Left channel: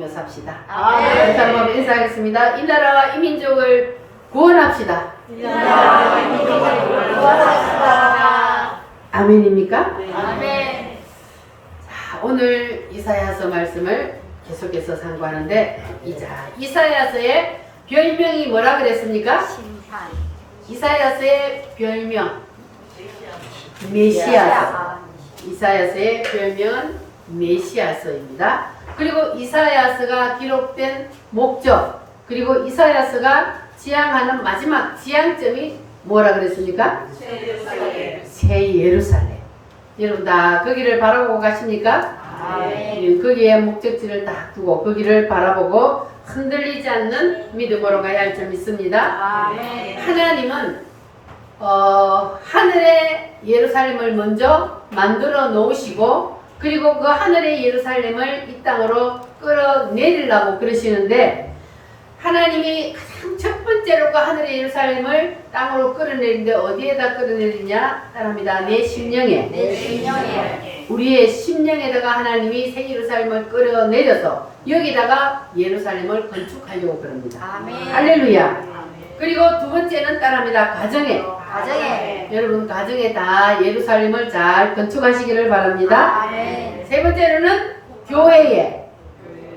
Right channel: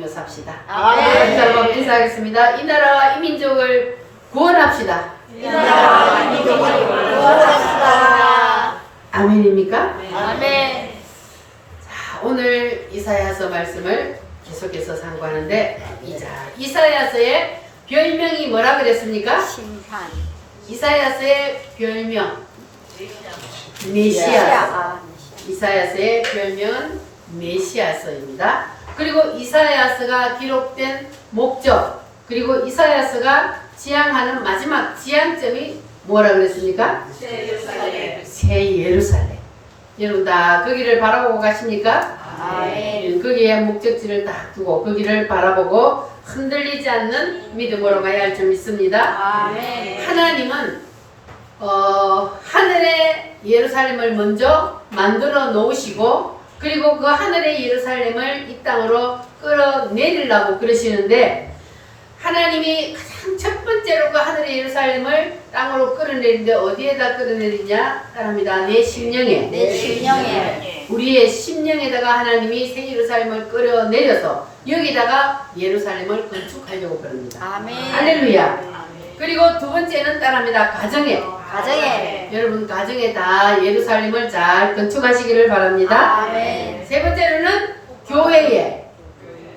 배우며 삽시다. 아멘. 다시 한번 인사하겠습니다. 이 나라와 이 민족을 구원합시다. 이 나라와 이 민족을 구원합시다. 아멘입니까? 아멘. 자, 오늘 이사야서 말씀을 계속해서 상고하는데 이사야서의 별명이 뭐라 그랬습니까? 심판. 이사야서의 별명 메시아서. 이사야서의 별명은 메시아서입니다. 그리고 이사야서가 기록된 목적, 그리고 이사야서가 지향하는 마지막 지향점이 뭐라 그랬습니까? 새 예루살렘. 여러분 다 거기를 바라보고 가십니까? 아멘. 거기에 목적지를 딱 두고 거기를 바라보고 흔들리지 않는 믿음으로 가야 할 줄 믿습니다. 아멘. 하나님은 하늘의 예루살렘을 먼저 만들어 놓으시고 그리고 그 하늘의 예루살렘을 이 땅으로 끌어내리려고 그러시는데 하나님이 가장 첫 번째로 그 하늘의 예루살렘을 땅으로 끌어내리는데 어디에다 끌어내리냐? 따릅니다. 내 심령에. 내 심령에. 우리의 심령에다가 하나님이 새 예루살렘을 끌어내려서 여기다가 예루살렘을 건축하려고 그럽니다. 아멘. 할렐루야. 그리고 두 번째는 따릅니다. 가정에. 가정에. 여러분 가정에 다 예루살렘을 잘 건축하시기를 바랍니다. 아멘. 세 번째로는 교회에.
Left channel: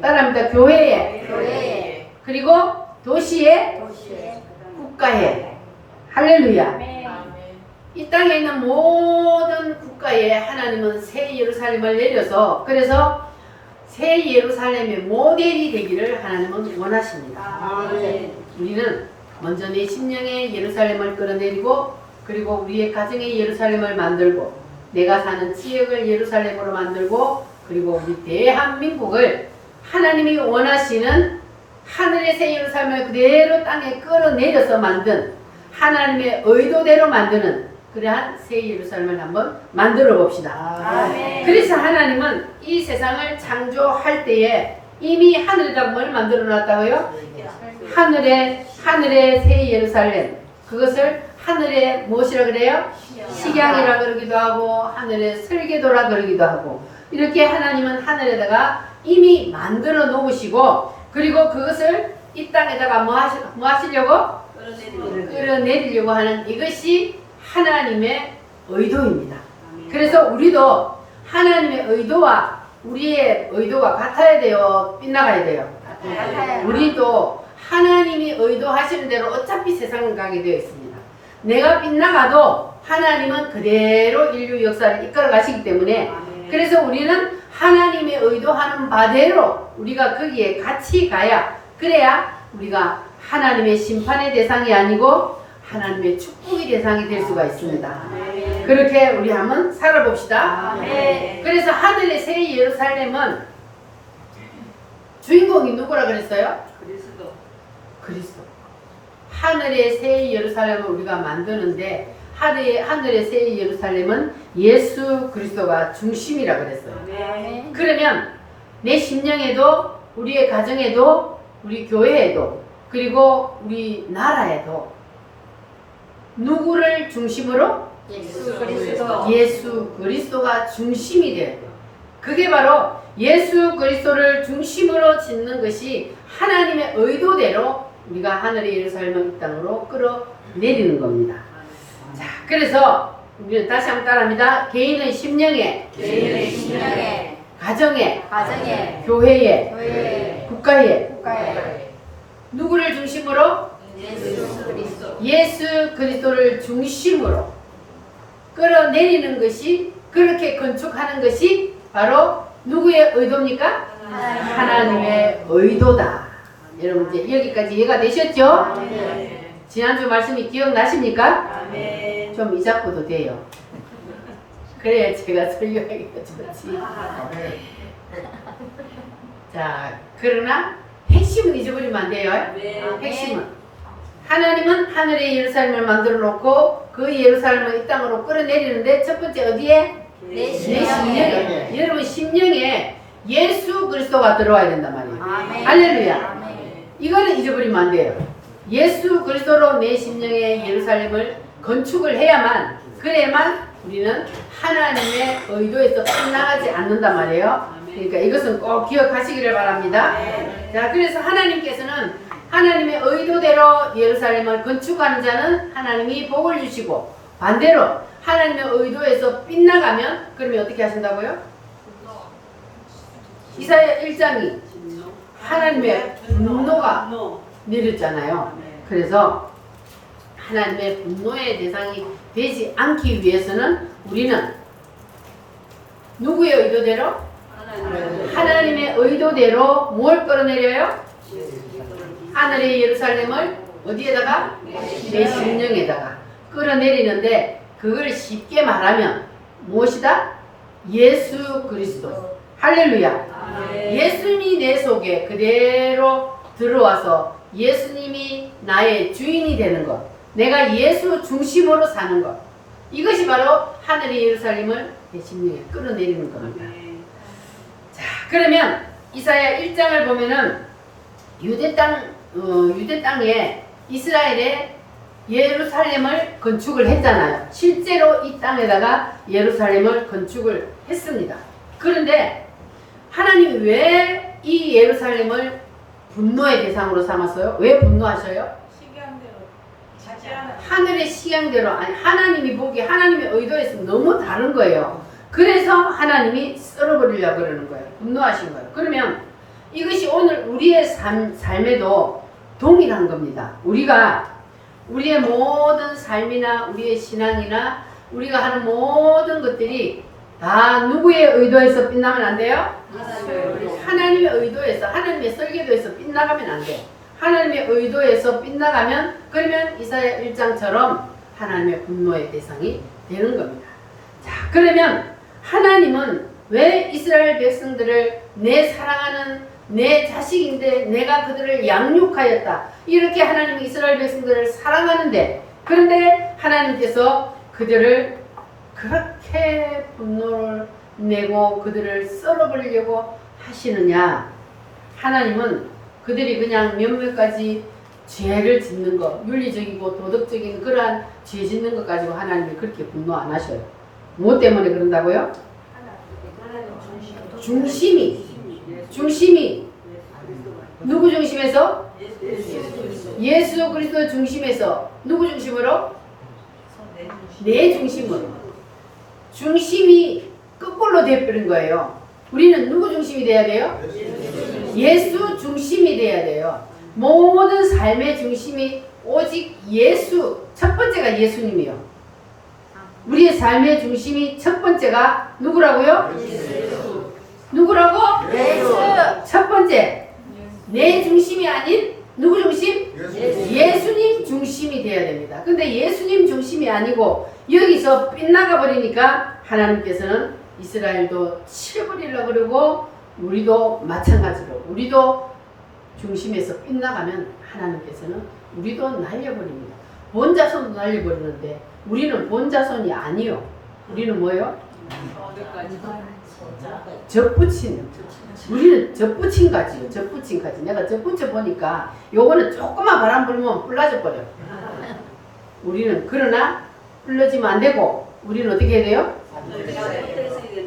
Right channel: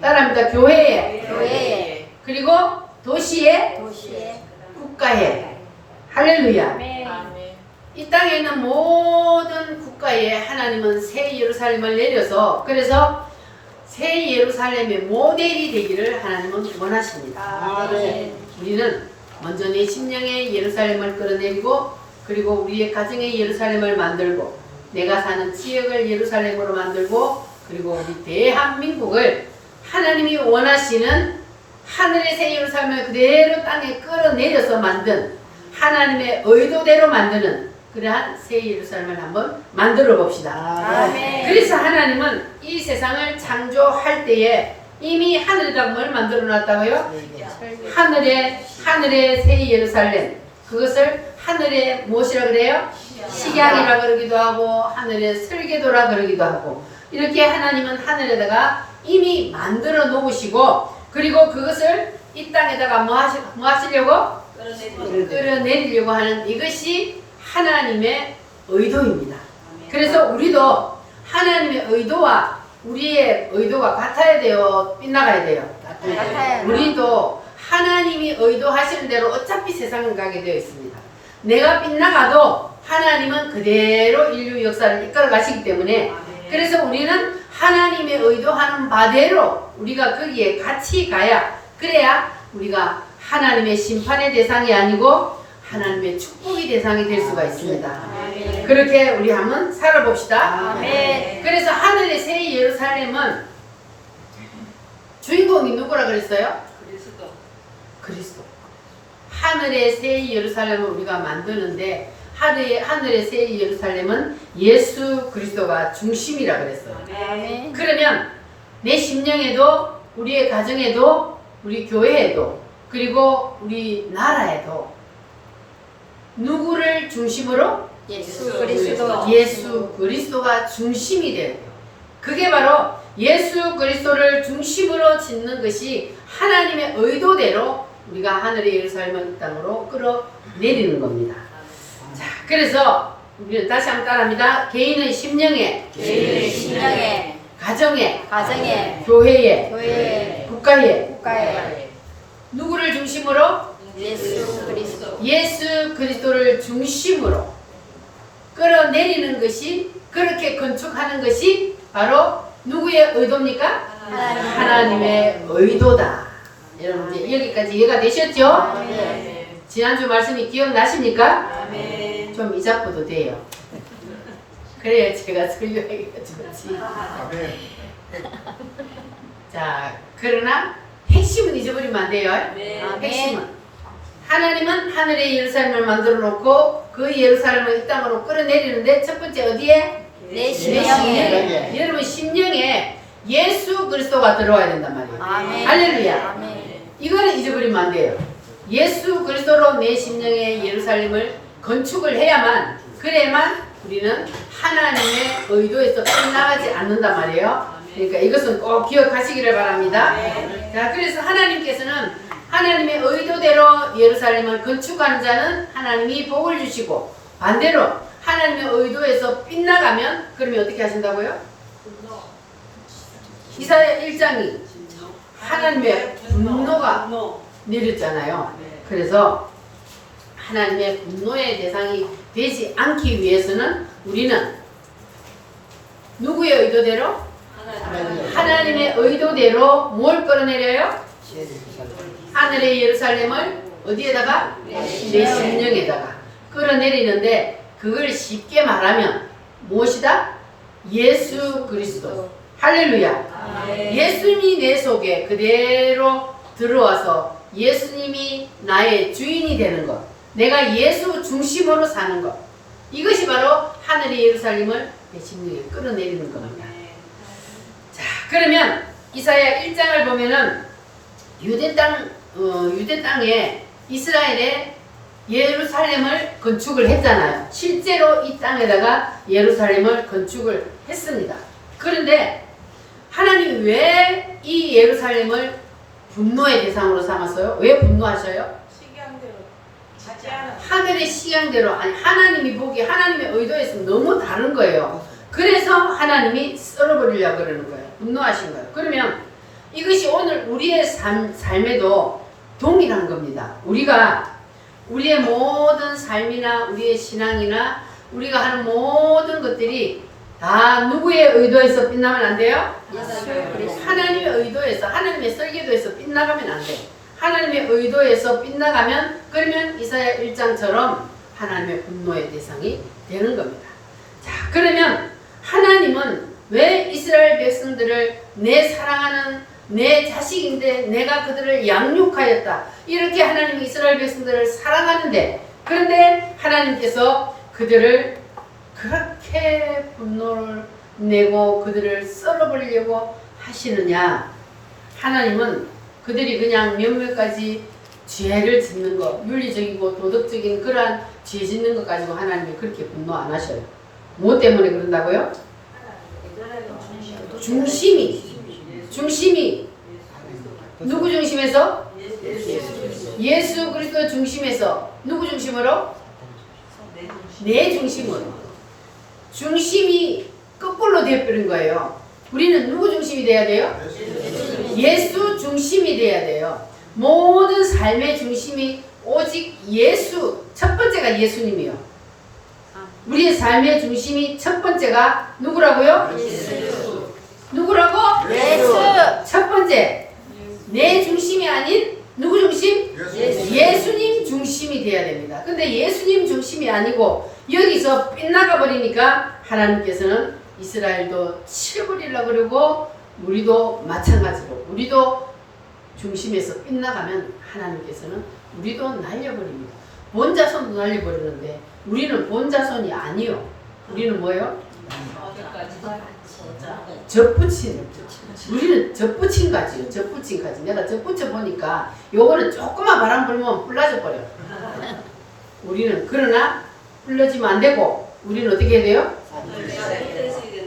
따릅니다. 교회에. 교회에. 그리고 도시에. 도시에. 국가에. 할렐루야. 아멘. 이 땅에 있는 모든 국가에 하나님은 새 예루살렘을 내려서 그래서 새 예루살렘의 모델이 되기를 하나님은 원하십니다. 아멘. 우리는 먼저 내 심령의 예루살렘을 끌어내리고 그리고 우리의 가정의 예루살렘을 만들고 내가 사는 지역을 예루살렘으로 만들고 그리고 우리 대한민국을 하나님이 원하시는 하늘의 새 예루살렘을 그대로 땅에 끌어내려서 만든 하나님의 의도대로 만드는 그러한 새 예루살렘을 한번 만들어 봅시다. 아멘. 그래서 하나님은 이 세상을 창조할 때에 이미 하늘에다 뭘 만들어 놨다고요? 하늘의 새 예루살렘. 그것을 하늘의 무엇이라 그래요? 식양이라 그러기도 하고 하늘의 설계도라 그러기도 하고 이렇게 하나님은 하늘에다가 이미 만들어 놓으시고 그리고 그것을 이 땅에다가 뭐 하시려고? 끌어내리려고 하는 이것이 하나님의 의도입니다. 그래서 우리도 하나님의 의도와 우리의 의도가 같아야 돼요? 빗나가야 돼요? 우리도 하나님이 의도하시는 대로 어차피 세상은 가게 되어 있습니다. 내가 빗나가도 하나님은 그대로 인류 역사를 이끌어 가시기 때문에 그래서 우리는 하나님의 의도하는 바대로 우리가 거기에 같이 가야 그래야 우리가 하나님의 심판의 대상이 아니고 하나님의 축복의 대상이 될 수가 있습니다. 그렇게 우리 한번 살아봅시다. 그래서 하늘의 새 예루살렘은 주인공이 누구라 그랬어요? 그리스도. 하늘의 새 예루살렘을 우리가 만드는데 하늘의 새 예루살렘은 예수 그리스도가 중심이라 그랬어요. 그러면 내 심령에도 우리의 가정에도 우리 교회에도 그리고 우리 나라에도 누구를 중심으로? 예수 그리스도. 예수 그리스도가 중심이 돼요. 그게 바로 예수 그리스도를 중심으로 짓는 것이 하나님의 의도대로 우리가 하늘의 예루살렘을 이 땅으로 끌어내리는 겁니다. 자, 그래서 우리는 다시 한번 따라합니다. 개인의 심령에, 개인의 심령에. 가정에, 가정에. 교회에, 교회에. 국가에 국가에. 누구를 중심으로? 예수 그리스도. 예수 그리스도를 중심으로 끌어내리는 것이 그렇게 건축하는 것이 바로 누구의 의도입니까? 하나님의 의도다. 여러분 이제 여기까지 이해가 되셨죠? 아멘. 지난주 말씀이 기억나십니까? 아멘. 좀 이자고도 돼요. 그래야 제가 설교하기가 좋지. 자, 그러나 핵심은 잊어버리면 안 돼요. 핵심은 하나님은 하늘의 예루살렘을 만들어 놓고 그 예루살렘을 이 땅으로 끌어내리는데 첫 번째 어디에? 내 심령에. 심령에. 여러분 심령에 예수 그리스도가 들어와야 된단 말이에요. 아멘. 할렐루야. 아멘. 이거는 잊어버리면 안 돼요. 예수 그리스도로 내 심령의 예루살렘을 건축을 해야만 그래야만 우리는 하나님의 의도에서 끝나가지 않는단 말이에요. 그러니까 이것은 꼭 기억하시기를 바랍니다. 자, 그래서 하나님께서는 하나님의 의도대로 예루살렘을 건축하는 자는 하나님이 복을 주시고, 반대로 하나님의 의도에서 빗나가면 그러면 어떻게 하신다고요? 이사야 1장이 하나님의 분노가 내렸잖아요. 그래서 하나님의 분노의 대상이 되지 않기 위해서는 우리는 누구의 의도대로? 하나님의 의도대로 뭘 끌어내려요? 하늘의 예루살렘을 어디에다가? 내 심령에다가 끌어내리는데, 그걸 쉽게 말하면 무엇이다? 예수 그리스도. 할렐루야. 예수님이 내 속에 그대로 들어와서 예수님이 나의 주인이 되는 것, 내가 예수 중심으로 사는 것, 이것이 바로 하늘의 예루살렘을 내 심령에 끌어내리는 겁니다. 자, 그러면 이사야 1장을 보면은 유대 땅에 이스라엘의 예루살렘을 건축을 했잖아요. 실제로 이 땅에다가 예루살렘을 건축을 했습니다. 그런데 하나님이 왜 이 예루살렘을 분노의 대상으로 삼았어요? 왜 분노하셔요? 하늘의 식양대로, 아니 하나님이 보기에 하나님의 의도에서 너무 다른 거예요. 그래서 하나님이 썰어버리려고 그러는 거예요. 분노하신 거예요. 그러면 이것이 오늘 우리의 삶에도 동일한 겁니다. 우리의 모든 삶이나 우리의 신앙이나 우리가 하는 모든 것들이 다 누구의 의도에서 빛나면 안 돼요? 하나님의 의도에서, 하나님의 설계도에서 빛나가면 안 돼요. 하나님의 의도에서 빗나가면 그러면 이사야 1장처럼 하나님의 분노의 대상이 되는 겁니다. 자, 그러면 하나님은 왜 이스라엘 백성들을 내 사랑하는 내 자식인데 내가 그들을 양육하였다, 이렇게 하나님이 이스라엘 백성들을 사랑하는데, 그런데 하나님께서 그들을 그렇게 분노를 내고 그들을 썰어버리려고 하시느냐? 하나님은 그들이 그냥 몇몇 가지 죄를 짓는 것, 윤리적이고 도덕적인 그러한 죄 짓는 것 가지고 하나님이 그렇게 분노 안 하셔요. 무엇 때문에 그런다고요? 중심이 누구 중심에서? 예수 그리스도 중심에서. 누구 중심으로? 내 중심으로. 중심이 거꾸로 되어버린 거예요. 우리는 누구 중심이 돼야 돼요? 예수 중심이 돼야 돼요. 모든 삶의 중심이 오직 예수, 첫 번째가 예수님이요. 우리의 삶의 중심이 첫 번째가 누구라고요? 예수. 누구라고? 예수. 첫 번째, 내 중심이 아닌 누구 중심? 예수님 중심이 돼야 됩니다. 근데 예수님 중심이 아니고 여기서 빗나가 버리니까 하나님께서는 이스라엘도 치워버리려고 그러고, 우리도 마찬가지로 우리도 중심에서 빗나가면 하나님께서는 우리도 날려버립니다. 본자손도 날려버리는데 우리는 본자손이 아니요. 우리는 뭐예요? 젖붙인. 우리는 젖붙인 가지요. 젖붙인 가지. 내가 젖붙여 보니까 요거는 조금만 바람 불면 불라져 버려요. 우리는 그러나 불러지면 안 되고, 우리는 어떻게 해야 돼요?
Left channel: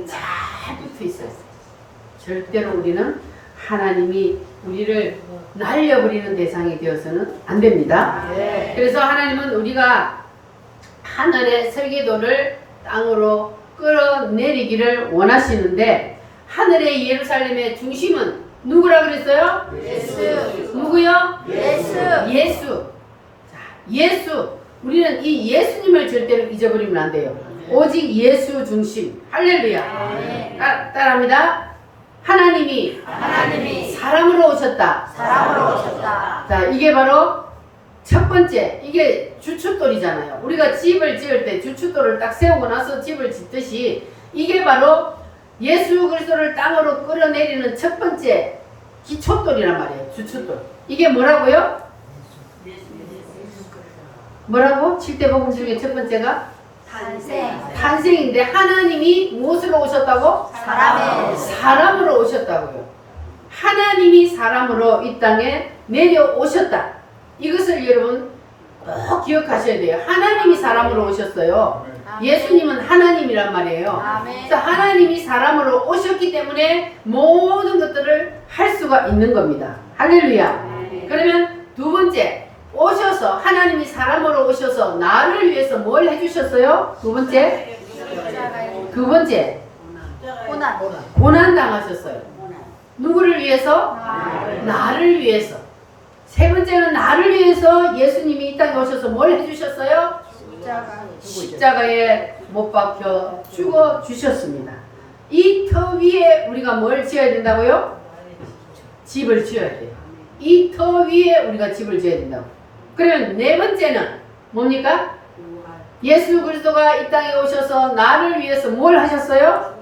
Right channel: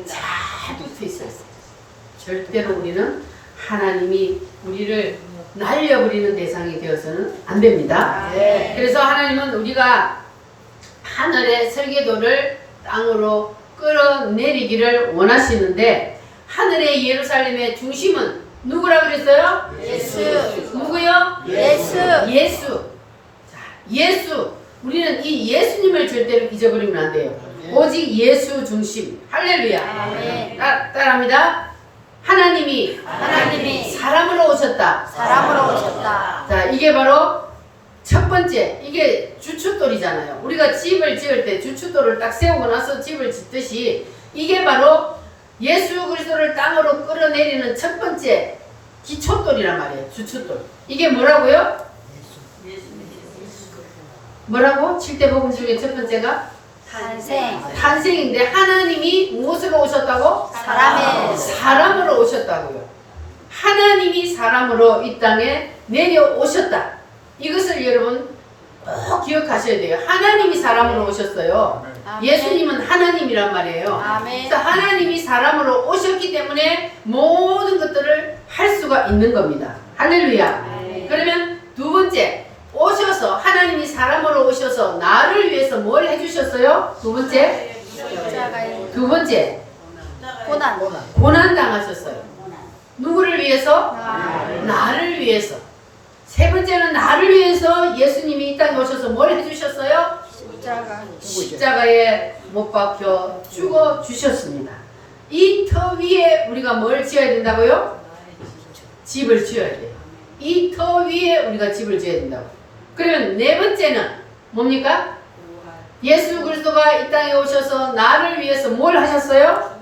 잘 붙어 있어야 돼요. 절대로 우리는 하나님이 우리를 날려버리는 대상이 되어서는 안 됩니다. 그래서 하나님은 우리가 하늘의 설계도를 땅으로 끌어내리기를 원하시는데, 하늘의 예루살렘의 중심은 누구라 그랬어요? 예수. 누구요? 예수. 자, 예수. 우리는 이 예수님을 절대로 잊어버리면 안 돼요. 오직 예수 중심. 할렐루야. 따라합니다. 하나님이 사람으로 오셨다. 자, 이게 바로 첫 번째, 이게 주춧돌이잖아요. 우리가 집을 지을 때 주춧돌을 딱 세우고 나서 집을 짓듯이, 이게 바로 예수 그리스도를 땅으로 끌어내리는 첫 번째 기초돌이란 말이에요. 주춧돌. 이게 뭐라고요? 뭐라고? 7대 복음 중에 첫 번째가 탄생인데, 하나님이 무엇으로 오셨다고? 사람으로 오셨다고요. 하나님이 사람으로 이 땅에 내려오셨다. 이것을 여러분 꼭 기억하셔야 돼요. 하나님이 사람으로 오셨어요. 예수님은 하나님이란 말이에요. 그래서 하나님이 사람으로 오셨기 때문에 때문에 모든 것들을 할 수가 있는 겁니다. 할렐루야. 그러면 두 번째, 오셔서 하나님이 사람으로 오셔서 나를 위해서 뭘 해주셨어요? 두 번째, 고난 당하셨어요. 누구를 위해서? 나를 위해서. 세 번째는 나를 위해서 예수님이 이 땅에 오셔서 뭘 해주셨어요? 십자가에 못 박혀 죽어 주셨습니다. 이 터 위에 우리가 뭘 지어야 된다고요? 집을 지어야 돼요. 이 터 위에 우리가 집을 지어야 된다고. 그러면 네 번째는 뭡니까? 예수 그리스도가 이 땅에 오셔서 나를 위해서 뭘 하셨어요?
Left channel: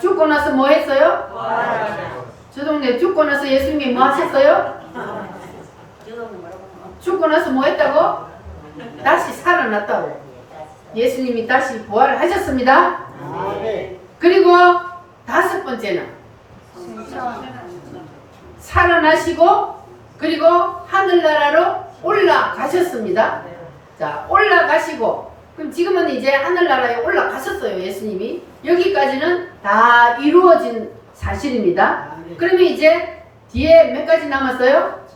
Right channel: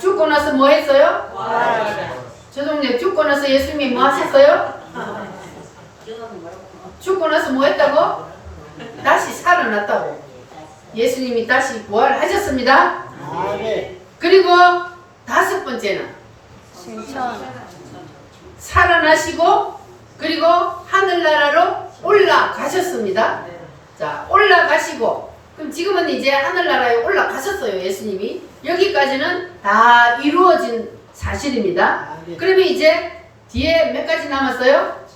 죽고 나서 뭐 했어요? 저 동네 죽고 나서 예수님이 뭐 하셨어요? 죽고 나서 뭐 했다고? 다시 살아났다고. 예수님이 다시 부활하셨습니다. 그리고 다섯 번째는 살아나시고 그리고 하늘나라로 올라가셨습니다. 자, 올라가시고 그럼 지금은 이제 하늘나라에 올라가셨어요. 예수님이. 여기까지는 다 이루어진 사실입니다. 그러면 이제 뒤에 몇 가지 남았어요?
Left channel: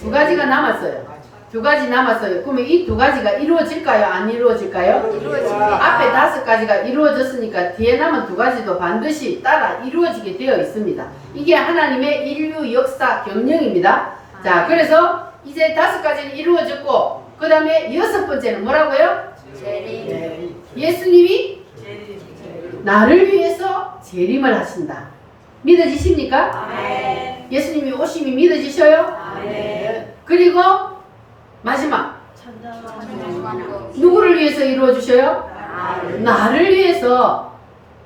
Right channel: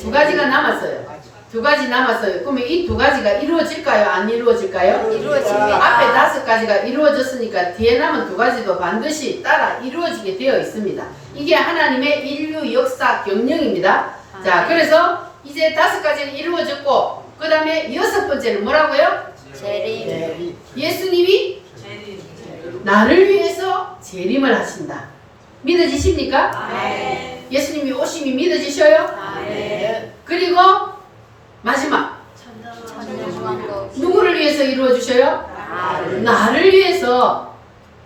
두 가지가 남았어요. 두 가지 남았어요. 그러면 이 두 가지가 이루어질까요? 안 이루어질까요? 이루어집니다. 앞에 다섯 가지가 이루어졌으니까 뒤에 남은 두 가지도 반드시 따라 이루어지게 되어 있습니다. 이게 하나님의 인류 역사 경영입니다. 자, 그래서 이제 다섯 가지는 이루어졌고 그 다음에 여섯 번째는 뭐라고요? 재림. 예수님이 나를 위해서 재림을 하신다. 믿어지십니까? 예수님이 오심이 믿어지셔요? 그리고 마지막 누구를 위해서 이루어 주셔요? 나를 위해서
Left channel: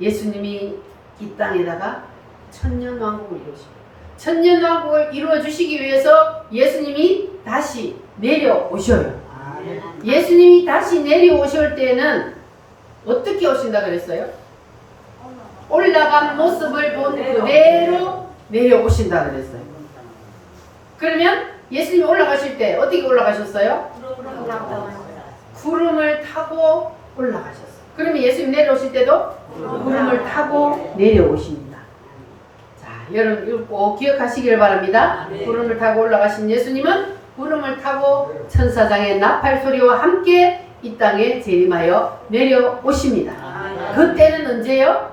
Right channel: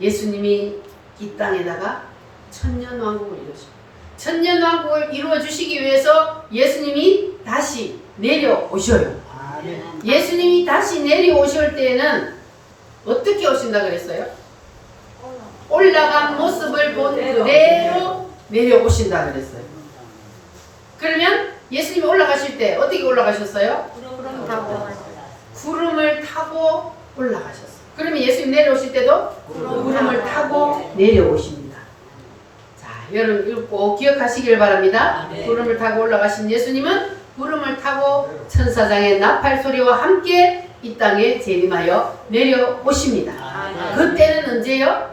예수님이 이 땅에다가 천년왕국을 이루시고 천년왕국을 이루어 주시기 위해서 예수님이 다시 내려오셔요. 예수님이 다시 내려오실 때에는 어떻게 오신다 그랬어요? 올라간 모습을 본 그대로 내려오신다 그랬어요. 그러면 예수님이 올라가실 때 어떻게 올라가셨어요? 구름을 타고 올라가셨어요. 그러면 예수님 내려오실 때도 구름을 타고 내려오십니다. 자, 여러분 이거 꼭 기억하시길 바랍니다. 구름을 타고 올라가신 예수님은 구름을 타고 천사장의 나팔 소리와 함께 이 땅에 재림하여 내려오십니다. 그때는 언제요?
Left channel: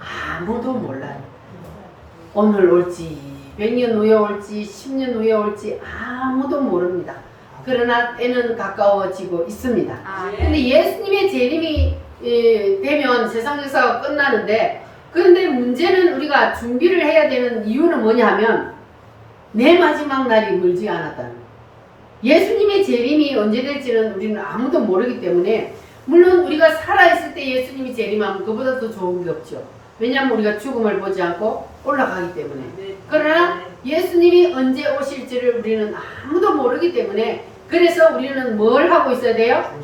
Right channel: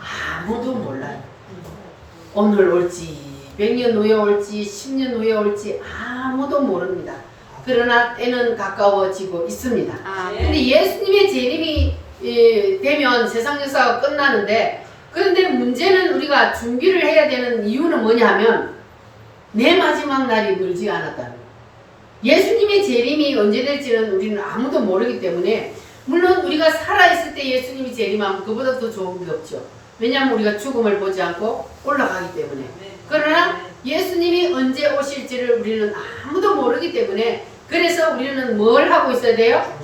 아무도 몰라요. 오늘 올지 100년 후에 올지 10년 후에 올지 아무도 모릅니다. 그러나 때는 가까워지고 있습니다. 근데 예수님의 재림이 되면 세상 역사가 끝나는데, 그런데 문제는 우리가 준비를 해야 되는 이유는 뭐냐 하면 내 마지막 날이 멀지 않았다는 거예요. 예수님의 재림이 언제 될지는 우리는 아무도 모르기 때문에, 물론 우리가 살아있을 때 예수님이 재림하면 그보다 더 좋은 게 없죠. 왜냐하면 우리가 죽음을 보지 않고 올라가기 때문에. 그러나 예수님이 언제 오실지를 우리는 아무도 모르기 때문에, 그래서 우리는 뭘 하고 있어야 돼요?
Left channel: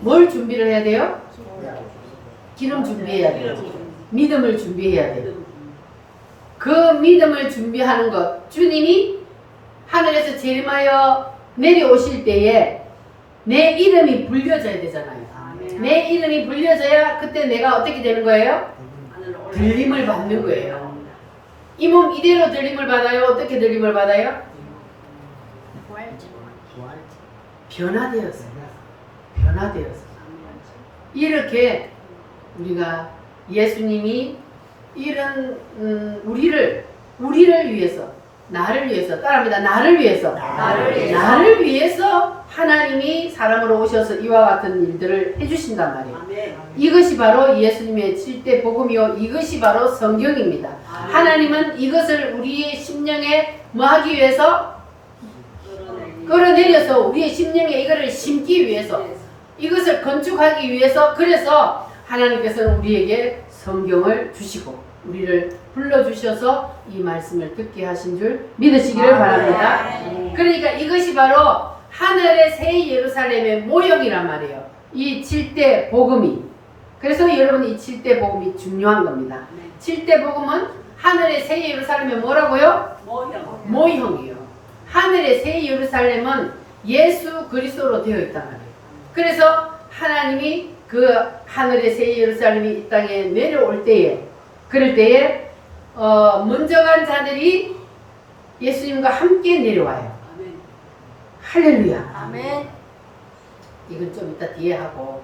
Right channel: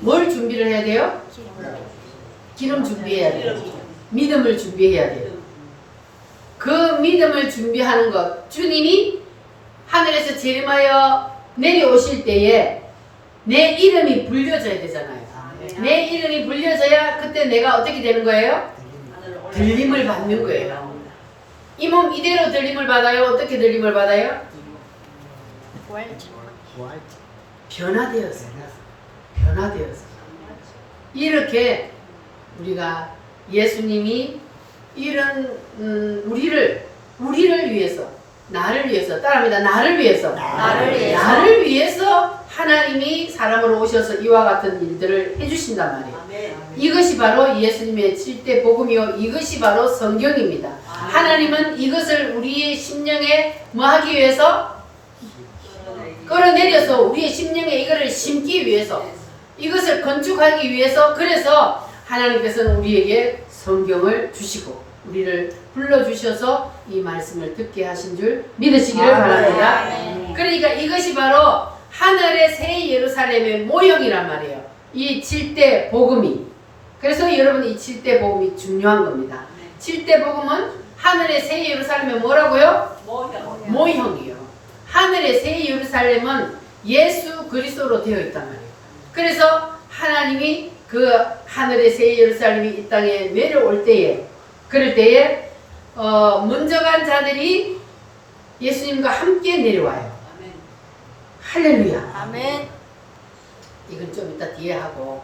뭘 준비를 해야 돼요? 기름 준비해야 돼요. 믿음을 준비해야 돼요. 그 믿음을 준비하는 것, 주님이 하늘에서 재림하여 내려오실 때에 내 이름이 불려져야 되잖아요. 내 이름이 불려져야 그때 내가 어떻게 되는 거예요? 들림을 받는 거예요. 이 몸 이대로 들림을 받아요? 어떻게 들림을 받아요? 변화되어서. 이렇게 우리가 예수님이 이런 우리를 위해서, 나를 위해서, 따라합니다. 나를 위해서 하나님이 사람으로 오셔서 이와 같은 일들을 해주신단 말이에요. 이것이 바로 예수님의 7대 복음이요, 이것이 바로 성경입니다. 하나님은 이것을 우리의 심령에 뭐 하기 위해서? 끌어내려서 우리의 심령에 이거를 심기 위해서, 이것을 건축하기 위해서, 그래서 하나님께서는 우리에게 성경을 주시고 우리를 불러주셔서 이 말씀을 듣게 하신 줄 믿으시기를 바랍니다. 그러니까 이것이 바로 하늘의 새 예루살렘의 모형이란 말이에요. 이 7대 복음이. 그래서 여러분 이 7대 복음이 중요한 겁니다. 7대 복음은 하늘의 새 예루살렘의 뭐라고요? 모형이에요. 하늘의 새 예루살렘은 예수 그리스도로 되어 있단 말이에요. 그래서 하나님이 그 하늘의 새 예루살렘이 이 땅에 내려올 때에, 그럴 때에 먼저 간 자들이 예수님과 함께 내려와요. 아멘. 할렐루야. 아멘. 이건 좀 이따 뒤에 하고.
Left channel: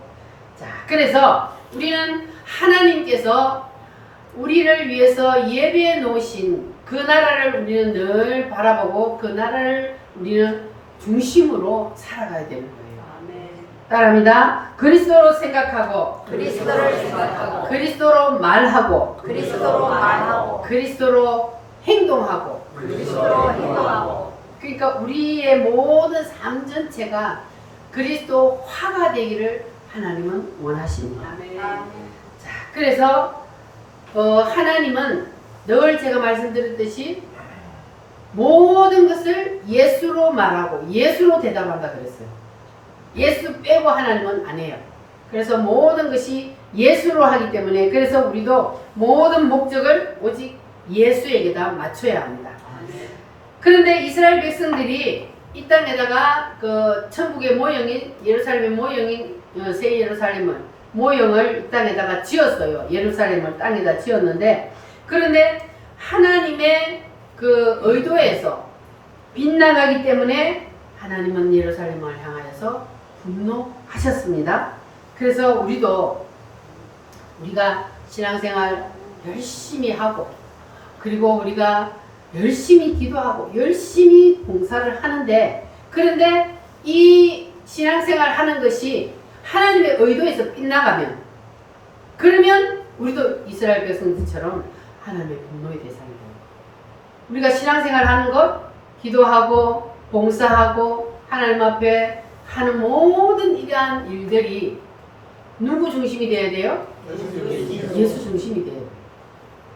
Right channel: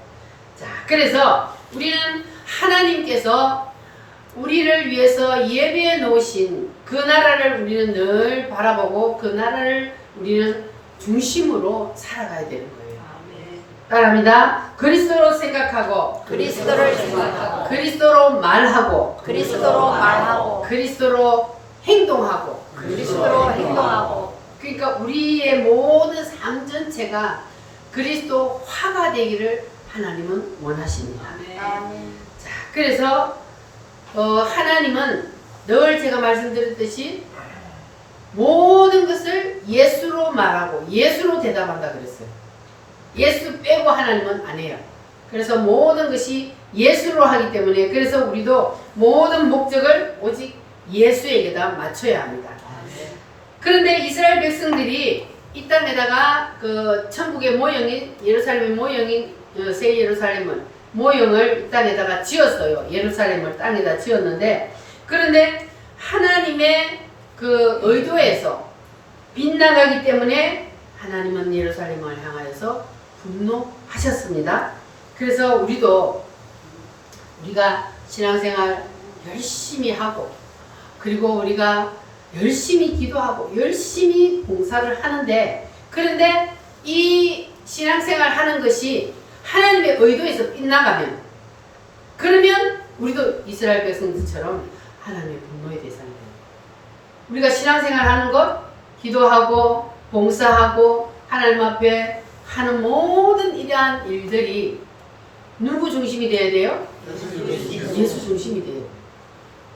자, 그래서 우리는 하나님께서 우리를 위해서 예비해 놓으신 그 나라를 우리는 늘 바라보고 그 나라를 우리는 중심으로 살아가야 되는 거예요. 아멘. 따라합니다. 그리스도로 생각하고, 그리스도를 생각하고 그리스도로 말하고, 그리스도로 말하고 그리스도로 행동하고. 그리스도로 행동하고 그러니까 우리의 모든 삶 전체가 그리스도화가 되기를 하나님은 원하십니다. 아멘. 자, 그래서 하나님은 늘 제가 말씀드렸듯이 모든 것을 예수로 말하고 예수로 대답한다 그랬어요. 예수 빼고 하나님은 안 해요. 그래서 모든 것이 예수로 하기 때문에 그래서 우리도 모든 목적을 오직 예수에게다 맞춰야 합니다. 그런데 이스라엘 백성들이 이 땅에다가 그 천국의 모형인 예루살렘의 모형인 새 예루살렘은 모형을 이 땅에다가 지었어요. 예루살렘을 땅에다 지었는데 그런데 하나님의 그 의도에서 빗나가기 때문에 하나님은 예루살렘을 향하여서 분노하셨습니다. 그래서 우리가 신앙생활 열심히 하고 그리고 우리가 열심히 기도하고 열심히 봉사를 하는데 그런데 이 신앙생활 하는 것이 하나님의 의도에서 빗나가면 그러면 우리도 이스라엘 백성들처럼 하나님의 분노의 대상이에요. 우리가 신앙생활 하는 것 기도하고 봉사하고 하나님 앞에 하는 모든 이러한 일들이 누구 중심이 되어야 돼요? 예수 중심이 돼요.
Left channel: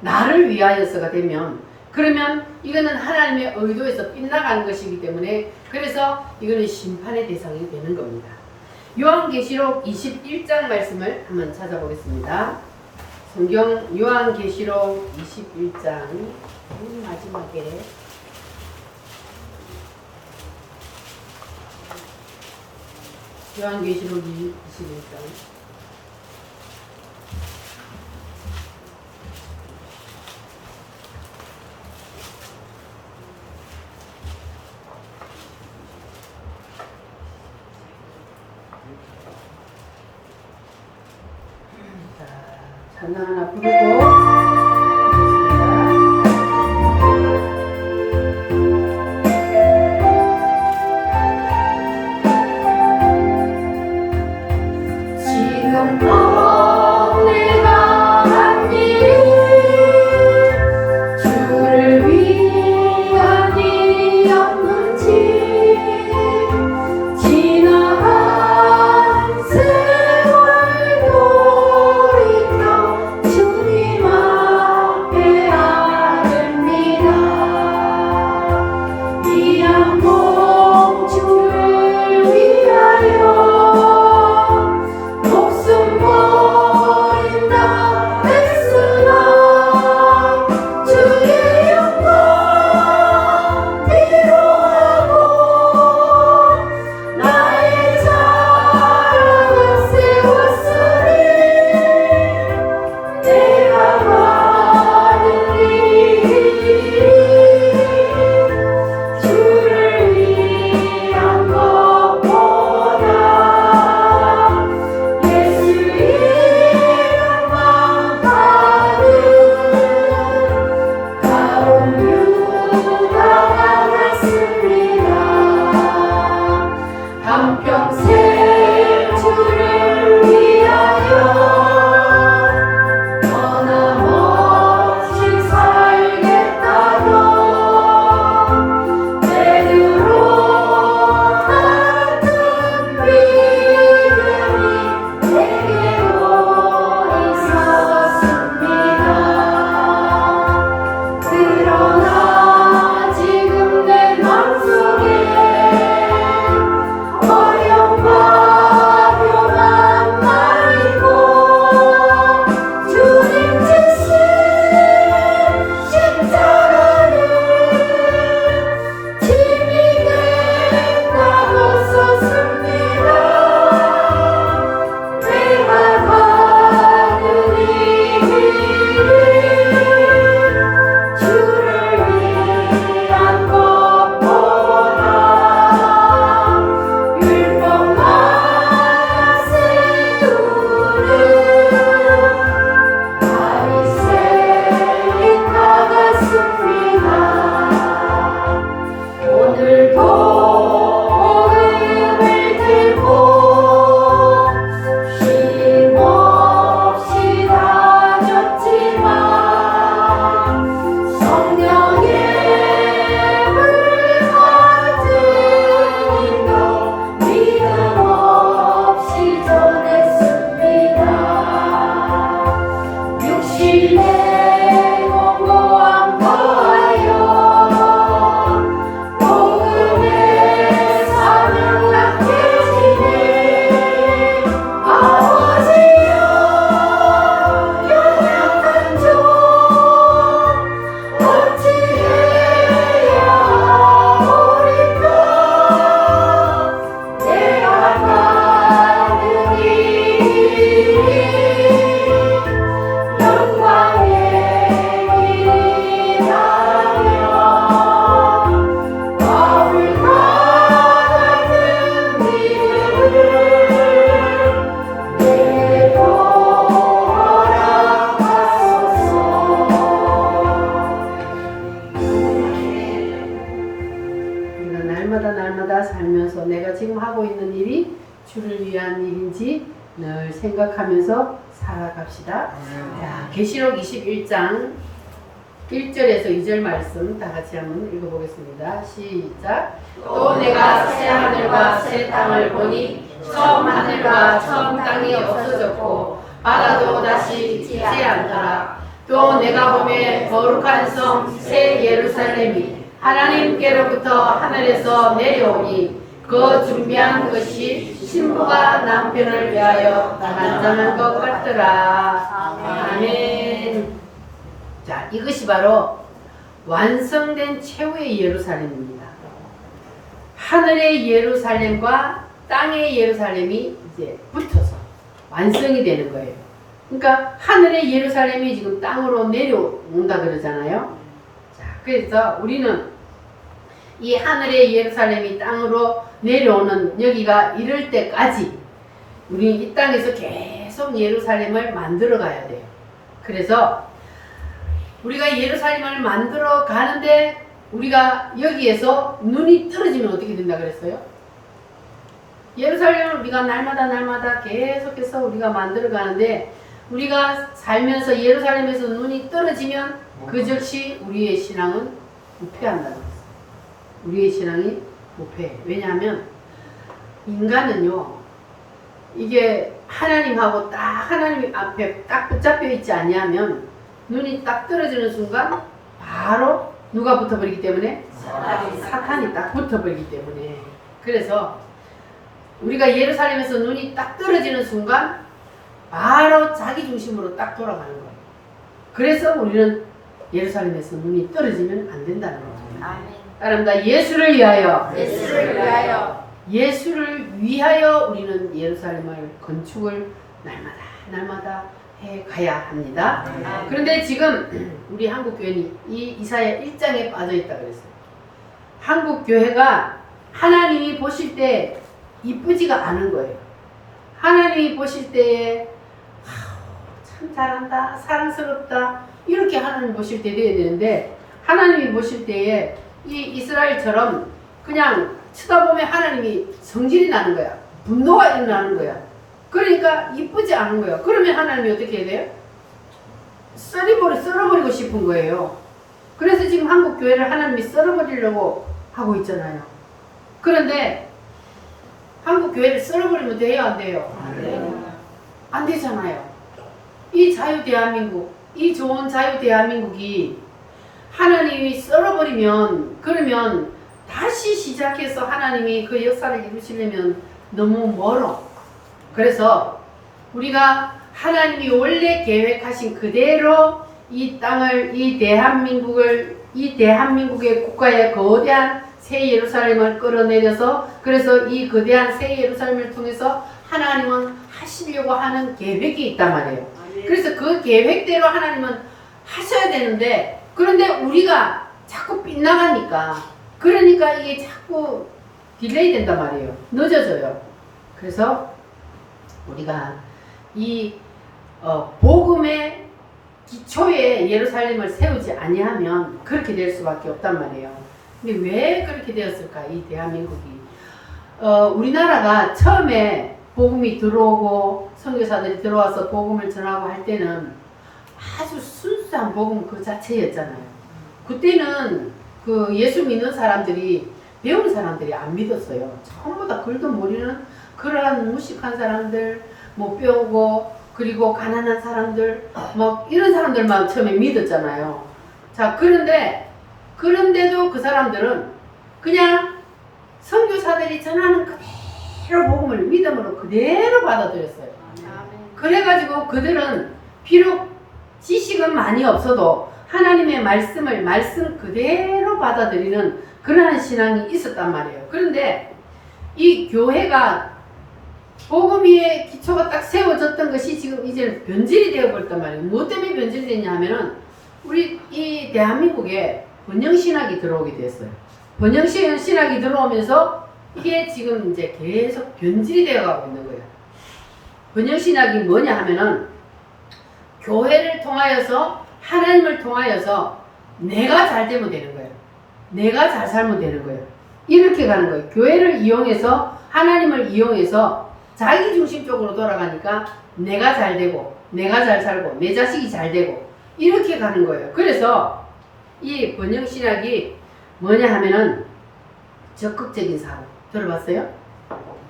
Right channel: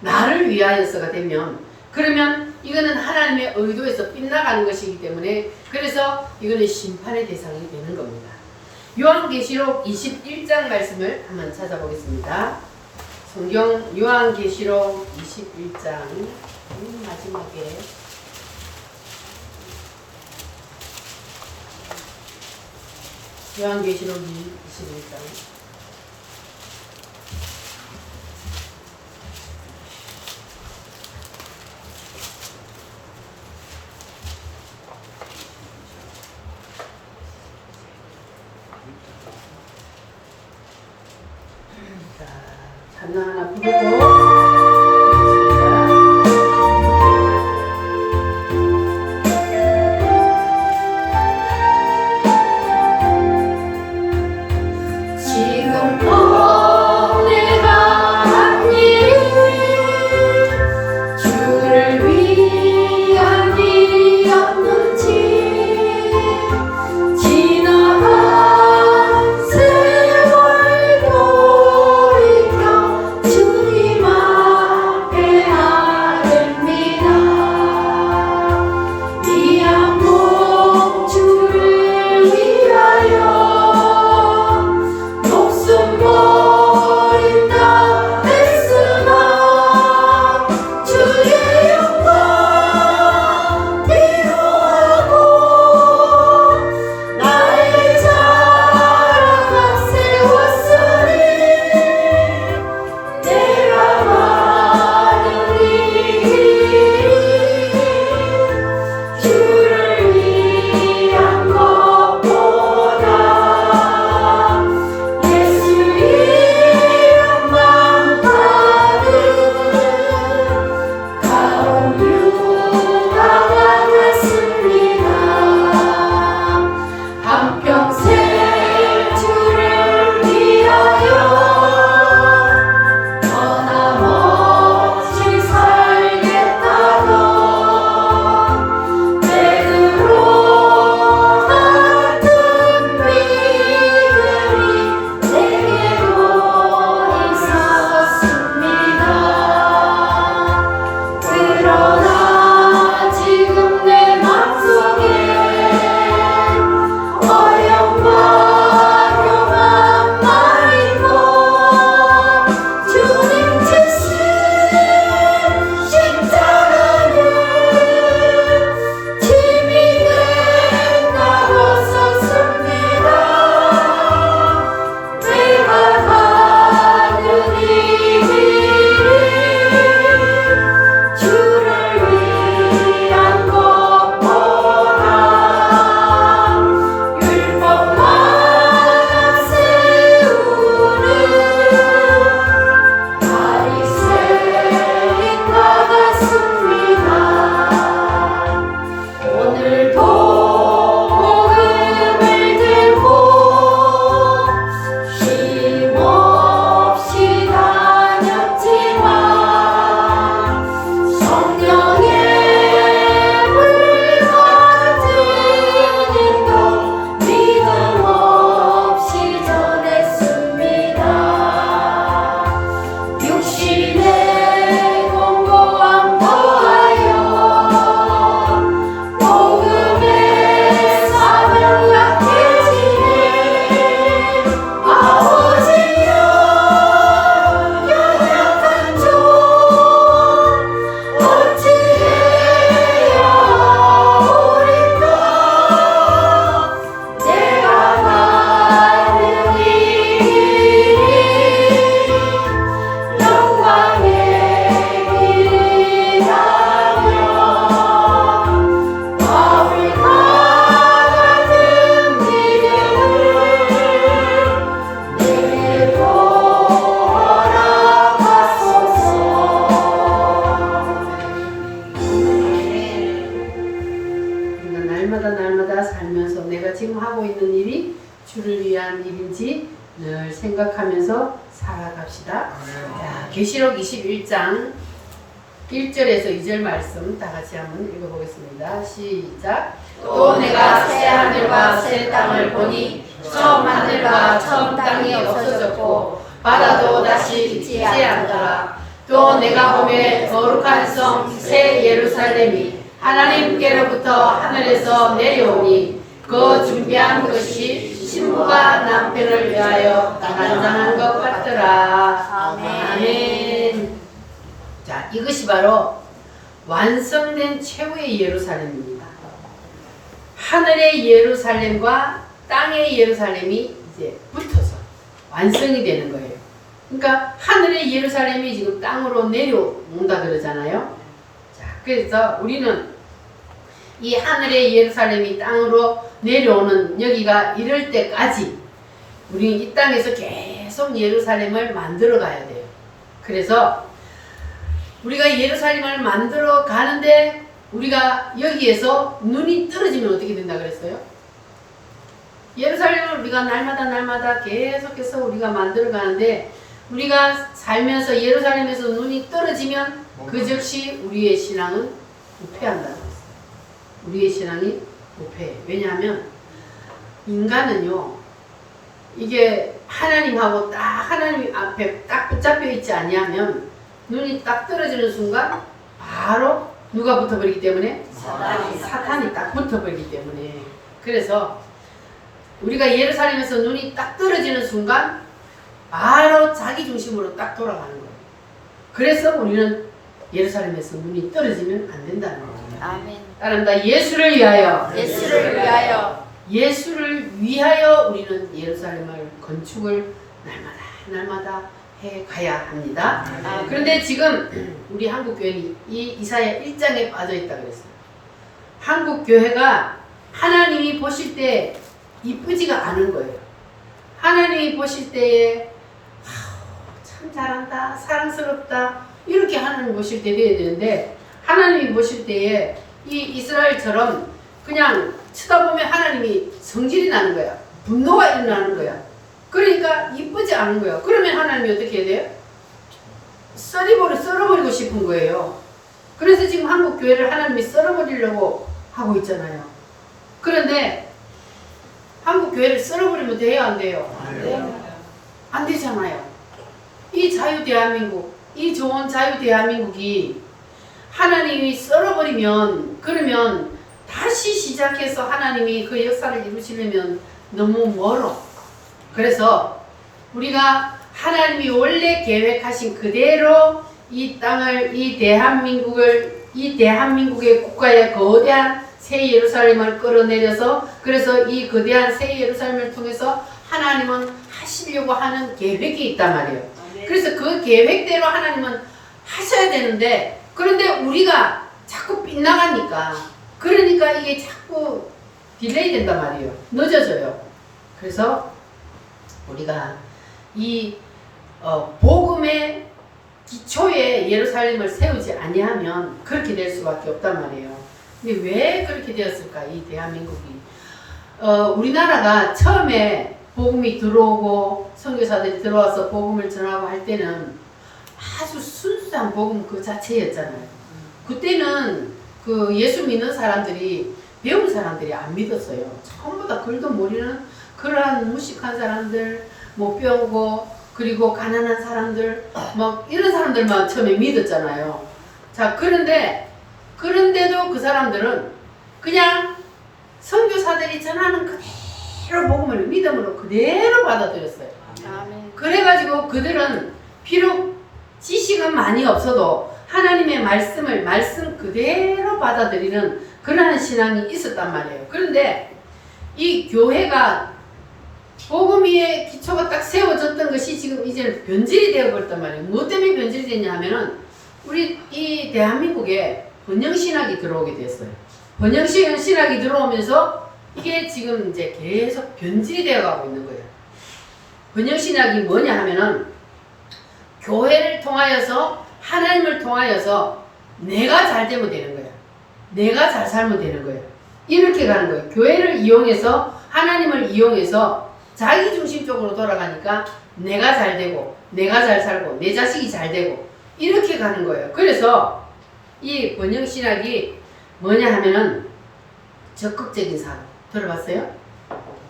나를 위하여서가 되면 그러면 이거는 하나님의 의도에서 빗나가는 것이기 때문에 그래서 이거는 심판의 대상이 되는 겁니다. 요한계시록 21장 말씀을 한번 찾아보겠습니다. 성경 요한계시록 21장 마지막에 요한계시록 21장 잔나 하나 부르고 주님 이슬이 나갔습니다. 오늘도 복음을 들고 쉼없이 다녔지만 성령의 불 같은 인도 믿음 없이 전했습니다. 육신의 공고함 더하여 복음의 사명 약해지네. 아버지여 연약한 종 어찌해야 하오리까. 내 아가는 이 영광의 길이라며 바울과 같은 믿음을 내게 허락하소서. 우리가 날마다 살면서 내가 지금 하고 있는 일이 주를 위한 일인지 늘 생각하면서 살아갑시다. 자, 계시록 21장 1절에서 2절 말씀 다 같이 한번 읽어보겠습니다. 시작. 또 내가 새 하늘과 새 땅을 보니 처음 하늘과 처음 땅이 없어졌고 바다도 다시 있지 않더라. 또 내가 보매 거룩한 성 새 예루살렘이 하나님께로부터 하늘에서 내려오니 그 준비한 것이 신부가 남편을 위하여 단장한 것 같더라. 아멘. 자, 이것이 바로 완성된 최후의 예루살렘입니다. 하늘의 예루살렘과 땅의 예루살렘이 이제 붙어서 완성이 되는 거예요. 그러니까 하늘의 예루살렘이 지금 땅으로 내려온다 그러잖아요. 자, 그래서 우리는 이 하늘의 예루살렘이 땅으로 내려오는 여기가 이럴 때까지 우리 이 땅에서 계속 예루살렘을 만들어 가야 돼요. 그래서 우리가 예루살렘을 만들어 가는데 우리가 여기에서 눈이 떨어지면 어떻게 된다 그랬어요? 예루살렘을 우리가 날마다 계속해서 우리가 만들어 가는데 우리가 살면서 예루살렘에서 눈이 떨어지면 그 즉시 우리의 신앙은 부패한다는 거예요. 우리의 신앙이 부패해요. 왜냐하면 인간은요, 이게 하나님하고 딱 하나님 앞에 딱 붙잡혀 있지 않냐면 눈이 딱 떨어지는 순간 바로 누가 붙어버리기 때문에? 사탄이 딱 붙어버리기 때문에. 그래서 우리가 예루살렘에서 눈이 딱 떨어지는 순간 바로 자기 중심으로 딱 돌아가는 거예요. 그래서 우리는 예루살렘에서 눈이 떨어지면 안 된다는 거예요. 아멘. 따라합니다. 예수를 위하여. 예수를 위하여. 예수를 위하여 우리는 예루살렘을 건축을 날마다 해 가야 합니다. 그런데 지금 우리 한국 교회는 이 이사야 1장에 빠져 있다 그랬어요. 한국 교회가 하나님이 보실 때 이쁘지가 않은 거예요. 하나님이 보실 때에 참 잘한다, 사랑스럽다 이렇게 하나님 보실 때 돼야 되는데 하나님이 보실 때에 이 이스라엘처럼 그냥 쳐다보면 하나님이 성질이 나는 거야. 분노가 일어나는 거야. 그러니까 이쁘지 않은 거예요. 그러면 하나님이 어떻게 해야 돼요? 썰어버리고 싶은 거예요. 그래서 지금 한국 교회를 하나님이 썰어버리려고 하고 있잖아요. 그런데 한국 교회를 썰어버리면 돼요, 안 돼요? 안 되잖아요. 이 자유 대한민국, 이 좋은 자유 대한민국이 하나님이 썰어버리면 그러면 다시 시작해서 하나님이 그 역사를 이루시려면 너무 멀어. 그래서 우리가 하나님이 원래 계획하신 그대로 이 땅을, 이 대한민국의 국가의 거대한 새 예루살렘을 끌어내려서 그래서 이 거대한 새 예루살렘을 통해서 하나님은 하시려고 하는 계획이 있단 말이에요. 그래서 그 계획대로 하나님은 하셔야 되는데 그런데 우리가 자꾸 빗나가니까 그러니까 이게 자꾸 딜레이 된단 말이에요. 늦어져요. 그래서 우리가 이 복음의 기초에 예루살렘을 세우지 아니하면 그렇게 될 수밖에 없단 말이에요. 근데 왜 그렇게 되었을까? 이 대한민국이 우리나라가 처음에 복음이 들어오고 선교사들이 들어와서 복음을 전하고 할 때는 아주 순수한 복음 그 자체였잖아요. 그때는 그 예수 믿는 사람들이 배운 사람들이 안 믿었어요. 전부 다 글도 모르는 그러한 무식한 사람들, 못 배우고 그리고 가난한 사람들 막 이런 사람들만 처음에 믿었잖아요. 자, 그런데도 그 사람들은 그냥 선교사들이 전하는 그대로 복음을 믿음으로 그대로 받아들였어요. 아멘. 그래가지고 그들은 비록 지식은 많이 없어도 하나님의 말씀 그대로 받아들이는 그러한 신앙이 있었단 말이에요. 그런데 이 교회가 복음 위에 기초가 딱 세워졌던 것이 지금 이제 변질이 되어버렸단 말이에요. 무엇 때문에 변질이 됐냐 하면은 우리 이 대한민국에 번영신학이 들어오게 됐어요. 번영신학이 들어오면서 이게 지금 이제 계속 변질이 되어가고 있는 거예요. 번영신학이 뭐냐 하면은 교회를 통하여서 하나님을 통하여서 내가 잘 되면 되는 거예요. 내가 잘 살면 되는 거예요. 이렇게 가는 거예요. 교회를 이용해서 하나님을 이용해서 자기 중심적으로 돌아가니까 내가 잘 되고 내가 잘 살고 내 자식이 잘 되고 이렇게 가는 거예요. 그래서 이 번영신학이 뭐냐 하면은 적극적인 사고 들어봤어요?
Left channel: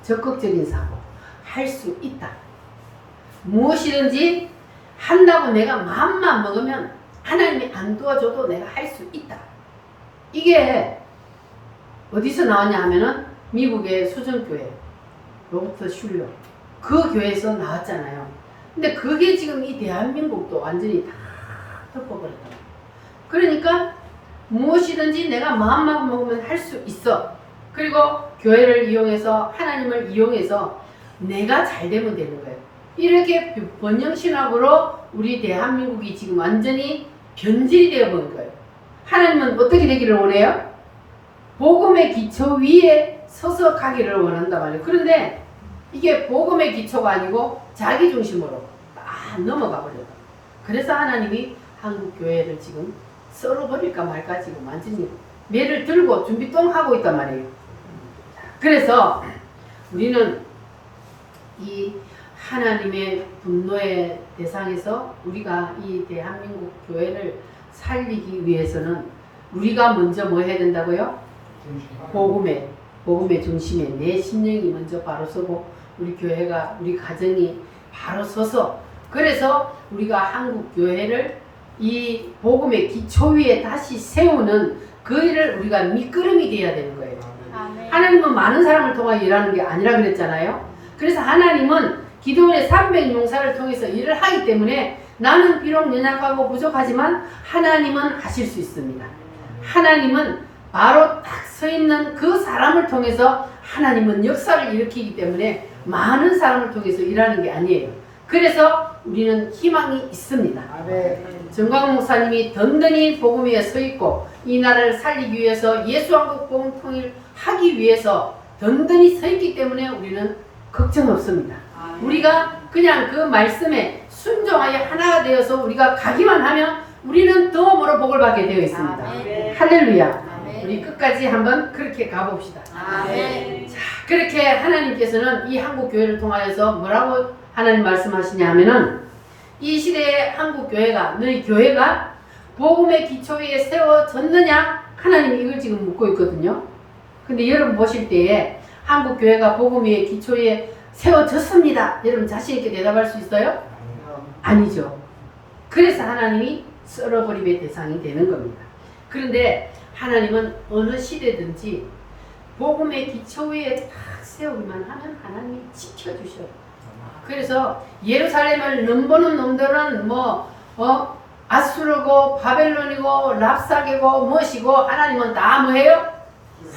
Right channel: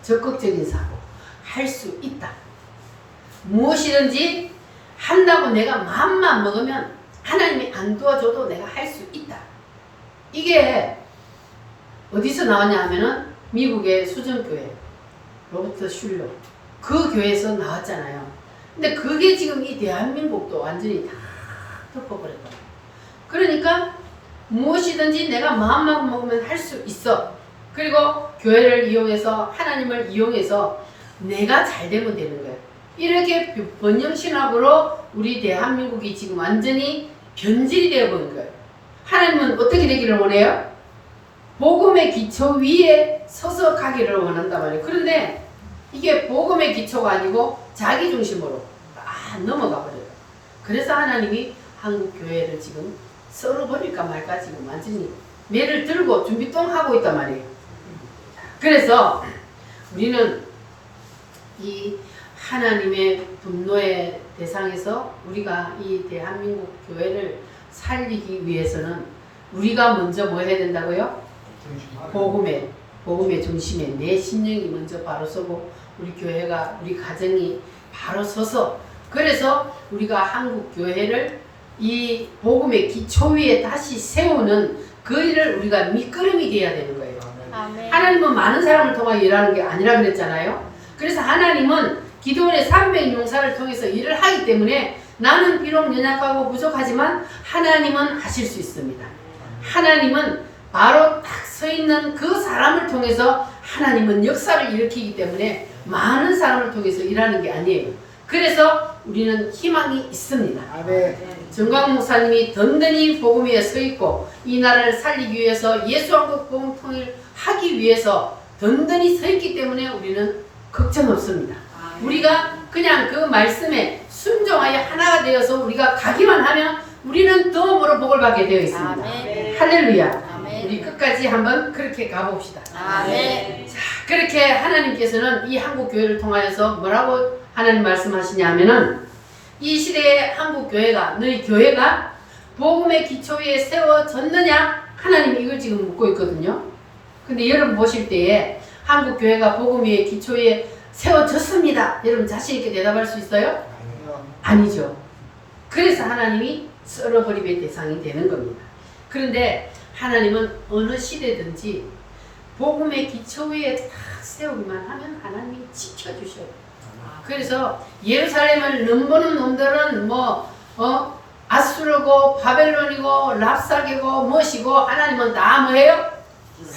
적극적인 사고 할 수 있다. 무엇이든지 한다고 내가 마음만 먹으면 하나님이 안 도와줘도 내가 할 수 있다. 이게 어디서 나왔냐 하면은 미국의 수정교회 로버트 슐러 그 교회에서 나왔잖아요. 근데 그게 지금 이 대한민국도 완전히 다 덮어버렸다. 그러니까 무엇이든지 내가 마음만 먹으면 할 수 있어. 그리고 교회를 이용해서 하나님을 이용해서 내가 잘 되면 되는 거예요. 이렇게 번영신학으로 우리 대한민국이 지금 완전히 변질이 되어버린 거예요. 하나님은 어떻게 되기를 원해요? 복음의 기초 위에 서서 가기를 원한단 말이에요. 그런데 이게 복음의 기초가 아니고 자기 중심으로 딱 넘어가 버렸다. 그래서 하나님이 한국 교회를 지금 썰어버릴까 말까 지금 완전히 매를 들고 준비 똥 하고 있단 말이에요. 그래서 우리는 이 하나님의 분노의 대상에서 우리가 이 대한민국 교회를 살리기 위해서는 우리가 먼저 뭐 해야 된다고요? 복음의 중심에 내 심령이 먼저 바로 서고 우리 교회가 우리 가정이 바로 서서 그래서 우리가 한국 교회를 이 복음의 기초 위에 다시 세우는 그 일을 우리가 밑거름이 돼야 되는 거예요. 아멘. 하나님은 많은 사람을 통하여 일하는 게 아니라 그랬잖아요. 그래서 하나님은 기도원의 300 용사를 통해서 일을 하기 때문에 나는 비록 연약하고 부족하지만 하나님은 하실 수 있습니다. 하나님은 바로 딱 서 있는 그 사람을 통해서 하나님은 역사를 일으키기 때문에 많은 사람을 통해서 일하는 게 아니에요. 그래서 우리는 희망이 있습니다. 정광훈 목사님이 든든히 복음 위에 서 있고 이 나라를 살리기 위해서 예수왕국 복음 통일하기 위해서 든든히 서 있기 때문에 우리는 걱정 없습니다. 우리가 그냥 그 말씀에 순종하여 하나가 되어서 우리가 가기만 하면 우리는 더 복을 받게 되어 있습니다. 아멘. 할렐루야. 아멘. 우리 끝까지 한번 그렇게 가봅시다. 아멘. 자, 그렇게 하나님께서는 이 한국 교회를 통하여서 뭐라고 하나님 말씀하시냐 하면은 이 시대의 한국 교회가 너희 교회가 복음의 기초 위에 세워졌느냐? 하나님이 이걸 지금 묻고 있거든요. 근데 여러분 보실 때에 한국 교회가 복음 위에 기초 위에 세워졌습니다. 여러분 자신 있게 대답할 수 있어요? 아니죠. 그래서 하나님이 썰어버림의 대상이 되는 겁니다. 그런데 하나님은 어느 시대든지 복음의 기초 위에 딱 세우기만 하면 하나님이 지켜주셔요. 그래서 예루살렘을 넘보는 놈들은 아수르고 바벨론이고 랍사게고 무엇이고 하나님은 다 뭐해요?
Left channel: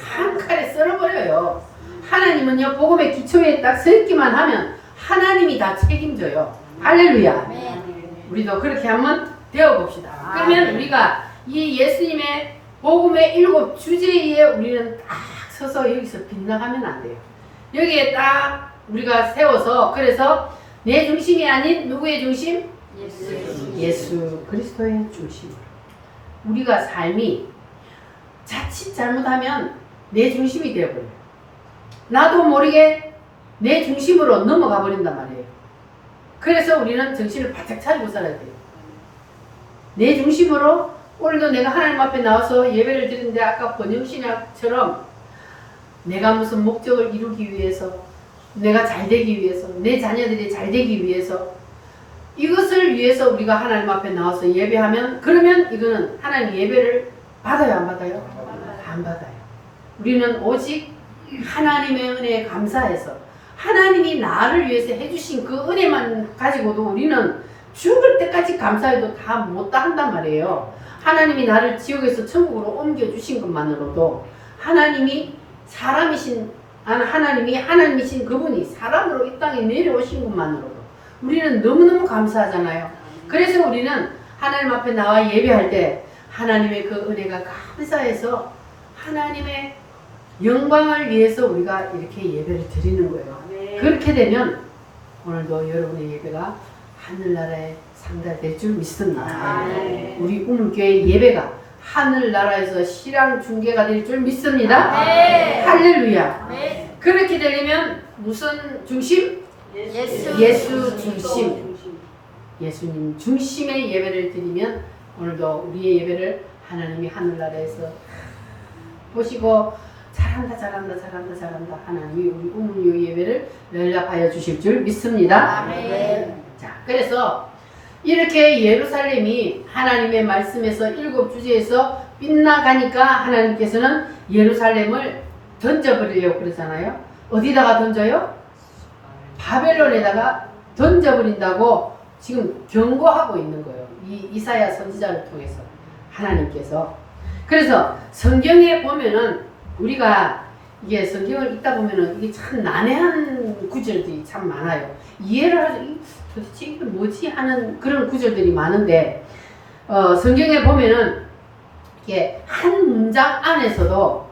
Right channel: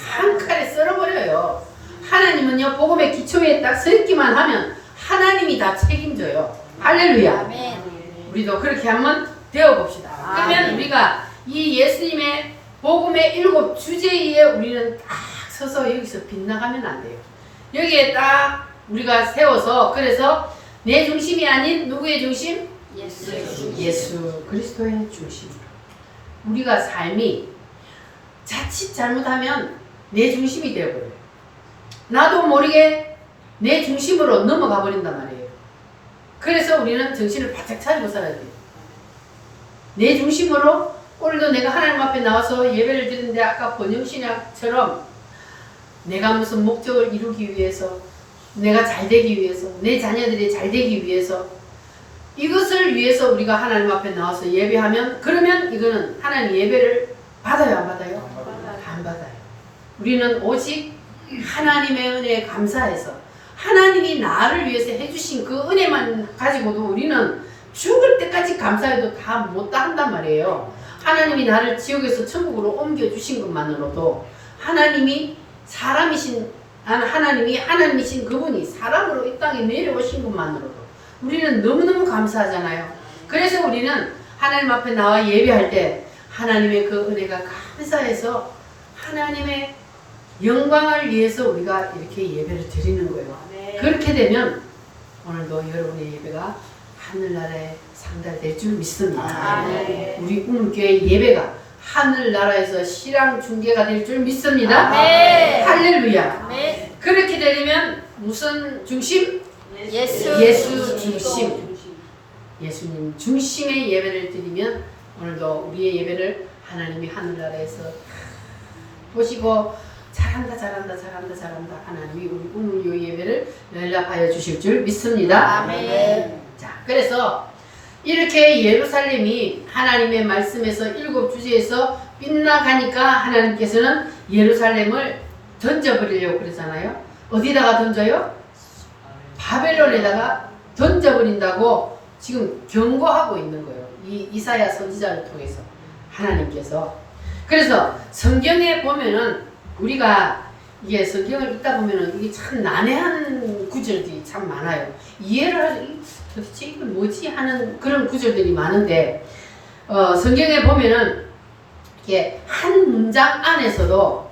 한 칼에 썰어버려요. 하나님은요 복음의 기초에 딱 서 있기만 하면 하나님이 다 책임져요. 할렐루야. 아멘. 우리도 그렇게 한번 되어봅시다. 그러면 우리가 이 예수님의 복음의 7 주제에 우리는 딱 서서 여기서 빗나가면 안 돼요. 여기에 딱 우리가 세워서 그래서 내 중심이 아닌 누구의 중심? 예수 그리스도의 중심으로. 우리가 삶이 자칫 잘못하면 내 중심이 되어버려요. 나도 모르게 내 중심으로 넘어가 버린단 말이에요. 그래서 우리는 정신을 바짝 차리고 살아야 돼요. 내 중심으로. 오늘도 내가 하나님 앞에 나와서 예배를 드리는데 아까 번영신약처럼 내가 무슨 목적을 이루기 위해서, 내가 잘 되기 위해서, 내 자녀들이 잘 되기 위해서, 이것을 위해서 우리가 하나님 앞에 나와서 예배하면, 그러면 이거는 하나님 예배를 받아요, 안 받아요? 안 받아요. 우리는 오직 하나님의 은혜에 감사해서 하나님이 나를 위해서 해주신 그 은혜만 가지고도 우리는 죽을 때까지 감사해도 다 못다 한단 말이에요. 하나님이 나를 지옥에서 천국으로 옮겨주신 것만으로도, 하나님이 하나님이신 그분이 사람으로 이 땅에 내려오신 것만으로도 우리는 너무너무 감사하잖아요. 그래서 우리는 하나님 앞에 나와 예배할 때 하나님의 그 은혜가 감사해서 하나님의 영광을 위해서 우리가 이렇게 예배를 드리는 거예요. 그렇게 되면 오늘도 여러분의 예배가 하늘나라에 상달될 줄 믿습니다. 우리 우물교회 예배가 하늘나라에서 실황 중계가 될 줄 믿습니다. 할렐루야. 그렇게 되려면 무슨 중심? 예수 중심. 예수님 중심의 예배를 드리면 오늘도 우리의 예배를 하나님이 하늘나라에서 보시고 잘한다 하나님이 우리 우물교 예배를 연락하여 주실 줄 믿습니다. 자, 그래서 이렇게 예루살렘이 하나님의 말씀에서 7주제에서 빗나가니까 하나님께서는 예루살렘을 던져버리려고 그러잖아요. 어디다가 던져요? 바벨론에다가 던져버린다고 지금 경고하고 있는 거예요. 이 이사야 선지자를 통해서 하나님께서. 그래서 성경에 보면은 우리가 이게 성경을 읽다 보면은 이게 참 난해한 구절들이 참 많아요. 이해를 하지, 도대체 이게 뭐지 하는 그런 구절들이 많은데, 성경에 보면은 이게 한 문장 안에서도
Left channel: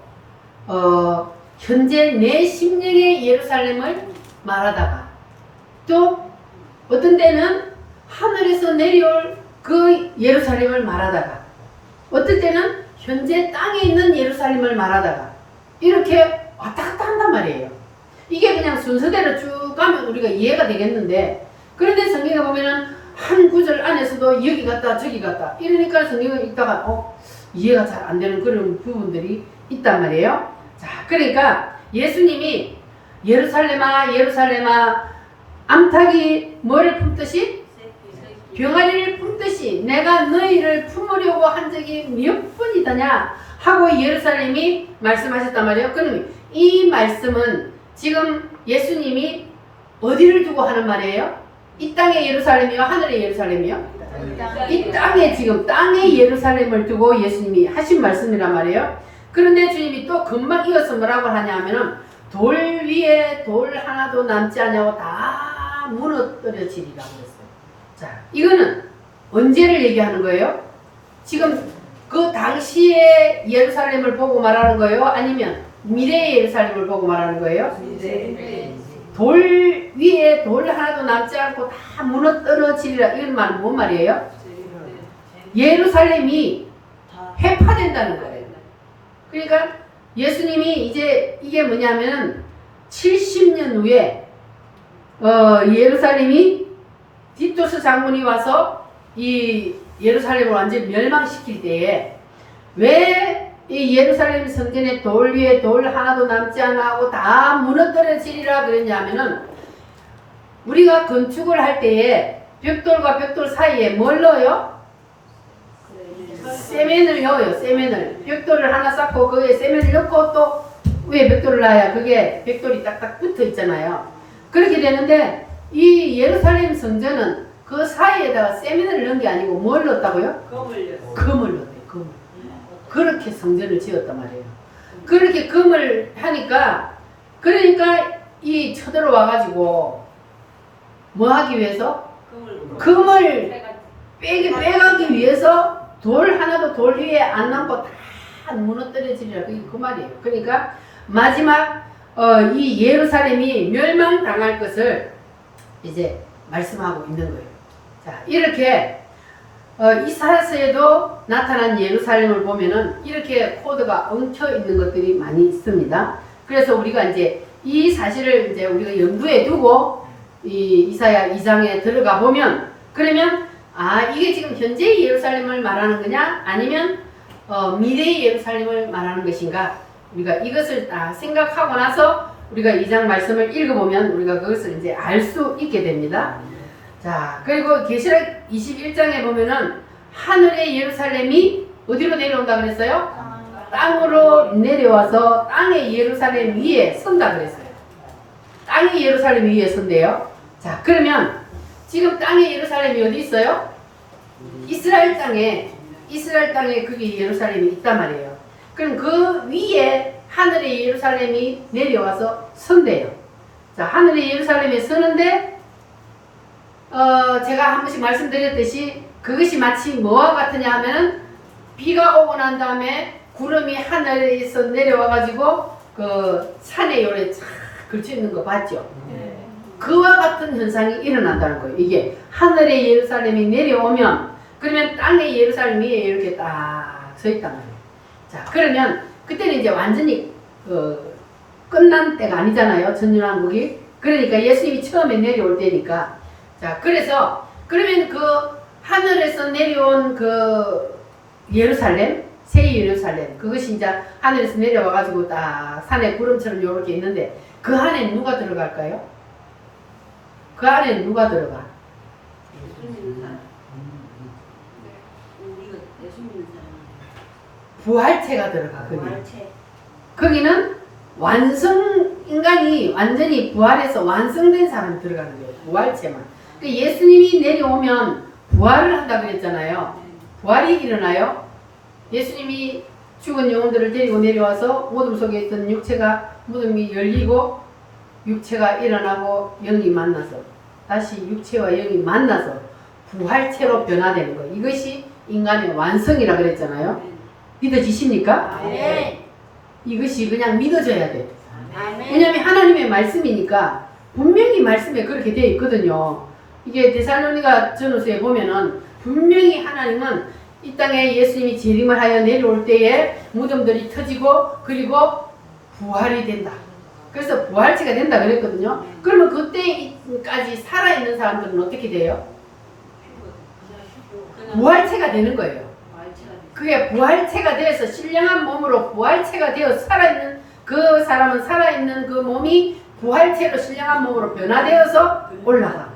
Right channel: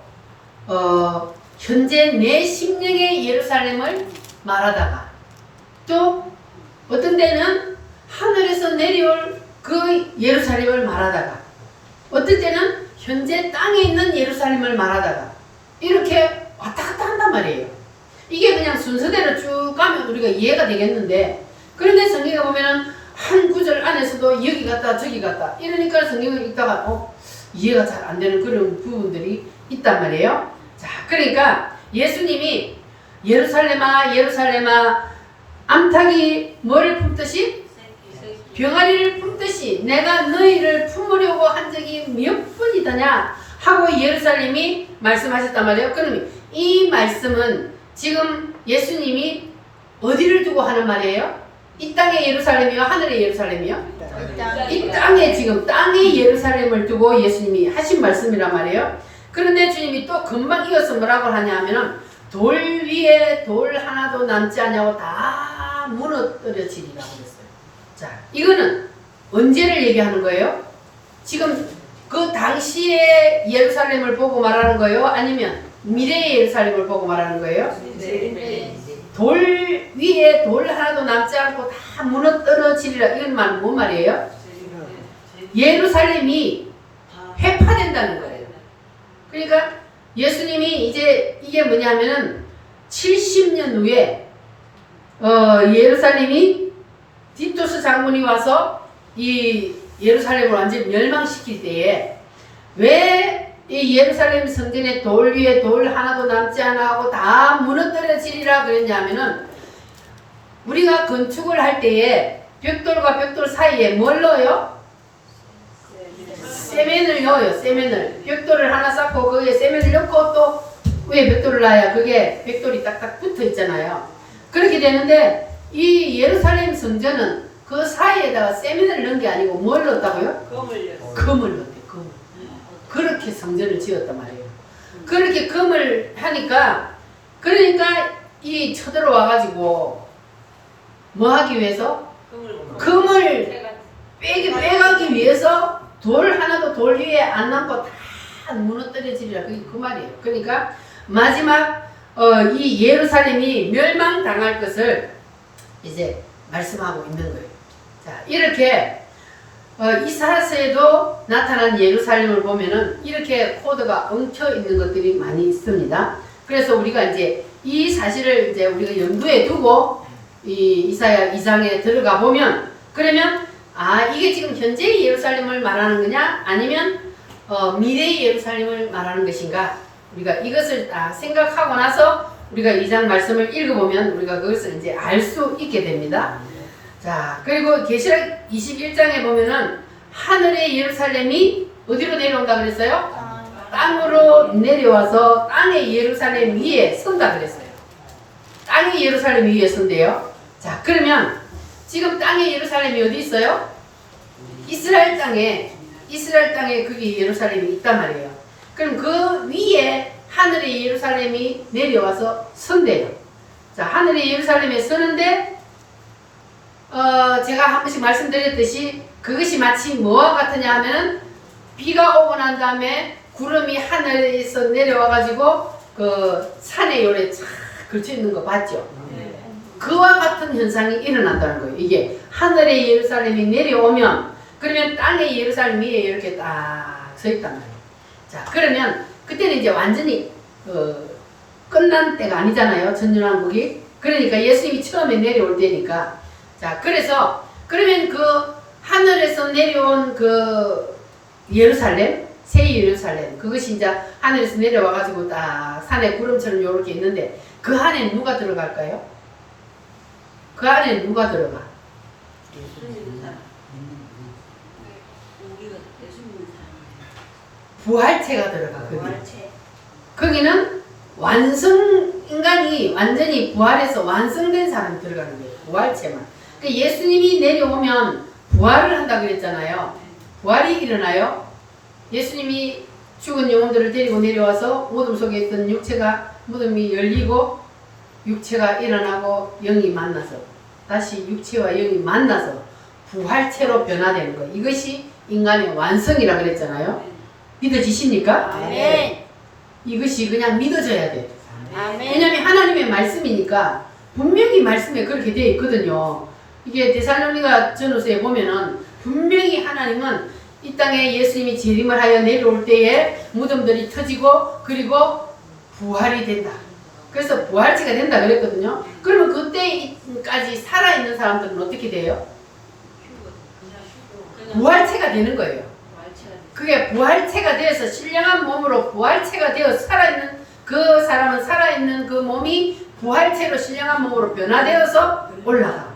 현재 내 심령의 예루살렘을 말하다가, 또 어떤 때는 하늘에서 내려올 그 예루살렘을 말하다가, 어떨 때는 현재 땅에 있는 예루살렘을 말하다가, 이렇게 왔다 갔다 한단 말이에요. 이게 그냥 순서대로 쭉 가면 우리가 이해가 되겠는데, 그런데 성경에 보면은 한 구절 안에서도 여기 갔다 저기 갔다 이러니까 성경을 읽다가 이해가 잘 안 되는 그런 부분들이 있단 말이에요. 자, 그러니까 예수님이 예루살렘아 예루살렘아 암탉이 뭐를 품듯이? 병아리를 품듯이 내가 너희를 품으려고 한 적이 몇 번이더냐 하고 예루살렘이 말씀하셨단 말이에요. 그럼 이 말씀은 지금 예수님이 어디를 두고 하는 말이에요? 이 땅의 예루살렘이요? 하늘의 예루살렘이요? 이 땅에, 지금 땅의 예루살렘을 두고 예수님이 하신 말씀이란 말이에요. 그런데 주님이 또 금방 이어서 뭐라고 하냐면은 돌 위에 돌 하나도 남지 않냐고 다 무너뜨려지리라고 그랬어요. 자, 이거는 언제를 얘기하는 거예요? 지금 그 당시의 예루살렘을 보고 말하는 거예요? 아니면 미래의 예루살렘을 보고 말하는 거예요? 돌 위에 돌 하나도 남지 않고 다 무너뜨려지리라. 이건 말은 뭔 말이에요? 예루살렘이 회파된다는 거예요. 그러니까 예수님이 이제 이게 뭐냐면은 70년 후에 예루살렘이 디토스 장군이 와서 이 예루살렘을 완전히 멸망시킬 때에 왜 이 예루살렘 성전의 돌 위에 돌 하나도 남지 않아 하고 다 무너뜨려지리라 그랬냐면은 우리가 건축을 할 때에 벽돌과 벽돌 사이에 뭘 넣어요? 세멘을 넣어요. 세멘을. 벽돌을 하나 쌓고 거기에 세멘을 넣고 또 위에 벽돌을 놔야 그게 벽돌이 딱딱 붙어 있잖아요. 그렇게 되는데 이 예루살렘 성전은 그 사이에다가 세멘을 넣은 게 아니고 뭘 넣었다고요? 금을 넣었대요. 금. 그렇게 성전을 지었단 말이에요. 그렇게 금을 하니까, 그러니까 이 쳐들어 와가지고 뭐 하기 위해서? 금을 빼가기 위해서 돌 하나도 돌 위에 안 남고 다 무너뜨려지리라. 그게 그 말이에요. 그러니까 마지막 이 예루살렘이 멸망당할 것을 이제 말씀하고 있는 거예요. 자, 이렇게 이사야서에도 나타난 예루살렘을 보면은 이렇게 코드가 엉켜 있는 것들이 많이 있습니다. 그래서 우리가 이제 이 사실을 이제 우리가 염두에 두고 이 이사야 2장에 들어가 보면, 그러면 이게 지금 현재의 예루살렘을 말하는 거냐 아니면 미래의 예루살렘을 말하는 것인가, 우리가 이것을 다 생각하고 나서 우리가 2장 말씀을 읽어보면 우리가 그것을 이제 알 수 있게 됩니다. 자, 그리고 계시록 21장에 보면은 하늘의 예루살렘이 어디로 내려온다 그랬어요? 땅으로 내려와서 땅의 예루살렘 위에 선다 그랬어요. 땅의 예루살렘 위에 선대요. 자, 그러면 지금 땅의 예루살렘이 어디 있어요? 이스라엘 땅에 그게 예루살렘이 있단 말이에요. 그럼 그 위에 하늘의 예루살렘이 내려와서 선대요. 자, 하늘의 예루살렘에 서는데 제가 한 번씩 말씀드렸듯이 그것이 마치 뭐와 같으냐 하면은 비가 오고 난 다음에 구름이 하늘에서 내려와 가지고 그 산에 요래 쫙 걸쳐 있는 거 봤죠? 그와 같은 현상이 일어난다는 거예요. 이게 하늘의 예루살렘이 내려오면, 그러면 땅의 예루살렘 위에 이렇게 딱 서 있단 말이에요. 자, 그러면 그때는 이제 완전히 끝난 때가 아니잖아요. 천년왕국이. 그러니까 예수님이 처음에 내려올 때니까. 자, 그래서 그러면 그 하늘에서 내려온 그 예루살렘, 새 예루살렘, 그것이 이제 하늘에서 내려와 가지고 딱 산에 구름처럼 이렇게 있는데 그 안에 누가 들어갈까요? 그 안에 누가 들어가? 부활체가 들어가. 거기는 인간이 완전히 부활해서 완성된 사람이 들어가는 거예요. 부활체만. 그러니까 예수님이 내려오면 부활을 한다고 그랬잖아요. 부활이 일어나요. 예수님이 죽은 영혼들을 데리고 내려와서 무덤 속에 있던 육체가, 무덤이 열리고 육체가 일어나고 영이 만나서 다시 육체와 영이 만나서 부활체로 변화되는 거. 이것이 인간의 완성이라 그랬잖아요. 믿어지십니까? 네. 이것이 그냥 믿어져야 돼요. 아멘. 왜냐하면 하나님의 말씀이니까 분명히 말씀에 그렇게 되어 있거든요. 이게 데살로니가 전후서에 보면은 분명히 하나님은 이 땅에 예수님이 재림을 하여 내려올 때에 무덤들이 터지고 그리고 부활이 된다. 그래서 부활체가 된다 그랬거든요. 그러면 그때까지 살아있는 사람들은 어떻게 돼요? 부활체가 되는 거예요. 그게 부활체가 되어서 신령한 몸으로 부활체가 되어 살아있는 그 사람은 살아있는 그 몸이 부활체로 신령한 몸으로 변화되어서 올라가.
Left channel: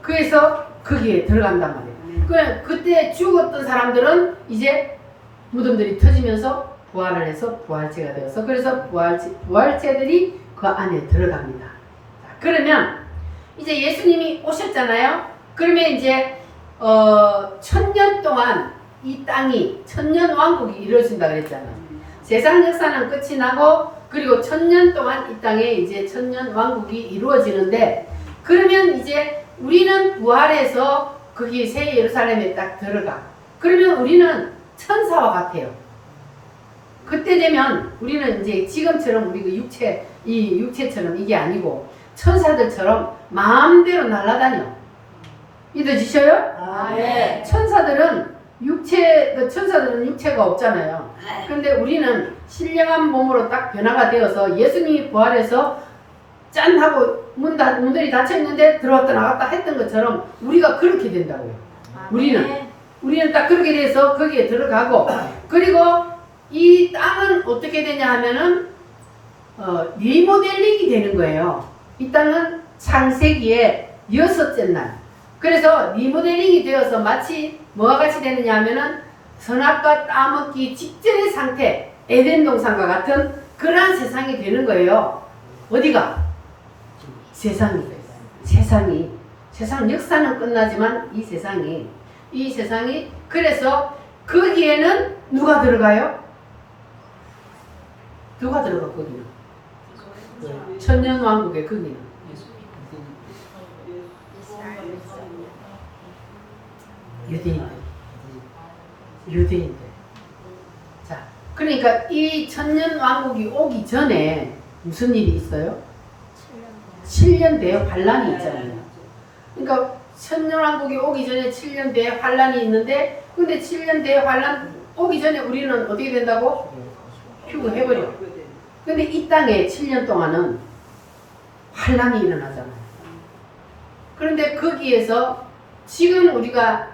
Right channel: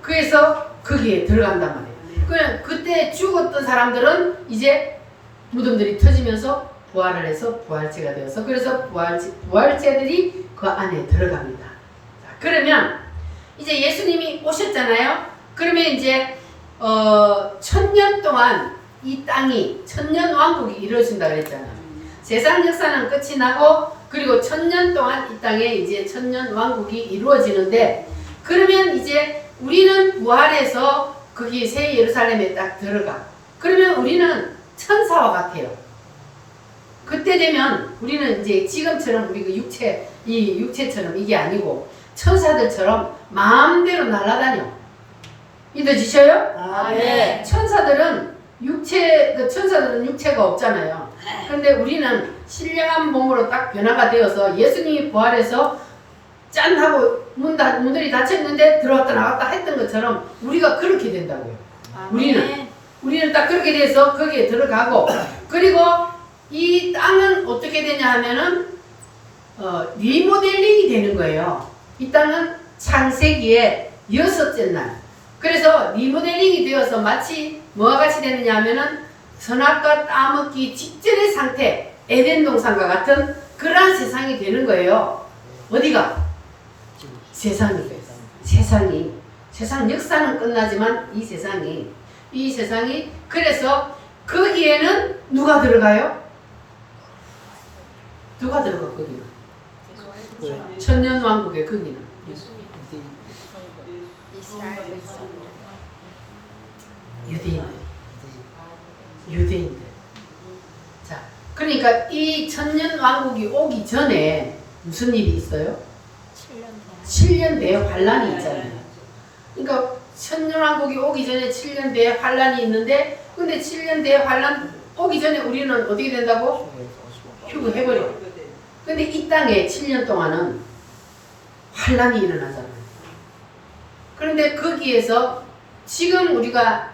그래서 거기에 들어간단 말이에요. 그때 죽었던 사람들은 이제 무덤들이 터지면서 부활을 해서 부활체가 되어서 그래서 부활체들이 그 안에 들어갑니다. 자, 그러면 이제 예수님이 오셨잖아요. 그러면 이제 1000년 동안 이 땅이 천년왕국이 이루어진다 그랬잖아요. 세상 역사는 끝이 나고 그리고 1000년 동안 이 땅에 이제 천년왕국이 이루어지는데, 그러면 이제 우리는 부활해서 거기 새 예루살렘에 딱 들어가. 그러면 우리는 천사와 같아요. 그때 되면 우리는 이제 지금처럼 우리가 육체처럼 이게 아니고 천사들처럼 마음대로 날아다녀. 믿어지셔요? 네. 천사들은 천사들은 육체가 없잖아요. 그런데 우리는 신령한 몸으로 딱 변화가 되어서 예수님이 부활해서 짠 하고 문들이 닫혀 있는데 들어왔다 나왔다 했던 것처럼 우리가 그렇게 된다고요. 우리는 딱 그렇게 돼서 거기에 들어가고, 그리고 이 땅은 어떻게 되냐 하면은 리모델링이 되는 거예요. 이 땅은 창세기의 6째 날. 그래서 리모델링이 되어서 마치 뭐와 같이 되느냐 하면은 선악과 따먹기 직전의 상태, 에덴 동산과 같은 그러한 세상이 되는 거예요. 어디가? 세상 역사는 끝나지만 이 세상이 그래서 거기에는 누가 들어가요? 누가 들어가 거기는? 천년왕국에 거기는 유대인들. 자, 그러니까 이 천년왕국이 오기 전에 무슨 일이 있어요? 7년 대환란이 있잖아요. 그러니까 천년왕국이 오기 전에 7년 뒤에 환란이 있는데, 근데 7년 뒤에 환란 오기 전에 우리는 어떻게 된다고? 휴거해버려. 근데 이 땅에 7년 동안은 환란이 일어나잖아요. 그런데 거기에서 지금 우리가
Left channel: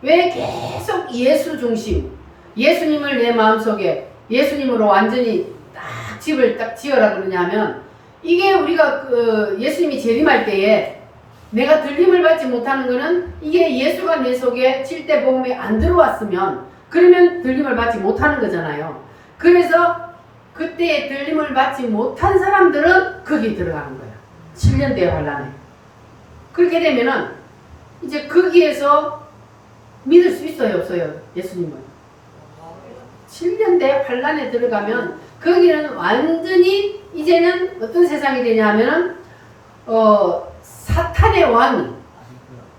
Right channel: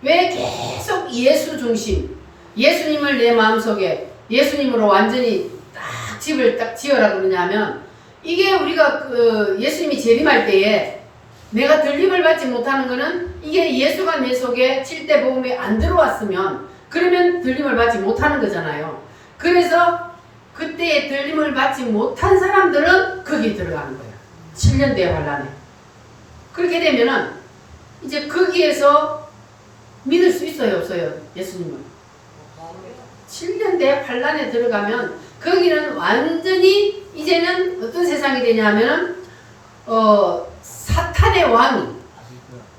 왜 계속 예수 중심, 예수님을 내 마음속에 예수님으로 완전히 딱 집을 딱 지어라 그러냐면, 이게 우리가 그 예수님이 재림할 때에 내가 들림을 받지 못하는 거는 이게 예수가 내 속에 칠대복음이 안 들어왔으면 그러면 들림을 받지 못하는 거잖아요. 그래서 그때에 들림을 받지 못한 사람들은 거기 들어가는 거예요. 7년 뒤에 환란에. 그렇게 되면은 이제 거기에서 믿을 수 있어요, 없어요? 예수님을. 7년 뒤에 환란에 들어가면 거기는 완전히 이제는 어떤 세상이 되냐면은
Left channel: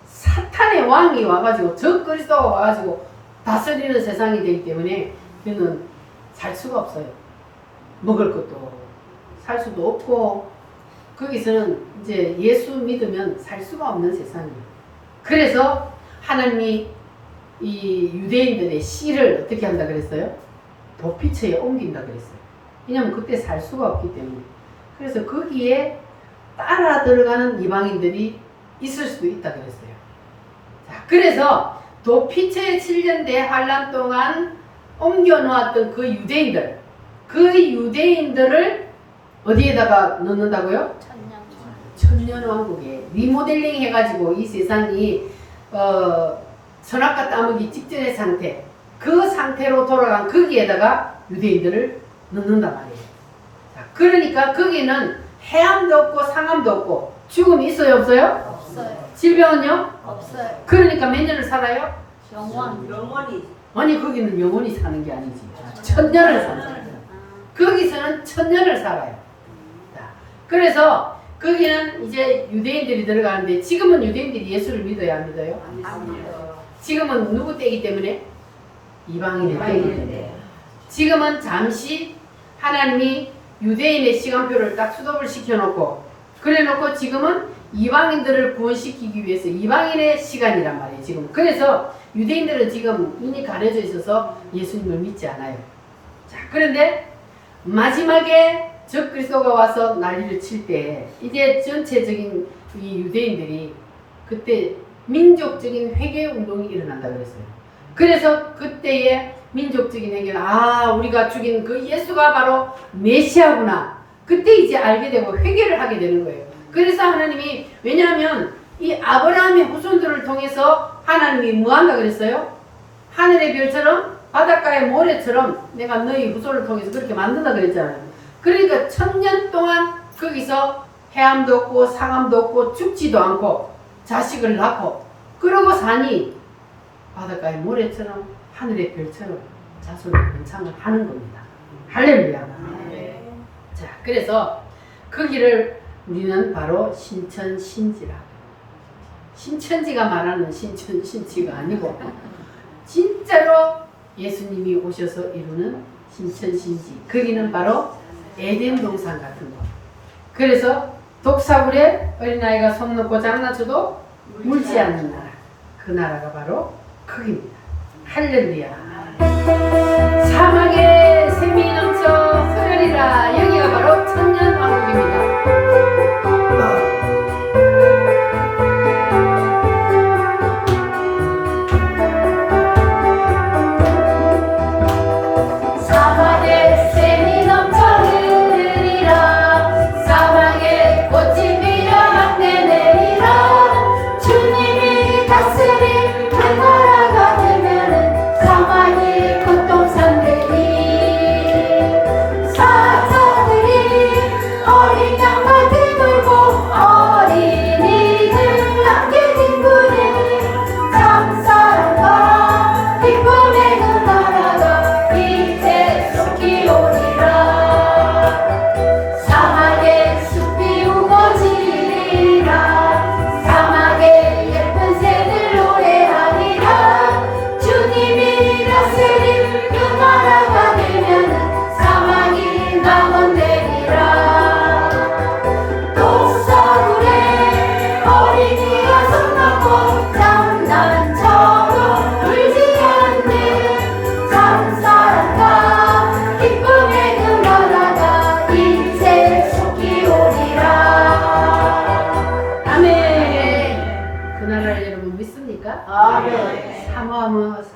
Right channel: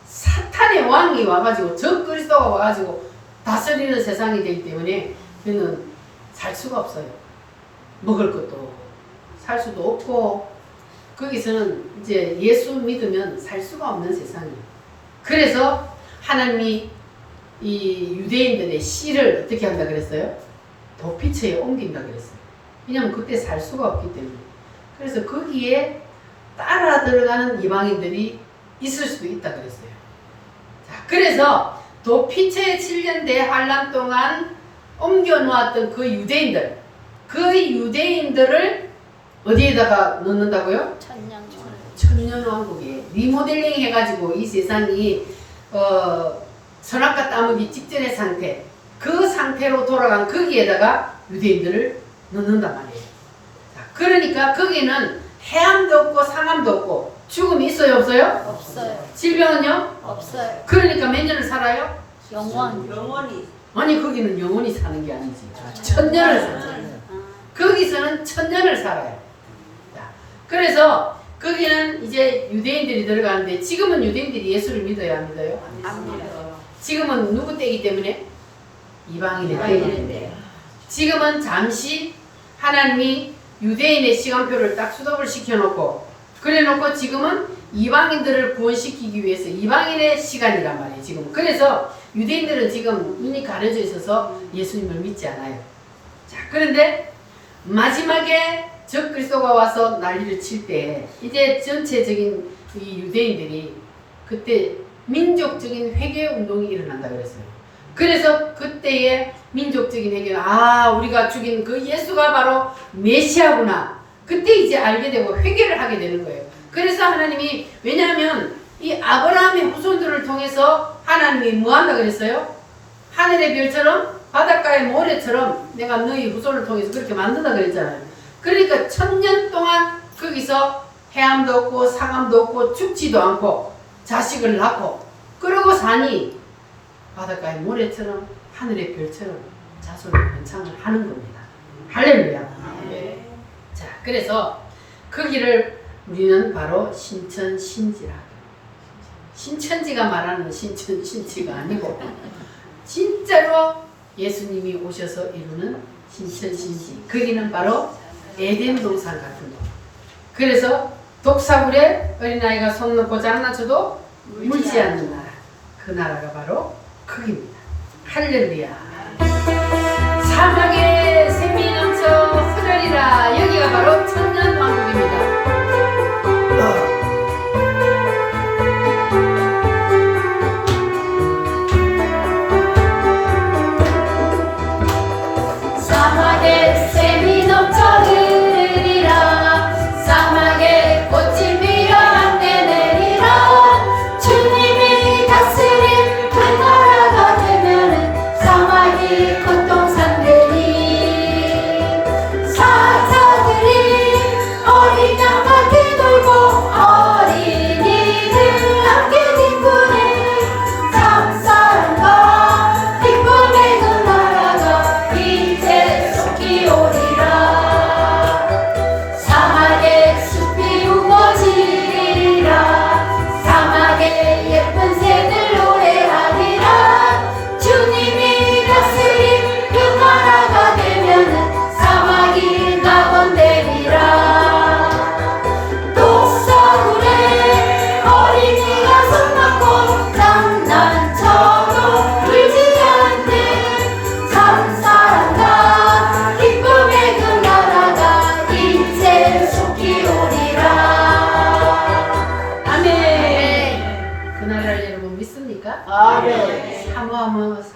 사탄의 왕이 와가지고 적 그리스도가 와가지고 다스리는 세상이 되기 때문에 그는 살 수가 없어요. 먹을 것도 살 수도 없고 거기서는 이제 예수 믿으면 살 수가 없는 세상이에요. 그래서 하나님이 이 유대인들의 씨를 어떻게 한다 그랬어요? 도피처에 옮긴다 그랬어요. 왜냐면 그때 살 수가 없기 때문에. 그래서 거기에 따라 들어가는 이방인들이 있을 수도 있다 그랬어요. 자, 그래서 도피처의 7년 대환란 동안 옮겨놓았던 그 유대인들을 어디에다가 넣는다고요? 천년왕국에 리모델링 해가지고 이 세상이 선악과 따먹기 직전의 상태, 그 상태로 돌아간 거기에다가 유대인들을 넣는단 말이에요. 자, 그러니까 거기는 해암도 없고 상암도 없고 죽음이 있어요, 없어요? 없어요. 질병은요? 없어요. 그러니까 몇 년을 살아요? 영원히. 아니 거기는 영원히 사는 게 아니지. 천년을 살아요. 거기서는 천년을 살아요. 자, 그래서 거기는 이제 유대인들이 들어가는데 지금은 유대인들이 예수를 믿어야 안 믿어요? 지금은 누구 때이기 때문에? 이방인의 때이기 때문에. 지금은 잠시 하나님이 유대인의 시간표를 딱 수독을 시켜놓고 그래놓고 지금은 이방인들을 구원시키기 위해서 이방인의 시간이란 말이에요. 지금. 그래서 유대인들은 지금 눈이 가려져 있어서 예수님을 믿지 않아요. 자, 그런데 마지막에 적 그리스도가 와서 난리를 칠 때 이제 전체적인 이 유대인들이 그때 민족적인 회개 운동이 일어난다 그랬어요. 그래서 그때의 민족적인 회개는 우리가 죽인 그 예수가 바로 메시아구나. 그때 이제 알게 되고 회개를 하게 되는 거예요. 그래서 하나님이 왜냐하면 이 아브라함의 후손들을 통해서 하나님이 뭐 한다 그랬어요? 하늘의 별처럼 바닷가의 모래처럼 내가 너희 후손을 통해서 그렇게 만든다 그랬잖아요. 그러니까 1000년 동안 거기서 해암도 없고 상암도 없고 죽지도 않고 자식을 낳고 그러고 사니 바닷가의 모래처럼 하늘의 별처럼 자손의 번창을 하는 겁니다. 할렐루야. 자, 그래서 거기를 우리는 바로 신천신지라. 신천지가 말하는 신천신지가 아니고 진짜로 예수님이 오셔서 이루는 신천신지. 거기는 바로 에덴 동산 같은 거. 그래서 독사물에 어린아이가 손 넣고 장난쳐도 물지 않는 나라. 그 나라가 바로 거기입니다. 할렐루야. 사막에 샘이 넘쳐 흐르리라. 여기가 바로 천년왕국입니다. 사막에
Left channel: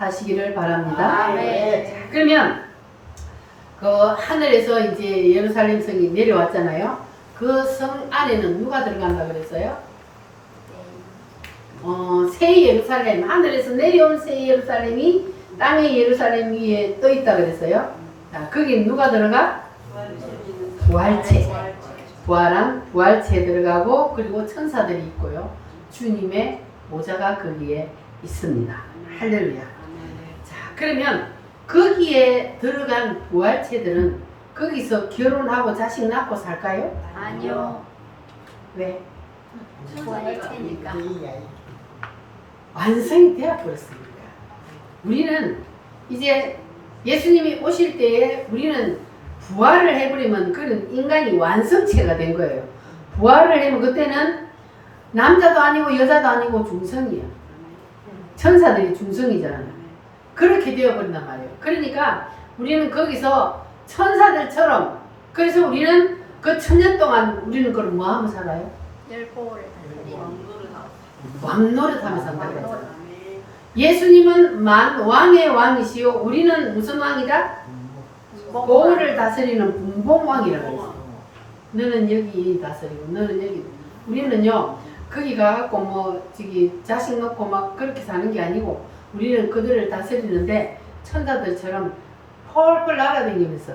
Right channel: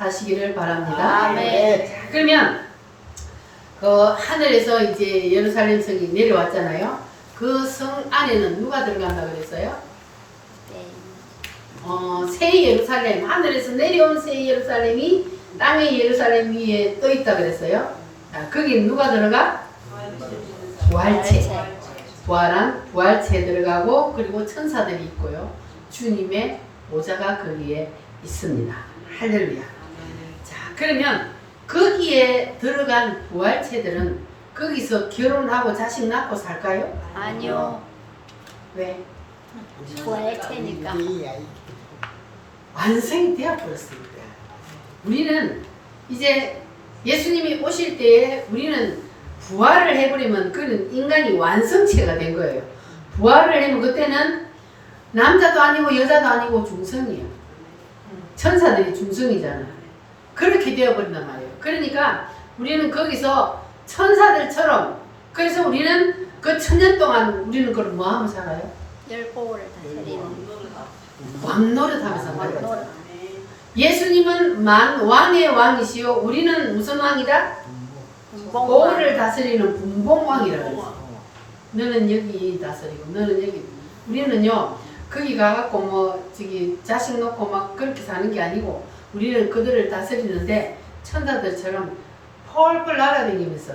하시기를 바랍니다. 아멘. 자, 그러면 그 하늘에서 이제 예루살렘 성이 내려왔잖아요. 그 성 안에는 누가 들어간다 그랬어요? 새 예루살렘, 하늘에서 내려온 새 예루살렘이 땅의 예루살렘 위에 떠 있다 그랬어요. 자, 거기 누가 들어가? 부활체. 부활한 부활체 들어가고, 그리고 천사들이 있고요. 주님의 모자가 거기에 있습니다. 할렐루야. 자, 그러면 거기에 들어간 부활체들은 거기서 결혼하고 자식 낳고 살까요? 아니요. 왜? 부활체니까. 완성이 되어버렸습니다. 우리는 이제 예수님이 오실 때에 우리는 부활을 해버리면 그런 인간이 완성체가 된 거예요. 부활을 하면 그때는 남자도 아니고 여자도 아니고 중성이에요. 천사들이 중성이잖아요. 그렇게 되어버린단 말이에요. 그러니까 우리는 거기서 천사들처럼, 그래서 우리는 그 천년 동안 우리는 그걸 뭐 하면 살아요? 열보를 다스리는 왕노릇하면서 산다는 거죠. 예수님은 왕의 왕이시요, 우리는 무슨 왕이다? 고을을 다스리는 분봉왕이라고 했어요. 너는 여기 다스리고 너는 여기. 우리는요 거기 가갖고 뭐 저기 자식 놓고 막 그렇게 사는 게 아니고, 우리는 그들을 다스리는데 천사들처럼 펄펄 날아다니면서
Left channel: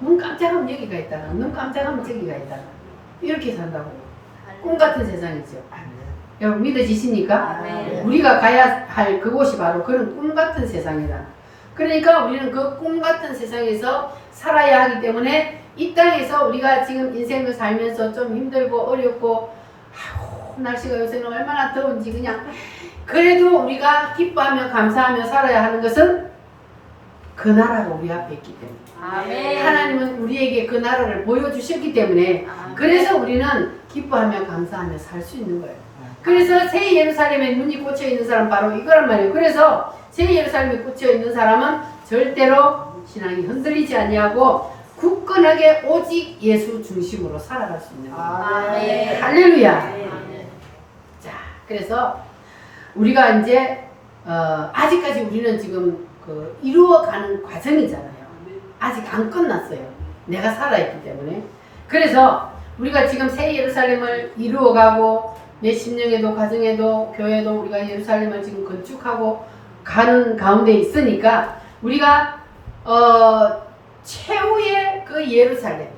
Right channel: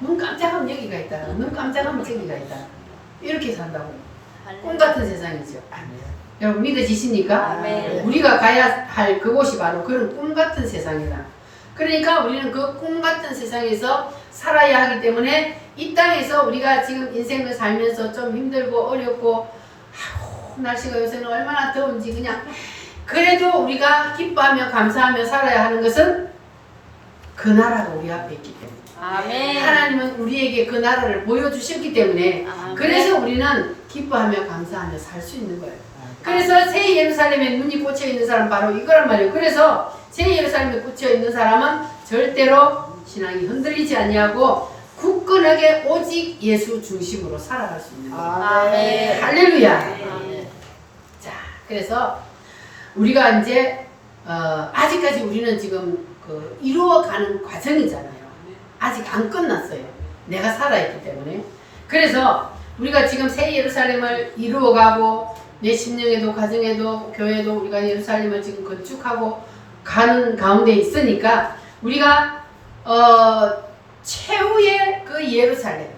눈 깜짝하면 여기가 있다가 눈 깜짝하면 저기가 있다, 이렇게 산다고요. 꿈 같은 세상이죠. 여러분 믿어지십니까? 네. 우리가 가야 할 그곳이 바로 그런 꿈 같은 세상이다. 그러니까 우리는 그 꿈 같은 세상에서 살아야 하기 때문에 이 땅에서 우리가 지금 인생을 살면서 좀 힘들고 어렵고, 아이고, 날씨가 요새는 얼마나 더운지, 그냥 그래도 우리가 기뻐하며 감사하며 살아야 하는 것은 그 나라가 우리 앞에 있기 때문에, 아멘. 하나님은 우리에게 그 나라를 보여주셨기 때문에, 그래서 우리는 기뻐하며 감사하며 살 수 있는 거예요. 그래서 새 예루살렘에 눈이 꽂혀 있는 사람 바로 이거란 말이에요. 그래서 새 예루살렘에 꽂혀 있는 사람은 절대로 신앙이 흔들리지 아니하고 굳건하게 오직 예수 중심으로 살아갈 수 있는 거예요. 아멘. 할렐루야. 아멘. 자, 그래서 우리가 이제 아직까지 우리는 지금 그 이루어가는 과정이잖아요. 아직 안 끝났어요. 내가 살아있기 때문에. 그래서 우리가 지금 새 예루살렘을 이루어가고, 내 심령에도 가정에도 교회도 우리가 예루살렘을 지금 건축하고 가는 가운데 있으니까, 우리가 최후의 그 예루살렘,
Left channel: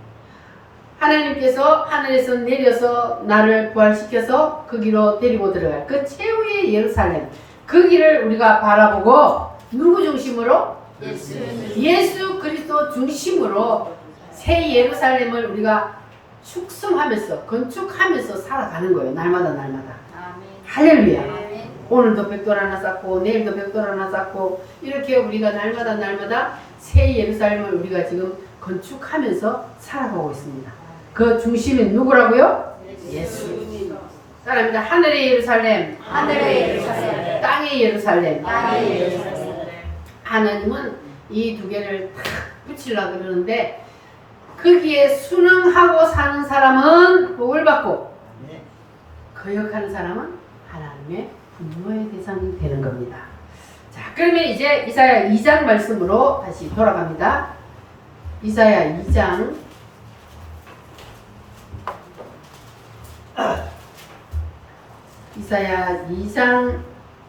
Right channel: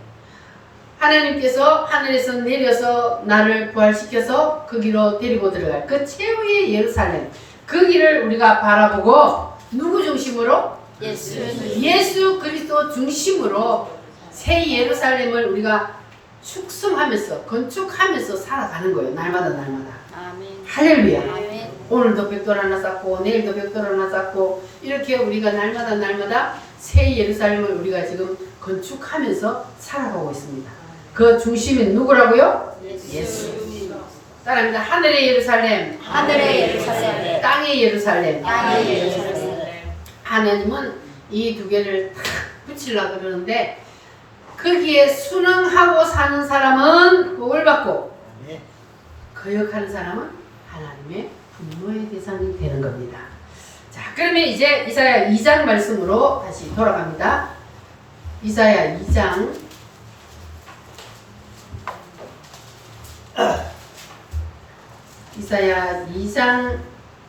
하나님께서 하늘에서 내려서 나를 부활시켜서 거기로 데리고 들어갈 그 최후의 예루살렘, 거기를 우리가 바라보고 누구 중심으로? 예수 그리스도 중심으로 새 예루살렘을 우리가 축성하면서 건축하면서 살아가는 거예요. 날마다 날마다. 아멘. 할렐루야. 아멘. 오늘도 벽돌 하나 쌓고 내일도 벽돌 하나 쌓고, 이렇게 우리가 날마다 날마다 새 예루살렘을 우리가 지금 건축하면서 살아가고 있습니다. 그 중심인 누구라고요? 예수. 따라합니다. 하늘의 예루살렘, 하늘의 예루살렘, 땅의 예루살렘. 땅의 예루살렘. 하나님은 이 두 개를 탁 붙이려고 그러는데, 거기에 순응하고 사는 사람은 복을 받고, 거역하는 사람은 하나님의 분노의 대상이 되는 겁니다. 자, 그러면 이제 이사야 2장 말씀으로 다시 돌아갑니다. 이사야 2장. 이사야 2장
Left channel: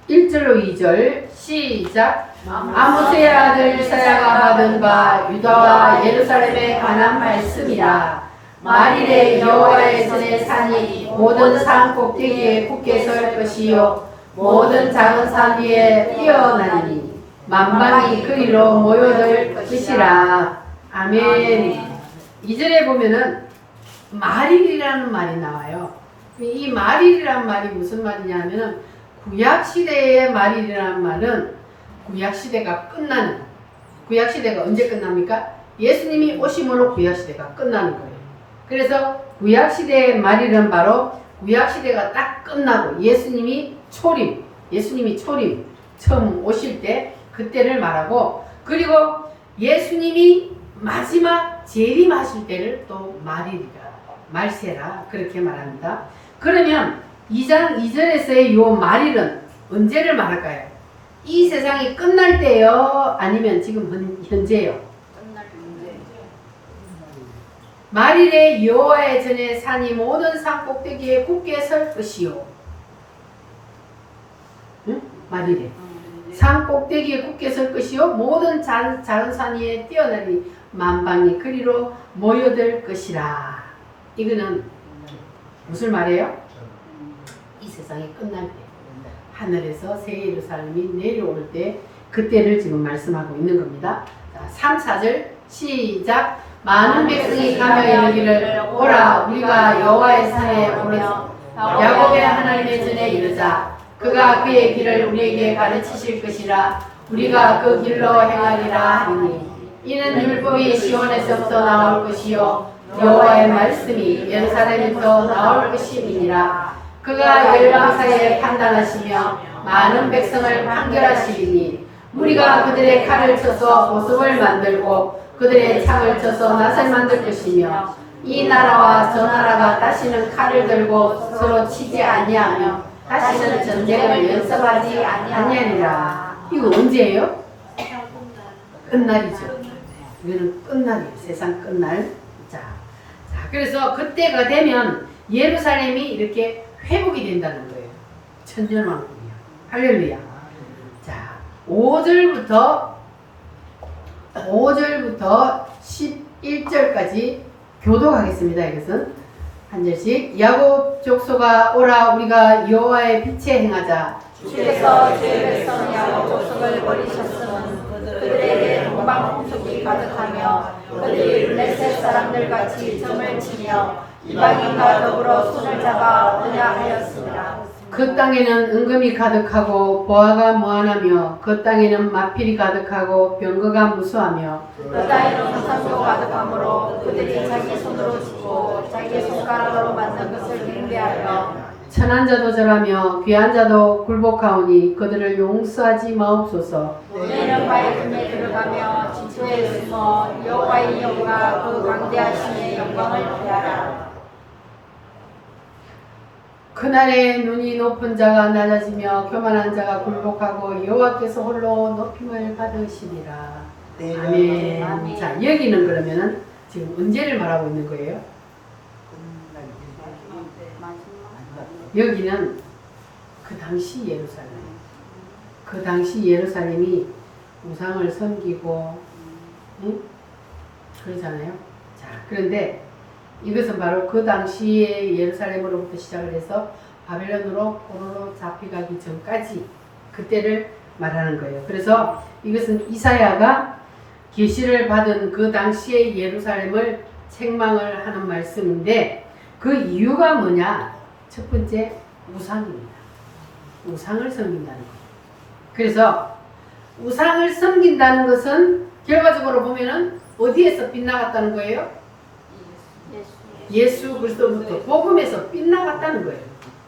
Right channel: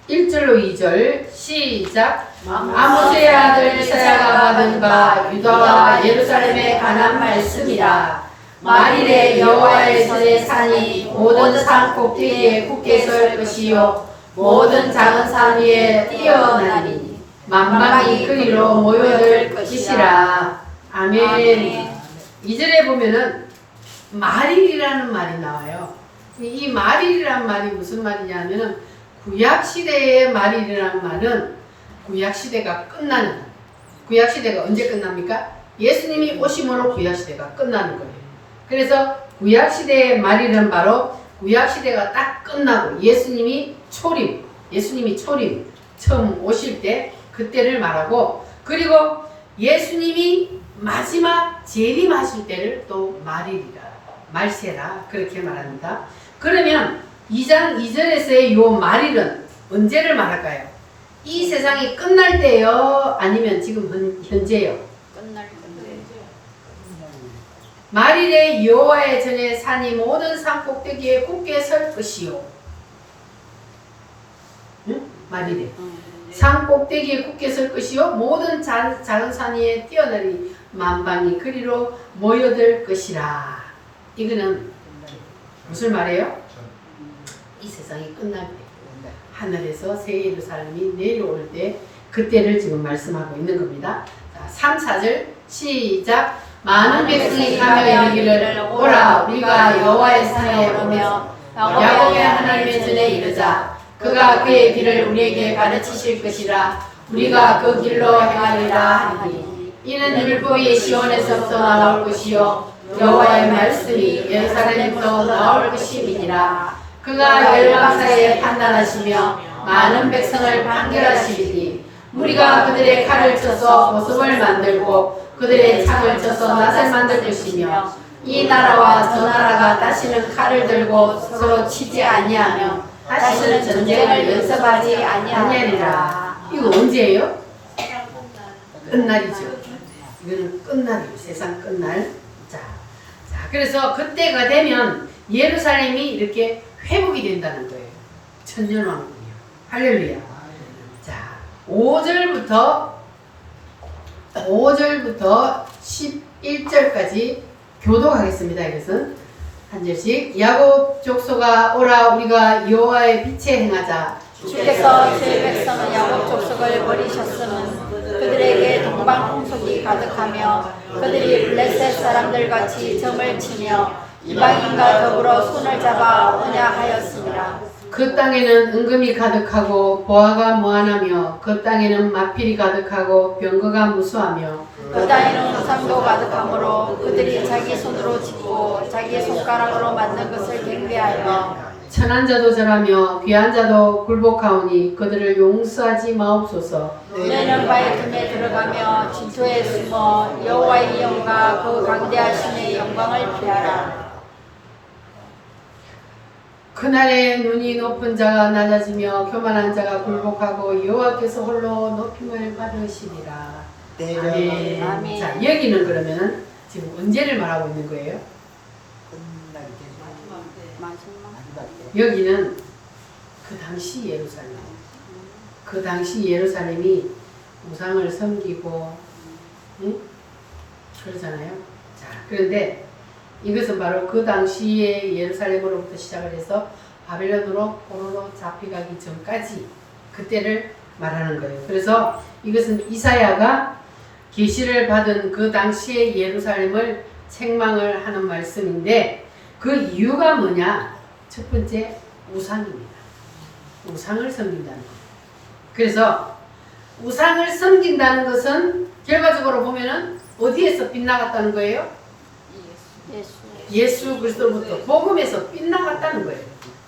1절로 2절 시작. 아모스의 아들 이사야가 받은 바 유다와 예루살렘에 관한 말씀이라. 만일에 여호와의 손의 산이 모든 산 꼭대기에 굳게 설 것이요 모든 작은 산 위에 뛰어나니 만방이 그리로 모여들 것이라. 아멘. 2절에 보면은 말일이라는 말이 나와요. 이 말일이란 말이 무슨 말이냐면은, 구약시대의 말일이란 말은 구약시대가 끝나는, 구약시대가 언제 끝납니까? 예수님이 오심으로 구약시대가 끝나는 거예요. 그래서 구약시대의 말일은 바로 구약시대가 딱 끝나고 예수님이 초림 처음 오실 때 그때를 말하고, 그리고 예수님이 마지막 재림하실 때를 또 말일이라, 말세라 그렇게 말합니다. 그러면 2장 2절에서의 요 말일은 언제를 말할까요? 이 세상이 끝날 때요? 아니면 지금 현재요? 말일에 여호와의 전에 산이 모든 산 꼭대기에 굳게 설 것이요. 응? 말일에 산 꼭대기에 굳게 설 것이요 모든 작은 산 위에 뛰어나니 만방이 그리로 모여들 것이라. 이거는 무슨 말이에요? 이 세상이 끝날 때 하늘에서 새 예루살렘이 내려올 때 그때를 지금 말씀하고 있는 겁니다. 자, 3, 4절 시작. 많은 백성이 가며 이르기를 오라 우리가 여호와의 산에 오며 야곱의 하나님의 전에 이르자. 그가 그의 길을 우리에게 가르치실 것이라. 우리가 그 길로 행하리라 하니 이는 율법이 시온에서부터 나올 것이요 여호와의 말씀이 예루살렘부터 나올 것임이니라. 그가 열방 사이에 판단하시며 많은 백성을 판결하시리니 무리가 그들의 칼을 쳐서 보석을 만들고 그들의 창을 쳐서 낫을 만들 것이며 이 나라와 저 나라가 다시는 칼을 들고 서로 치지 아니하며 다시는 전쟁을 연습하지 아니하리라. 이거 언제예요? 끝날이죠. 이거는 끝날이에요. 세상 끝날. 자, 그래서 그때가 되면 예루살렘이 이렇게 회복이 된다는 거예요. 천년왕국이요. 할렐루야. 자, 5절부터 11절까지 교독하겠습니다. 이것은 한 절씩. 야곱 족속아 오라 우리가 여호와의 빛에 행하자. 주께서 주의 백성은 야곱 족속을 버리셨으면 그들에게 동방풍속이 가득하며 그들이 블레셋 사람들 같이 점을 치며 이방인과 더불어 손을 잡아 오냐 하였습니다. 그 땅에는 은금이 가득하고 보화가 무한하며 그 땅에는 마필이 가득하고 병거가 무수하며 그 땅에는 화상도 가득하므로 그들이 자기 손으로 짓고 자기의 손가락으로 만든 것을 경배하며 천한 자도 절하며 귀한 자도 굴복하오니 그들을 용서하지 마옵소서. 너희는 바의 틈에 들어가며 진토에 숨어 여호와의 영과 그 강대하심의 영광을 피하라. 그날에 눈이 높은 자가 낮아지며 교만한 자가 굴복하고 여호와께서 홀로 높임을 받으시리라. 아멘. 아멘. 자, 여기는 그러면 지금 언제를 말하고 있는 거예요? 여기는 그 당시 예루살렘. 그 당시 예루살렘이 우상을 섬기고, 응? 그러잖아요. 자, 그런데 이것은 바로 그 당시의 예루살렘으로부터 시작을 해서 바벨론으로 포로로 잡혀가기 전까지 그때를 말하는 거예요. 그래서 이것은 이사야가 계시를 받은 그 당시의 예루살렘을 책망을 하는 말씀인데 그 이유가 뭐냐? 첫 번째 우상입니다. 우상을 섬긴다는 거예요. 그래서 우상을 섬긴다는 것은 결과적으로 보면은 어디에서 빗나갔다는 거예요? 예수 그리스도부터 복음에서 빗나갔다는 거예요.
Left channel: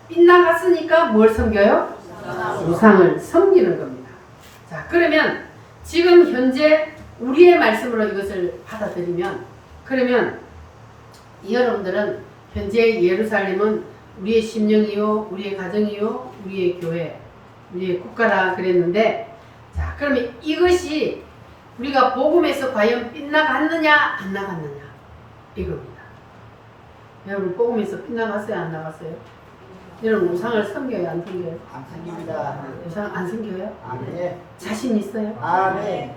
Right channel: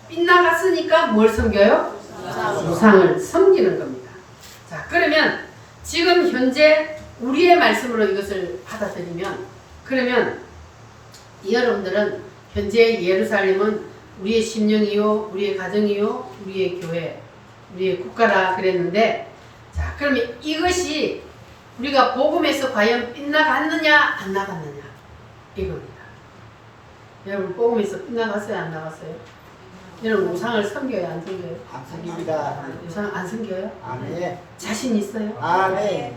빗나갔으니까 뭘 섬겨요? 우상을 섬기는 겁니다. 자, 그러면 지금 현재 우리의 말씀으로 이것을 받아들이면 그러면 여러분들은 현재 예루살렘은 우리의 심령이요, 우리의 가정이요, 우리의 교회, 우리의 국가라 그랬는데 자, 그러면 이것이 우리가 복음에서 과연 빗나갔느냐 안 나갔느냐 이겁니다. 여러분 복음에서 빗나갔어요? 안 나갔어요? 여러분 우상을 섬겨요? 안 섬겨요? 안 생깁니다. 우상 안 섬겨요? 네. 자신 있어요? 아, 네.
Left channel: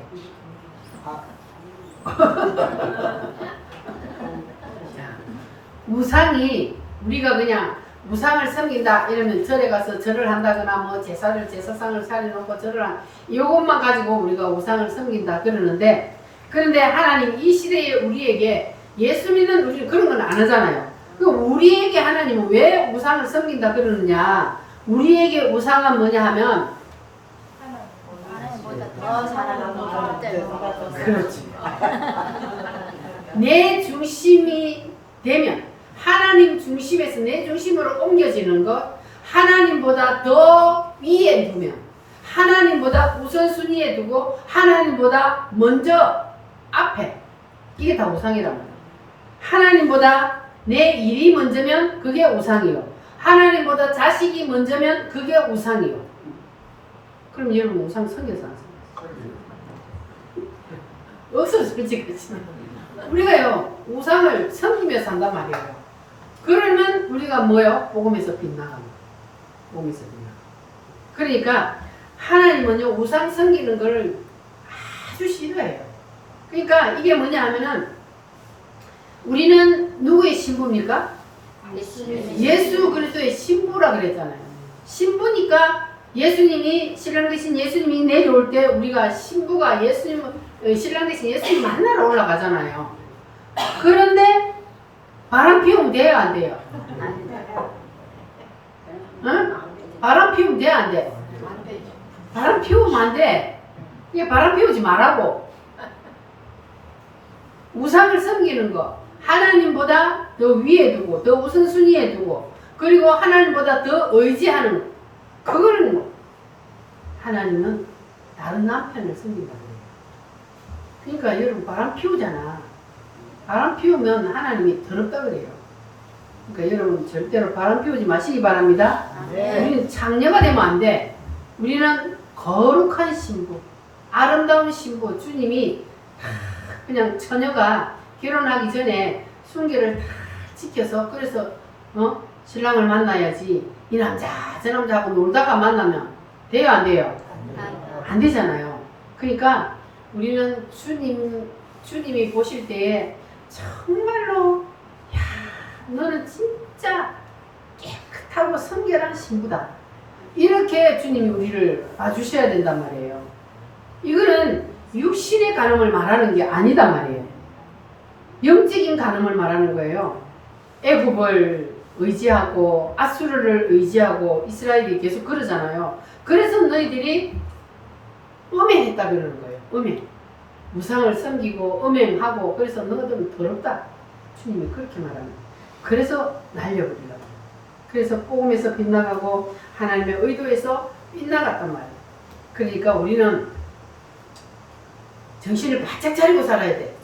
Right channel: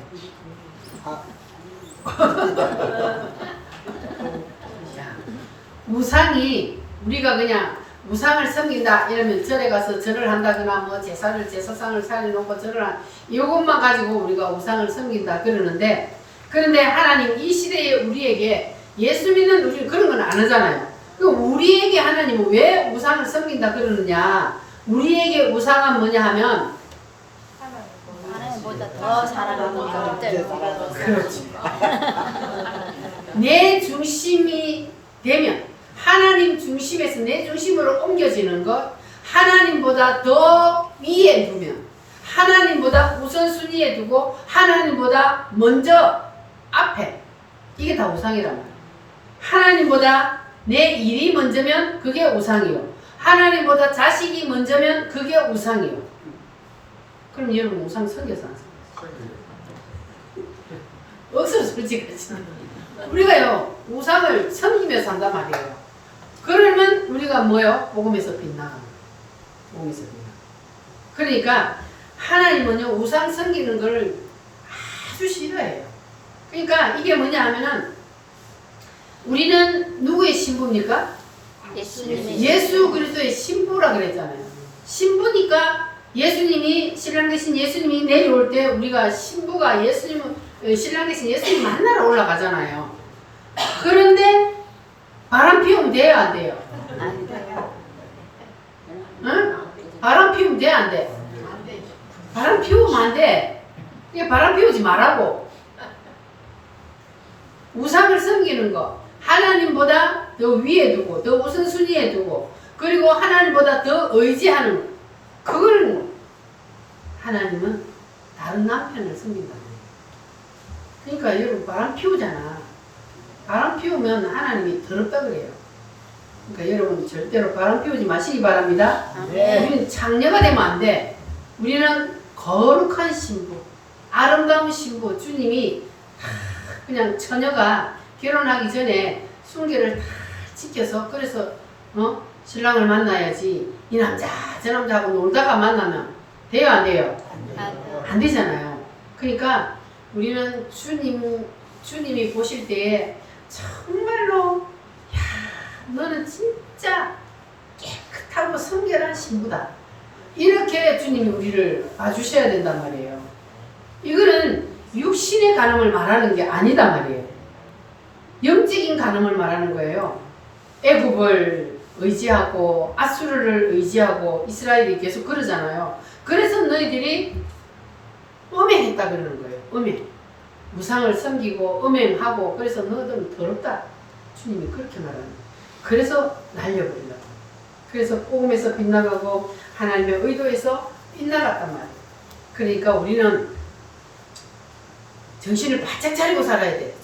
자, 우상이 우리가 그냥 우상을 섬긴다 이러면 절에 가서 절을 한다거나 뭐 제사상을 차려놓고 절을 한 이것만 가지고 우리가 우상을 섬긴다 그러는데 그런데 하나님 이 시대에 우리에게 예수 믿는 우리 그런 건 안 하잖아요. 그럼 우리에게 하나님은 왜 우상을 섬긴다 그러느냐? 우리에게 우상은 뭐냐 하면 하나님보다 더 사랑하는 것들. 그렇지. 내 중심이 되면 하나님 중심에서 내 중심으로 옮겨지는 것 하나님보다 더 위에 두면 하나님보다 우선순위에 두고 하나님보다 먼저 앞에 이게 다 우상이란 말이에요. 하나님보다 내 일이 먼저면 그게 우상이요. 하나님보다 자식이 먼저면 그게 우상이요. 그럼 여러분 우상 섬겨서 안 섬겨요? 어서 솔직히 우리가요 우상을 섬기며 산단 말이에요. 그러면 우리가 뭐요? 복음에서 빗나가는 거예요. 복음에서 빗나가. 그러니까 하나님은요 우상 섬기는 걸 아주 싫어해요. 그러니까 이게 뭐냐 하면은 우리는 누구의 신부입니까? 예수 그리스도의 신부라 그랬잖아요. 신부니까 예수님이 신랑 대신 예수님이 내려올 때 우리가 신부가 신랑 대신 예수님 만나러 올라가잖아요. 그런데 바람 피우면 돼요 안 돼요? 응? 바람 피우면 돼 안 돼? 바람 피우면 안 돼. 그냥 바람 피우지 말라고. 우상을 섬기는 거 하나님보다 더 위에 두고 더 우선순위에 두고 그리고 하나님보다 더 의지하는 거. 그거는 하나님은 다른 남편을 섬긴다. 그러니까 여러분 바람 피우잖아. 바람 피우면 하나님이 더럽다 그래요. 그러니까 여러분 절대로 바람 피우지 마시기 바랍니다. 우리는 장녀가 되면 안 돼. 우리는 거룩한 신부, 아름다운 신부, 주님이 그냥 처녀가 결혼하기 전에 순결을 다 지켜서 그래서 신랑을 만나야지 이 남자 저 남자하고 놀다가 만나면 돼요 안 돼요? 안 되잖아요. 그러니까 우리는 주님이 보실 때에 정말로 야 너는 진짜 깨끗하고 성결한 신부다 이렇게 주님이 우리를 봐주셔야 된단 말이에요. 이거는 육신의 간음을 말하는 게 아니단 말이에요. 영적인 간음을 말하는 거예요. 애굽을 의지하고 아수르를 의지하고 이스라엘이 계속 그러잖아요. 그래서 너희들이 음행했다 그러는 거예요. 음행. 우상을 섬기고 음행하고 그래서 너희들은 더럽다. 주님이 그렇게 말하는 거예요. 그래서 날려버리려고. 그래서 복음에서 빗나가고 하나님의 의도에서 빗나갔단 말이에요. 그러니까 우리는 정신을 바짝 차리고 살아야 돼.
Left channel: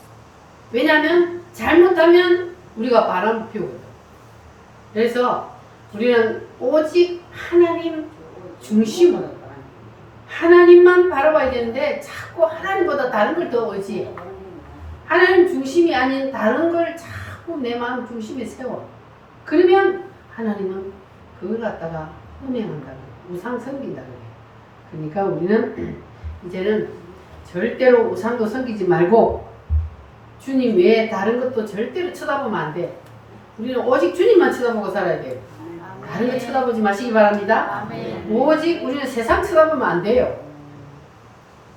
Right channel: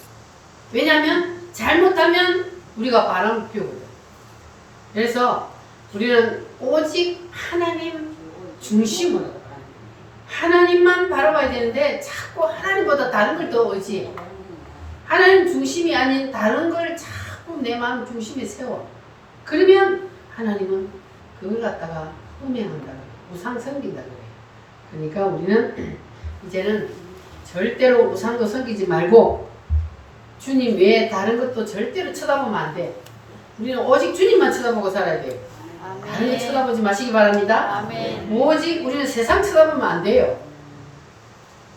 왜냐하면 잘못하면 우리가 바람 피우거든. 그래서 우리는 오직 하나님 중심으로 하나님만 바라봐야 되는데 자꾸 하나님보다 다른 걸 더 의지해. 하나님 중심이 아닌 다른 걸 자꾸 내 마음 중심에 세워. 그러면 하나님은 그걸 갖다가 음행한다 그래. 우상 섬긴다 그래. 그러니까 우리는 이제는 절대로 우상도 섬기지 말고 주님 외에 다른 것도 절대로 쳐다보면 안 돼. 우리는 오직 주님만 쳐다보고 살아야 돼요. 다른 거 쳐다보지 마시기 바랍니다. 오직 우리는 세상 쳐다보면 안 돼요.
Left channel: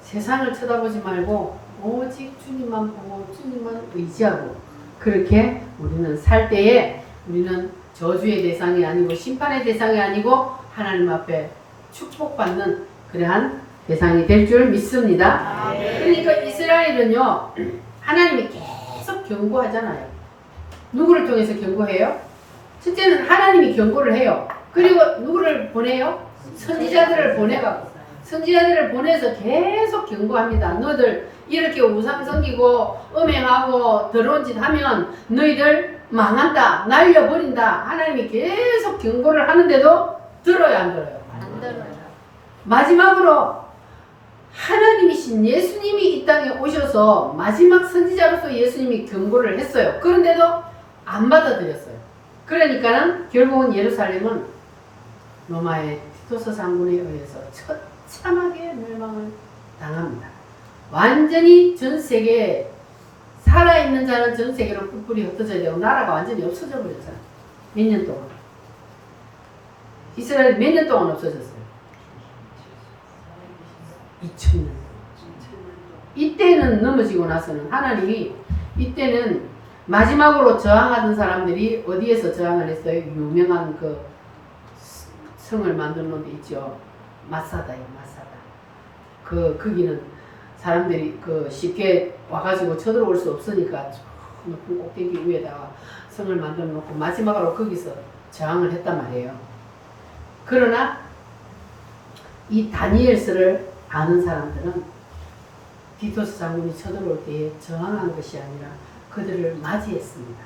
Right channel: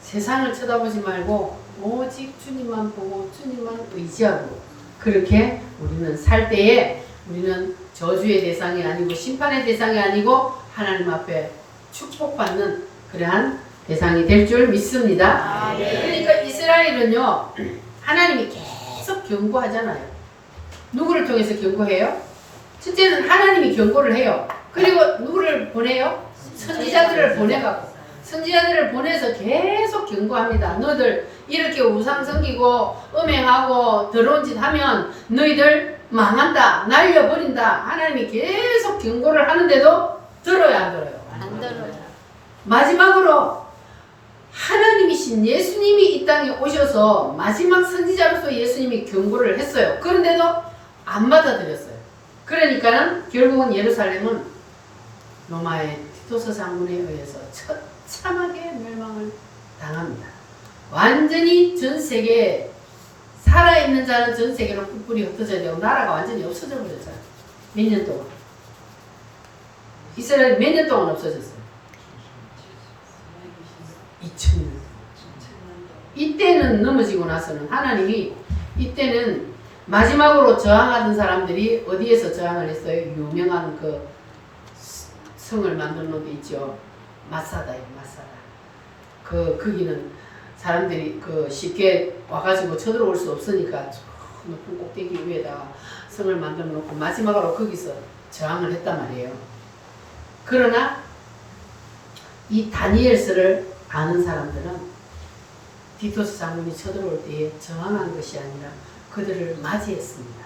세상을 쳐다보지 말고 오직 주님만 보고 주님만 의지하고 그렇게 우리는 살 때에 우리는 저주의 대상이 아니고 심판의 대상이 아니고 하나님 앞에 축복받는 그러한 대상이 될 줄 믿습니다. 그러니까 이스라엘은요 하나님이 계속 경고하잖아요. 누구를 통해서 경고해요? 첫째는 하나님이 경고를 해요. 그리고 누구를 보내요? 선지자들을 보내가고 선지자들을 보내서 계속 경고합니다. 너희들 이렇게 우상 섬기고 음행하고 더러운 짓 하면 너희들 망한다. 날려버린다. 하나님이 계속 경고를 하는데도 들어요 안 들어요? 안 들어요. 마지막으로 하나님이신 예수님이 이 땅에 오셔서 마지막 선지자로서 예수님이 경고를 했어요. 그런데도 안 받아들였어요. 그러니까는 결국은 예루살렘은 로마의 티토스 장군에 의해서 처참하게 멸망을 당합니다. 완전히 전 세계에 살아있는 자는 전 세계로 뿔뿔이 흩어져야 되고 나라가 완전히 없어져 버렸잖아요. 몇 년 동안. 이스라엘이 몇 년 동안 없어졌어요? 2000년. 이때는 넘어지고 나서는 하나님이 이때는 마지막으로 저항하던 사람들이 어디에서 저항을 했어요? 유명한 그 성을 만든 놈도 있죠. 마사다예요, 마사다. 거기는 사람들이 쉽게 와가지고 쳐들어올 수 없으니까 높은 꼭대기 위에다가 성을 만들어 놓고 마지막으로 거기서 저항을 했단 말이에요. 그러나 이 다니엘서를 아는 사람들은 디토스 장군이 쳐들어올 때에 저항한 것이 아니라 그들을 맞이했습니다.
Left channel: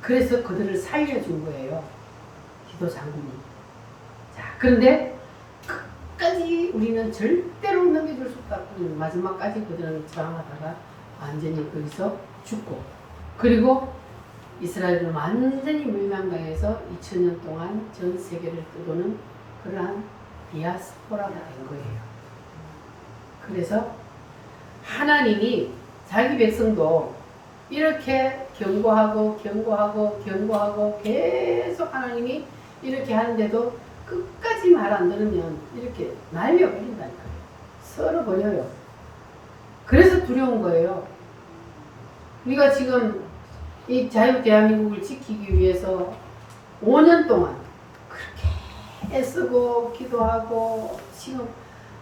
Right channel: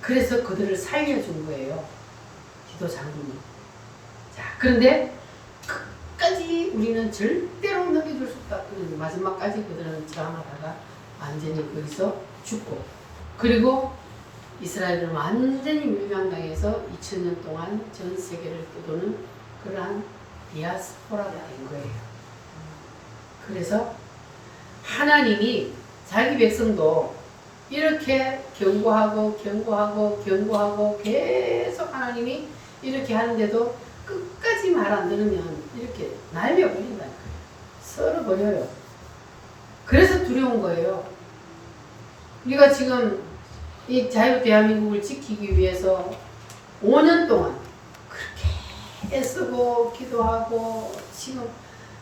그래서 그들을 살려준 거예요. 디도 장군이. 자, 그런데 끝까지 끝까지 우리는 절대로 넘겨줄 수 없다. 마지막까지 그들은 저항하다가 완전히 거기서 죽고, 그리고 이스라엘은 완전히 멸망당해서 2000년 동안 전 세계를 떠도는 그러한 디아스포라가 된 거예요. 그래서 하나님이 자기 백성도 이렇게 경고하고 계속 하나님이 이렇게 하는데도 끝까지 말 안 들으면 이렇게 날려버린다니까요. 썰어버려요. 그래서 두려운 거예요. 우리가 지금 이 자유 대한민국을 지키기 위해서 5년 동안 그렇게 애쓰고 기도하고, 지금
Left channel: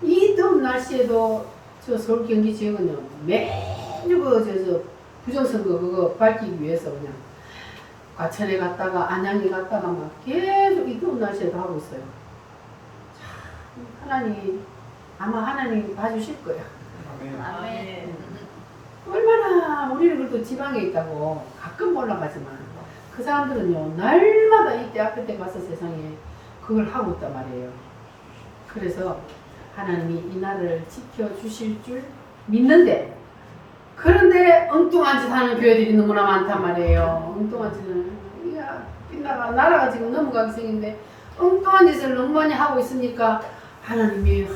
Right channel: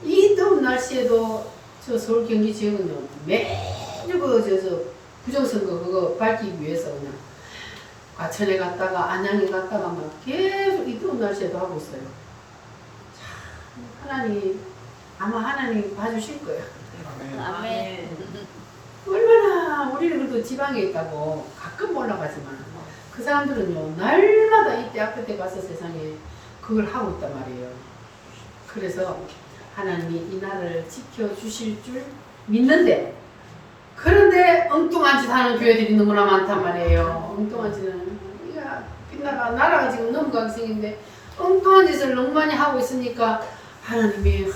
이 더운 날씨에도 저 서울 경기 지역은요 매일 저 부정선거 그거 밝히기 위해서 그냥 과천에 갔다가 안양에 갔다가 막 계속 이 더운 날씨에도 하고 있어요. 참 하나님, 아마 하나님 봐주실 거야. 아멘. 얼마나 우리는 그래도 지방에 있다고 가끔 올라가지만 그 사람들은요 날마다 이때 앞에 때 가서 세상에 그걸 하고 있단 말이에요. 그래서 하나님이 이 나라를 지켜주실 줄 믿는데, 그런데 엉뚱한 짓 하는 교회들이 너무나 많단 말이에요. 엉뚱한 짓은 우리가 빛나라 나라가 지금 너무 강성인데 엉뚱한 짓을 너무 많이 하고 있으니까 하나님이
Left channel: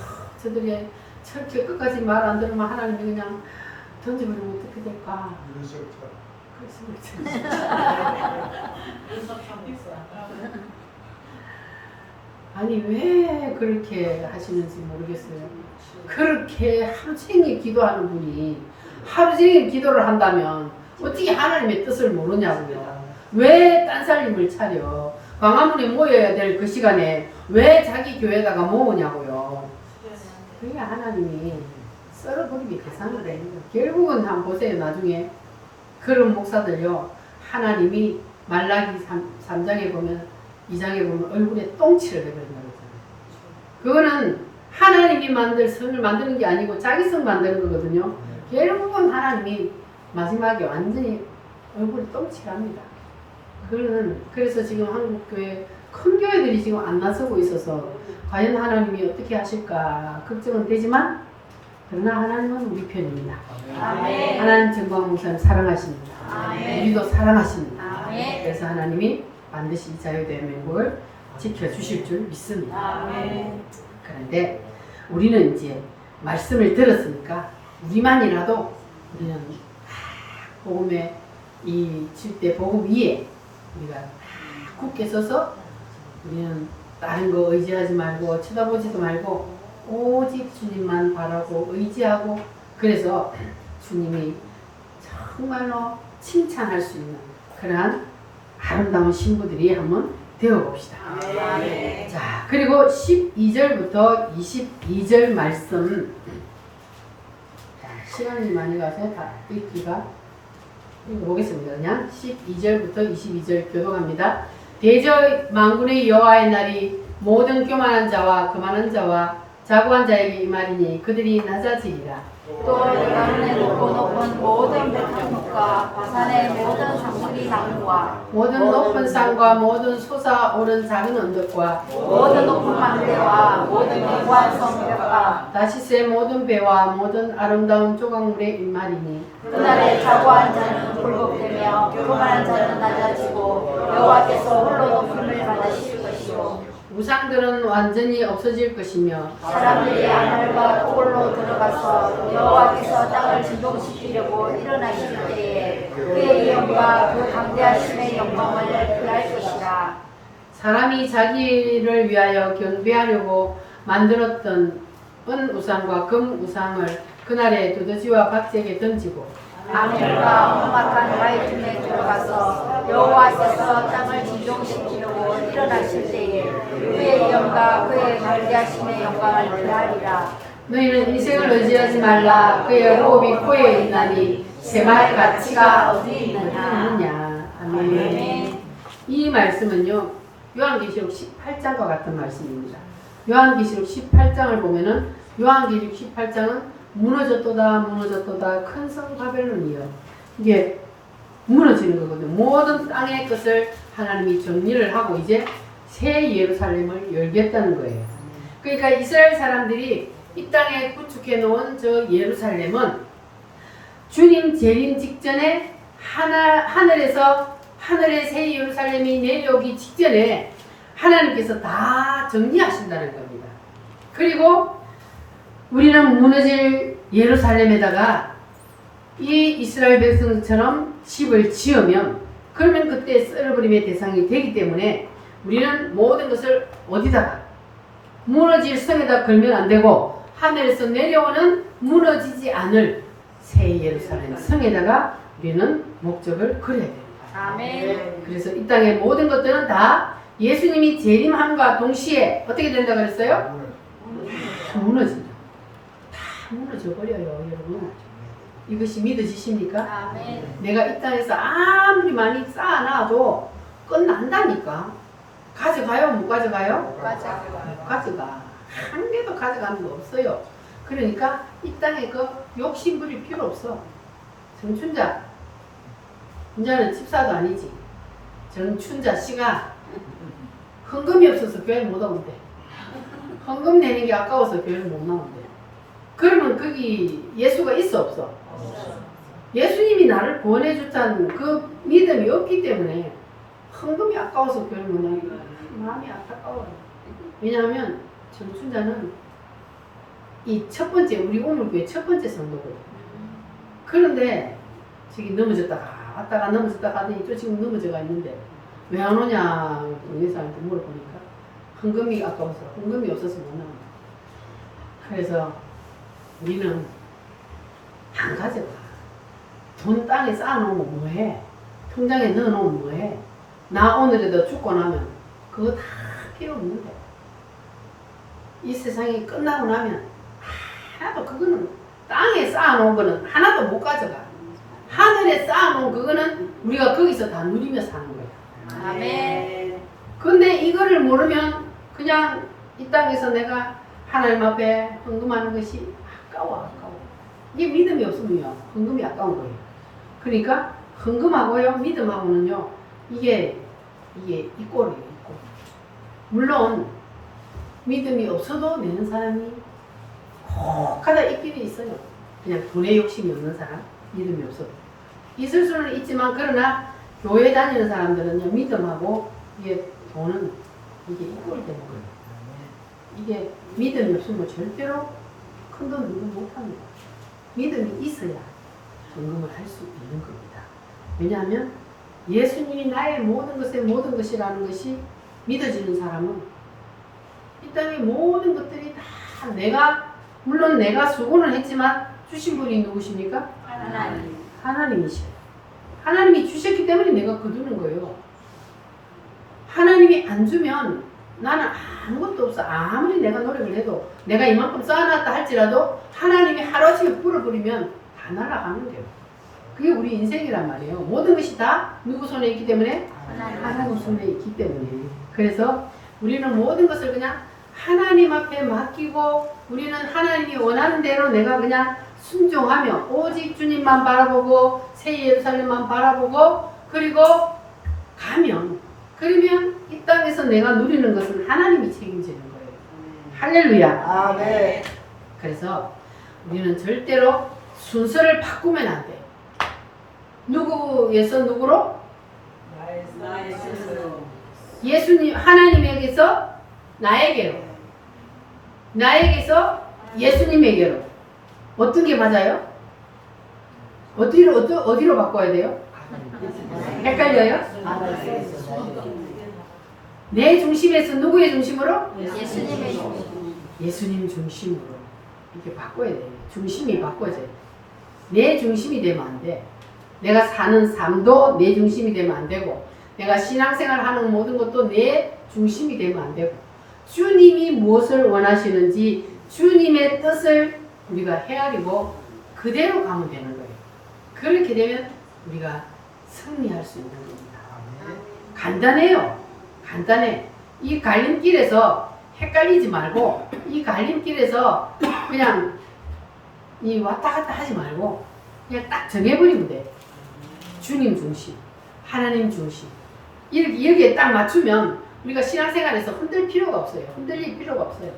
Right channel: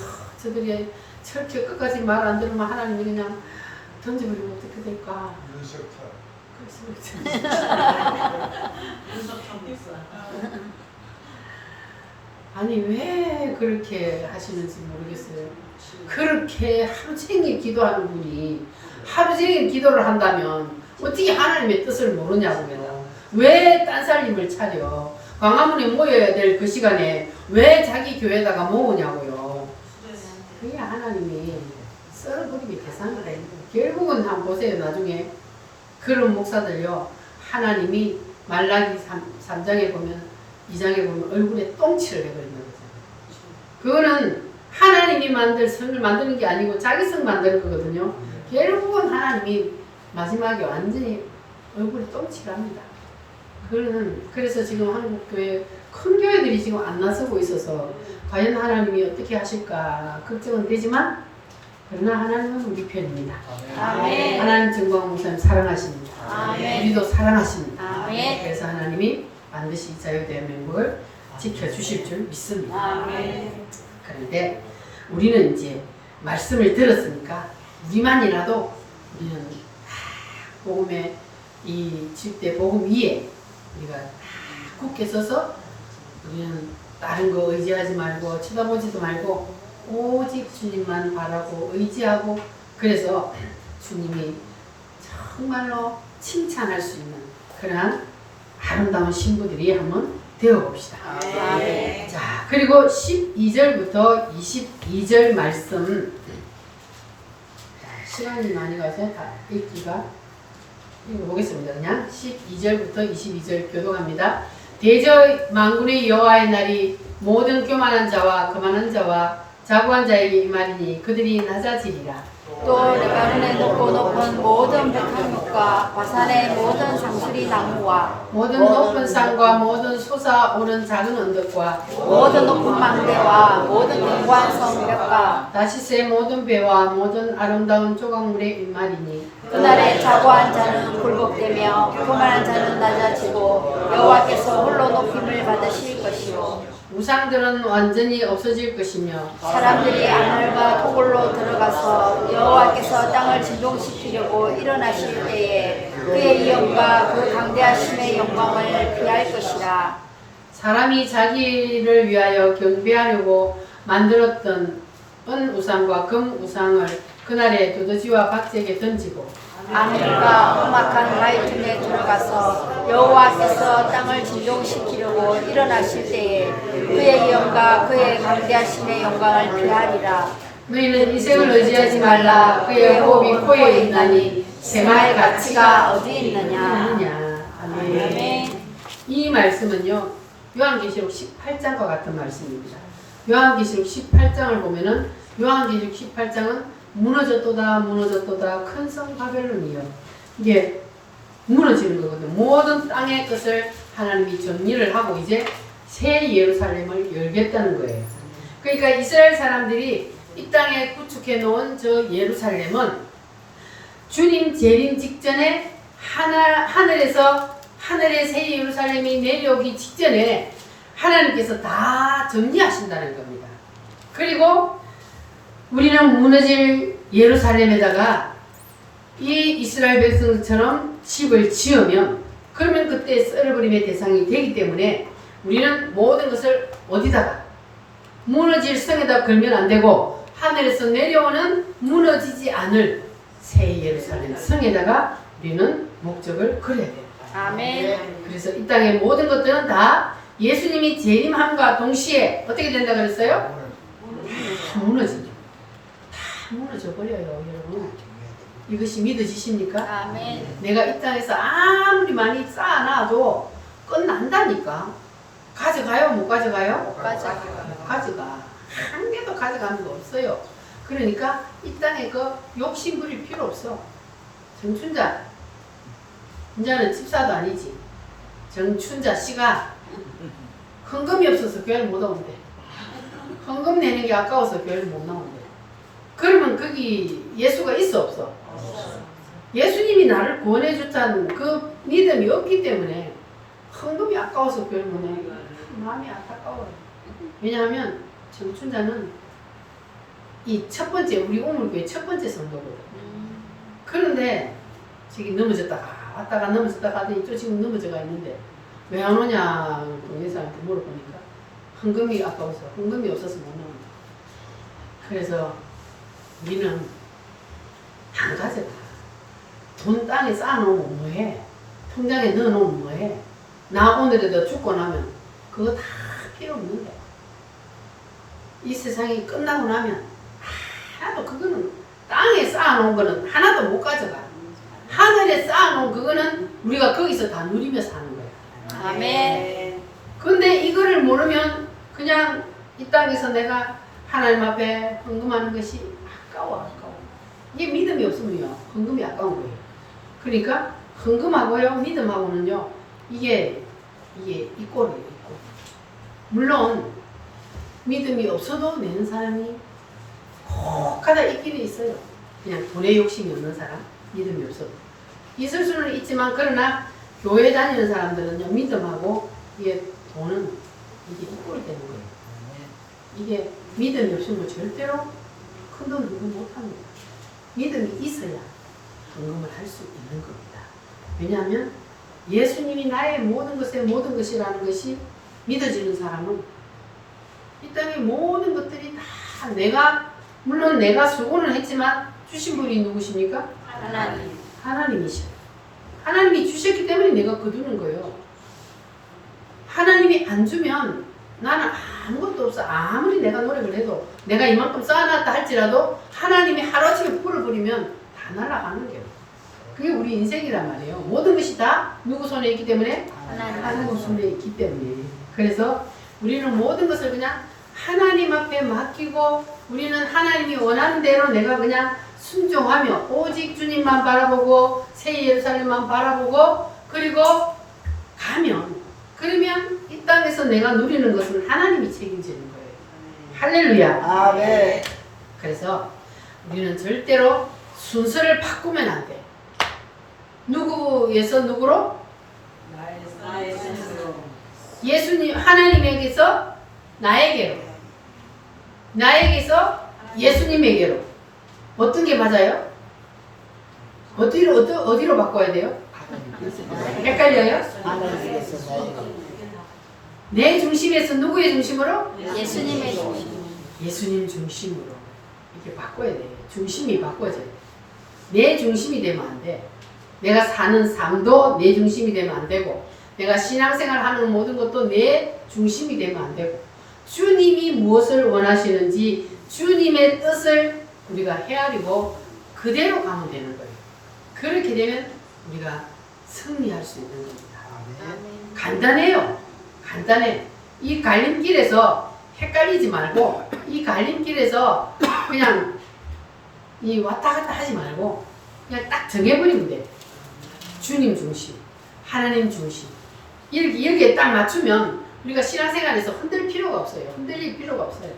저들이 저렇게 끝까지 말 안 들으면 하나님이 그냥 던져버리면 어떻게 될까? 아니 왜 그렇게 하시는지 모르겠어요. 그렇게 하루 종일 기도하는 분이 하루 종일 기도를 한다면 어떻게 하나님의 뜻을 모르냐고요. 왜 딴살림을 차려? 광화문에 모여야 될 그 시간에 왜 자기 교회에다가 모으냐고요. 그게 하나님이 썰어버리기 대상이다. 결국은 한번 보세요. 나중에 그런 목사들요, 하나님이 말라기 3장에 보면 2장에 보면 얼굴에 똥칠을 해버린다는 거잖아요. 그거는 하나님이 만들 성을 만드는 게 아니고 자기 성 만드는 거거든요. 결국은 하나님이 마지막에 완전히 얼굴에 똥칠합니다. 그래서 지금 한국교회 큰 교회들이 지금 안 나서고 있어서 과연 하나님이 어떻게 하실까 걱정은 되지만, 그러나 하나님은 우리 편입니다. 아멘. 하나님 정광 목사님 사랑하십니다. 아멘. 우리도 사랑하십니다. 아멘. 그래서 하나님이 반드시 자유대한민국을 지켜주실 줄 믿습니다. 아멘. 그런데 우리는 이제 말씀을 들었으니까 우리만이라도 우리는 복음의 이 칠대 복음 위에 우리가 굳게 서서 우리는 다른 거 의지하지 말고 쳐다보지도 말고 오직 주님만 바라고 의지하고, 그래서 주님이 정말로 칭찬할 수 있는 그러한 아름다운 신부들이 한번 되어봅시다. 아멘. 자, 그리고 12절부터 22절 말씀, 자, 시간이 많이 가서 다 읽기가 읽어보겠습니다. 그냥 12절부터 22절 교독합니다. 대저 만군의 여호와의 날이 모든 교만한 자와 거만한 자와 자고한 자에게 임하리니 그들이 낮아지리라. 또 내가 높은 모든 백합과 바산의 모든 상수리 나무와 모든 높은 산과 모든 솟아오른 작은 언덕과 모든 높은 망대와 모든 견고한 성벽과 다시스의 모든 배와 모든 아름다운 조각물에 임하리니 그날에 자고한 자는 굴복되며 교만한 자는 낮아지고 여호와께서 홀로 높임을 받으실 것이요 우상들은 완전히 없어질 것이며 사람들이 아말과 토굴로 들어가서 여호와께서 땅을 진동시키려고 일어나실 때에 그의 위엄과 그 강대하심의 영광을 피할 것이라. 사람이 자기를 위하여 경배하려고 만들었던 은 우상과 금 우상을 그날에 두더지와 박제에게 던지고 아말과 험악한 바위 중에 들어가서 여호와께서 땅을 진동시키려고 일어나실 때에 그의 위엄과 그의 강대하심의 영광을 피하리라. 너희는 이생을 의지하지 말라. 그의 호흡이 코에 있나니 새마을 가치가 어디 있느냐. 아멘. 이 말씀은요 요한계시록 18장과 같은 말씀입니다. 요한계시록 18장을 보면은 요한계시록 18장은 무너졌도다 큰 성 바벨론이에요. 이게 무너지는 거거든요. 모든 땅의 것을 하나님이 정리를 하고 이제 새 예루살렘을 열겠다는 거예요. 그러니까 이스라엘 사람들이 이 땅에 구축해 놓은 저 예루살렘은 주님 재림 직전에 하늘의 새 예루살렘이 내려오기 직전에 하나님께서 다 정리하신다는 겁니다. 그리고 우리는 무너질 예루살렘에다가 이 이스라엘 백성처럼 집을 지으면 그러면 그때 썰어버림의 대상이 되기 때문에 우리는 모든 것을 어디다가 무너질 성에다 걸면 안 되고 하늘에서 내려오는 무너지지 않을 새 예루살렘 성에다가 우리는 목적을 그려야 됩니다. 아멘. 그래서 이 땅의 모든 것들은 다 예수님이 재림함과 동시에 어떻게 된다 그랬어요? 다 무너지죠. 다 무너져 버려요, 여러분. 이것이 믿어지십니까? 아멘. 내가 이 땅에서 아무리 많이 쌓아놔도 끝난다니까. 가져가요? 못 가져가요? 가져가. 한 개도 가져가는 거 없어요. 그러니까 이 땅에 그 욕심 부릴 필요 없어. 정춘자, 이제는 집사도 아니지. 정춘자 씨가 헌금이 없어서 교회 못 오는데, 헌금 내는 게 아까워서 교회를 못 나오는데, 그러면 거기 예수가 있어 없어? 예수님이 나를 구원해 줬다는 그 믿음이 없기 때문에 헌금이 아까워서 교회를 못 나오는 거야. 마음이 안타까워요. 왜냐하면 정춘자는 이 첫 번째 우리 우물교회 첫 번째 성도거든. 그런데 저기 넘어졌다가 왔다가 넘어졌다가 하더니 또 지금 넘어져가 있는데 왜 안 오냐 예사한테 물어보니까 헌금이 아까워서 헌금이 없어서 못 나온다. 그래서 우리는 안 가져가. 돈 땅에 쌓아놓으면 뭐해? 통장에 넣어놓으면 뭐해? 나 오늘에도 죽고 나면 그거 다 필요 없는데 이 세상이 끝나고 나면 하나도 그거는 땅에 쌓아놓은 거는 하나도 못 가져가. 하늘에 쌓아놓은 그거는 우리가 거기서 다 누리며 사는 거야. 아멘. 근데 이거를 모르면 그냥 이 땅에서 내가 하나님 앞에 헌금하는 것이 아까워. 이게 믿음이 없으면요 헌금이 아까운 거예요. 그러니까 헌금하고요 믿음하고는요 이게 이 꼴이에요. 이 꼴. 물론 믿음이 없어도 내는 사람이 혹하다 있기는 있어요. 그냥 돈에 욕심이 없는 사람, 믿음이 없어도 있을 수는 있지만 그러나 교회 다니는 사람들은요 믿음하고 이게 돈은 이게 이 꼴이 되는 거예요. 이게 믿음이 없으면 절대로 큰 돈 헌금 못합니다. 믿음이 있어야 헌금을 할 수 있는 겁니다. 왜냐하면 예수님이 나의 모든 것의 모든 것이라는 것이 믿어지는 사람은 이 땅의 모든 것들이 다 물론 내가 수고는 했지만 주신 분이 누구십니까? 하나님. 하나님이시죠. 하나님이 주셨기 때문에 내가 거두는 거예요. 하나님이 안 주면 나는 아무것도 없어. 아무리 내가 노력을 해도 내가 이만큼 쌓아놨다 할지라도 하나님이 하루아침에 풀어버리면 다 날아가는 거예요. 그게 우리 인생이란 말이에요. 모든 것이 다 누구 손에 있기 때문에? 하나님 손에 있기 때문에. 그래서 우리는 모든 것을 그냥 하나님 앞에 맡기고 우리는 하나님이 원하는 대로 내가 그냥 순종하며 오직 주님만 바라보고 새 예루살렘만 바라보고 그리고 그러면 이 땅에서 내가 누리는 것은 하나님이 책임지는 거예요. 할렐루야. 아멘. 그래서 우리는 절대로 순서를 바꾸면 안 돼. 누구에서 누구로? 나의 스스로. 예수님 하나님에게서 나에게로. 나에게서 예수님에게로. 어떤 게 맞아요? 어디로 바꿔야 돼요? 헷갈려요? 내 중심에서 누구의 중심으로? 예수님의 중심. 예수님 중심으로 이렇게 바꿔야 돼요. 중심이 바꿔져요. 내 중심이 되면 안 돼. 내가 사는 삶도 내 중심이 되면 안 되고 내가 신앙생활 하는 모든 것도 내 중심이 되면 안 되고 주님이 무엇을 원하시는지 주님의 뜻을 우리가 헤아리고 그대로 가면 되는 거예요. 그렇게 되면 우리가 승리할 수 있는 겁니다. 간단해요. 간단해. 이 갈림길에서 헷갈리지 말고 이 갈림길에서 그냥 이 왔다 갔다 하지 말고 그냥 딱 정해버리면 돼. 주님 중심, 하나님 중심. 여기에 딱 맞추면 우리가 신앙생활에서 흔들 필요가 없어요. 흔들릴 필요가 없어요.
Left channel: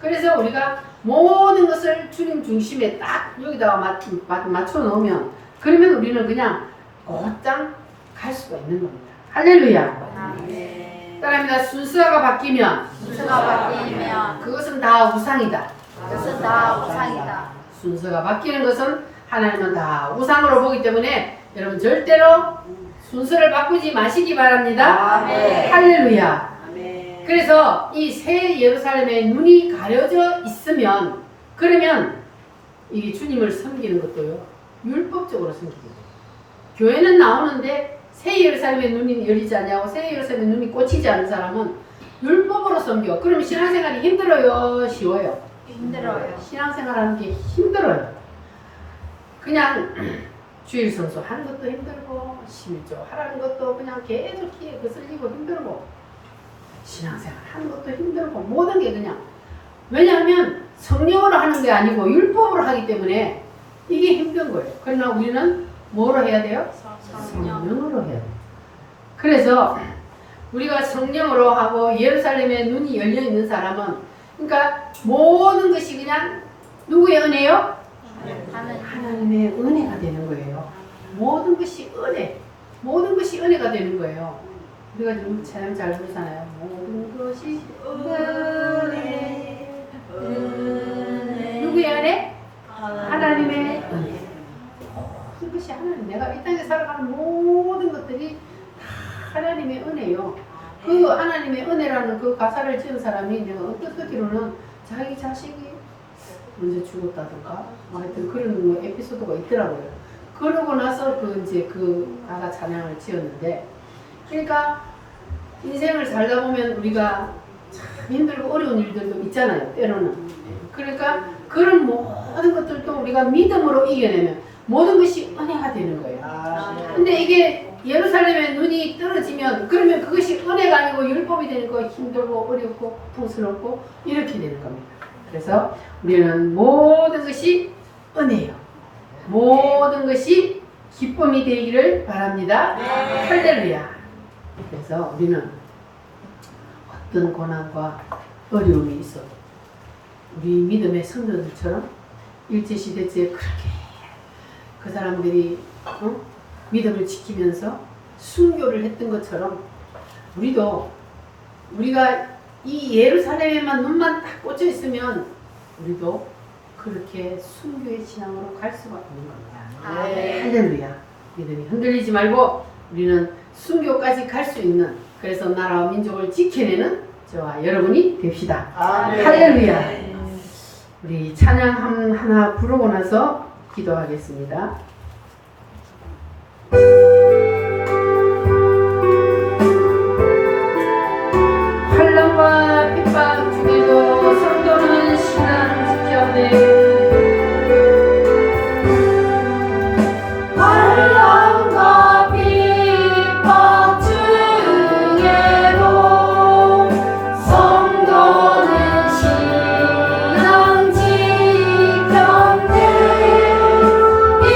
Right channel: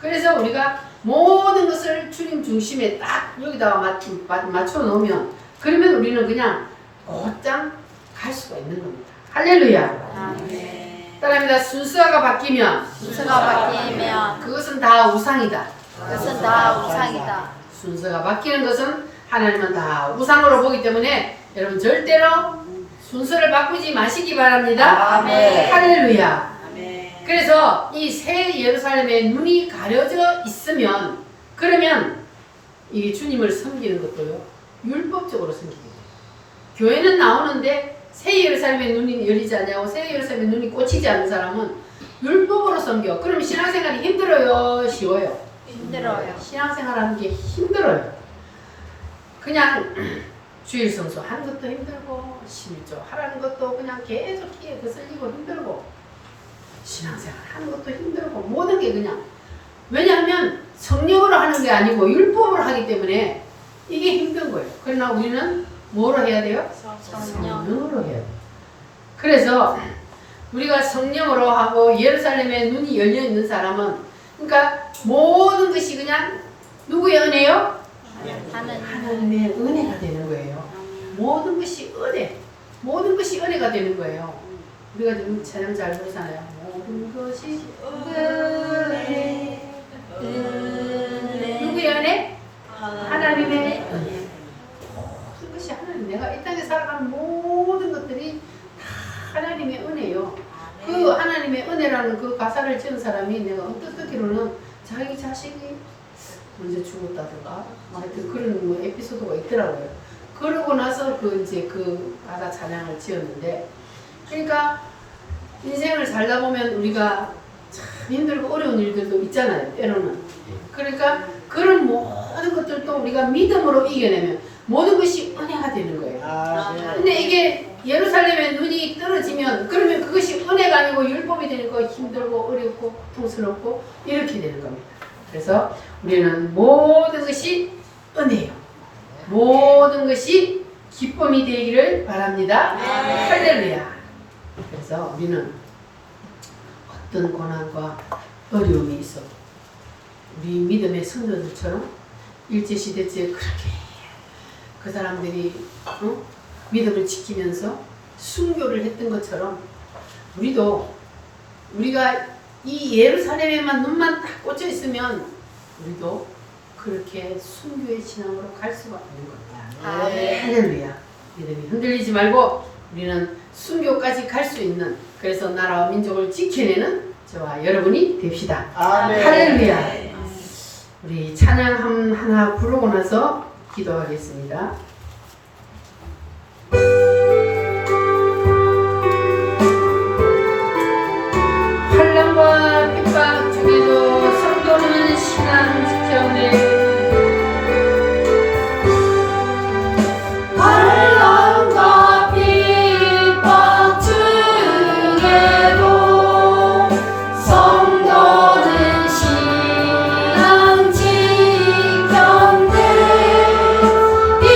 그래서 우리가 모든 것을 주님 중심에 딱 여기다가 맞춰 놓으면 그러면 우리는 그냥 곧장 갈 수가 있는 겁니다. 할렐루야. 따라합니다. 순서가 바뀌면 순서가 바뀌면 그것은 다 우상이다. 그것은 다 우상이다. 순서가 바뀌는 것은 하나님은 다 우상으로 보기 때문에 여러분 절대로 순서를 바꾸지 마시기 바랍니다. 아멘. 할렐루야. 아멘. 그래서 이 새 예루살렘에 눈이 가려져 있으면 그러면 이 주님을 섬기는 것도요 율법적으로 섬기는 거예요. 교회는 나오는데 새 예루살렘에 눈이 열리지 않냐고 새 예루살렘에 눈이 꽂히지 않는 사람은 율법으로 섬겨. 그럼 신앙생활이 힘들어요? 쉬워요? 힘들어요. 신앙생활하는 게 힘들어요. 그냥 주일 성수 하는 것도 힘들고 심조 하라는 것도 그냥 계속 귀에 거슬리고 힘들고 신앙생활 하는 것도 힘들고 모든 게 그냥 왜냐하면 성령으로 하는 게 아니고 율법으로 하기 때문에 이게 힘든 거예요. 그러나 우리는 뭐로 해야 돼요? 성령으로 해야 돼요. 그래서 우리가 성령으로 하고 예루살렘에 눈이 열려 있는 사람은 그러니까 모든 것이 그냥 누구의 은혜요? 하나님의 은혜가 되는 거예요. 모든 것이 은혜. 모든 것이 은혜가 되는 거예요. 우리가 지금 찬양 잘 부르잖아요. 모든 것이 은혜. 누구의 은혜? 하나님의 은혜. 모든 것이 하나님. 내가 이 땅에 살아가는 모든 것들이 다 하나님의 은혜요. 그 하나님의 은혜라는 그 가사를 지은 사람이 내가 어떤 듣기로는 자기 자식이 언제 죽었다든가 하여튼 그런 뭐 에피소드가 있더라고요. 그러고 나서 그 가사 찬양을 지었는데 그러니까 인생을 살다 보면 우리가 참 힘들고 어려운 일들도 있잖아요. 때로는. 그러니까 그런 모든 것들도 우리가 믿음으로 이겨내면 모든 것이 은혜가 되는 거예요. 근데 이게 예루살렘에 눈이 떨어지면 그러면 그것이 은혜가 아니고 율법이 되는 거 힘들고 어렵고 고통스럽고 이렇게 되는 겁니다. 그래서 우리는 모든 것이 은혜요. 모든 것이 기쁨이 되기를 바랍니다. 할렐루야. 그래서 우리는 어떤 고난과 어려움이 있어도 우리 믿음의 성도들처럼 일제시대 때 그렇게 그 사람들이 믿음을 지키면서 순교를 했던 것처럼 우리가 이 예루살렘에만 눈만 딱 꽂혀 있으면 우리도 그렇게 순교의 신앙으로 갈 수가 있는 겁니다. 할렐루야. 믿음이 흔들리지 말고 우리는 순교까지 갈 수 있는 그래서 나라와 민족을 지켜내는 저와 여러분이 됩시다. 할렐루야. 우리 찬양 하나 부르고 나서 기도하겠습니다. 환난과 핍박 중에도 성도는 신앙 지켜내 환난과 핍박 중에도 성도는 신앙 지켰네. 이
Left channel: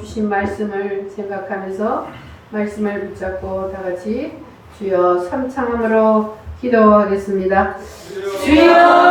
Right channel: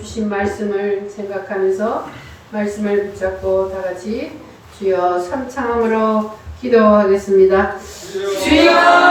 주신 말씀을 생각하면서 말씀을 붙잡고 다 같이 주여 삼창함으로 기도하겠습니다. 주여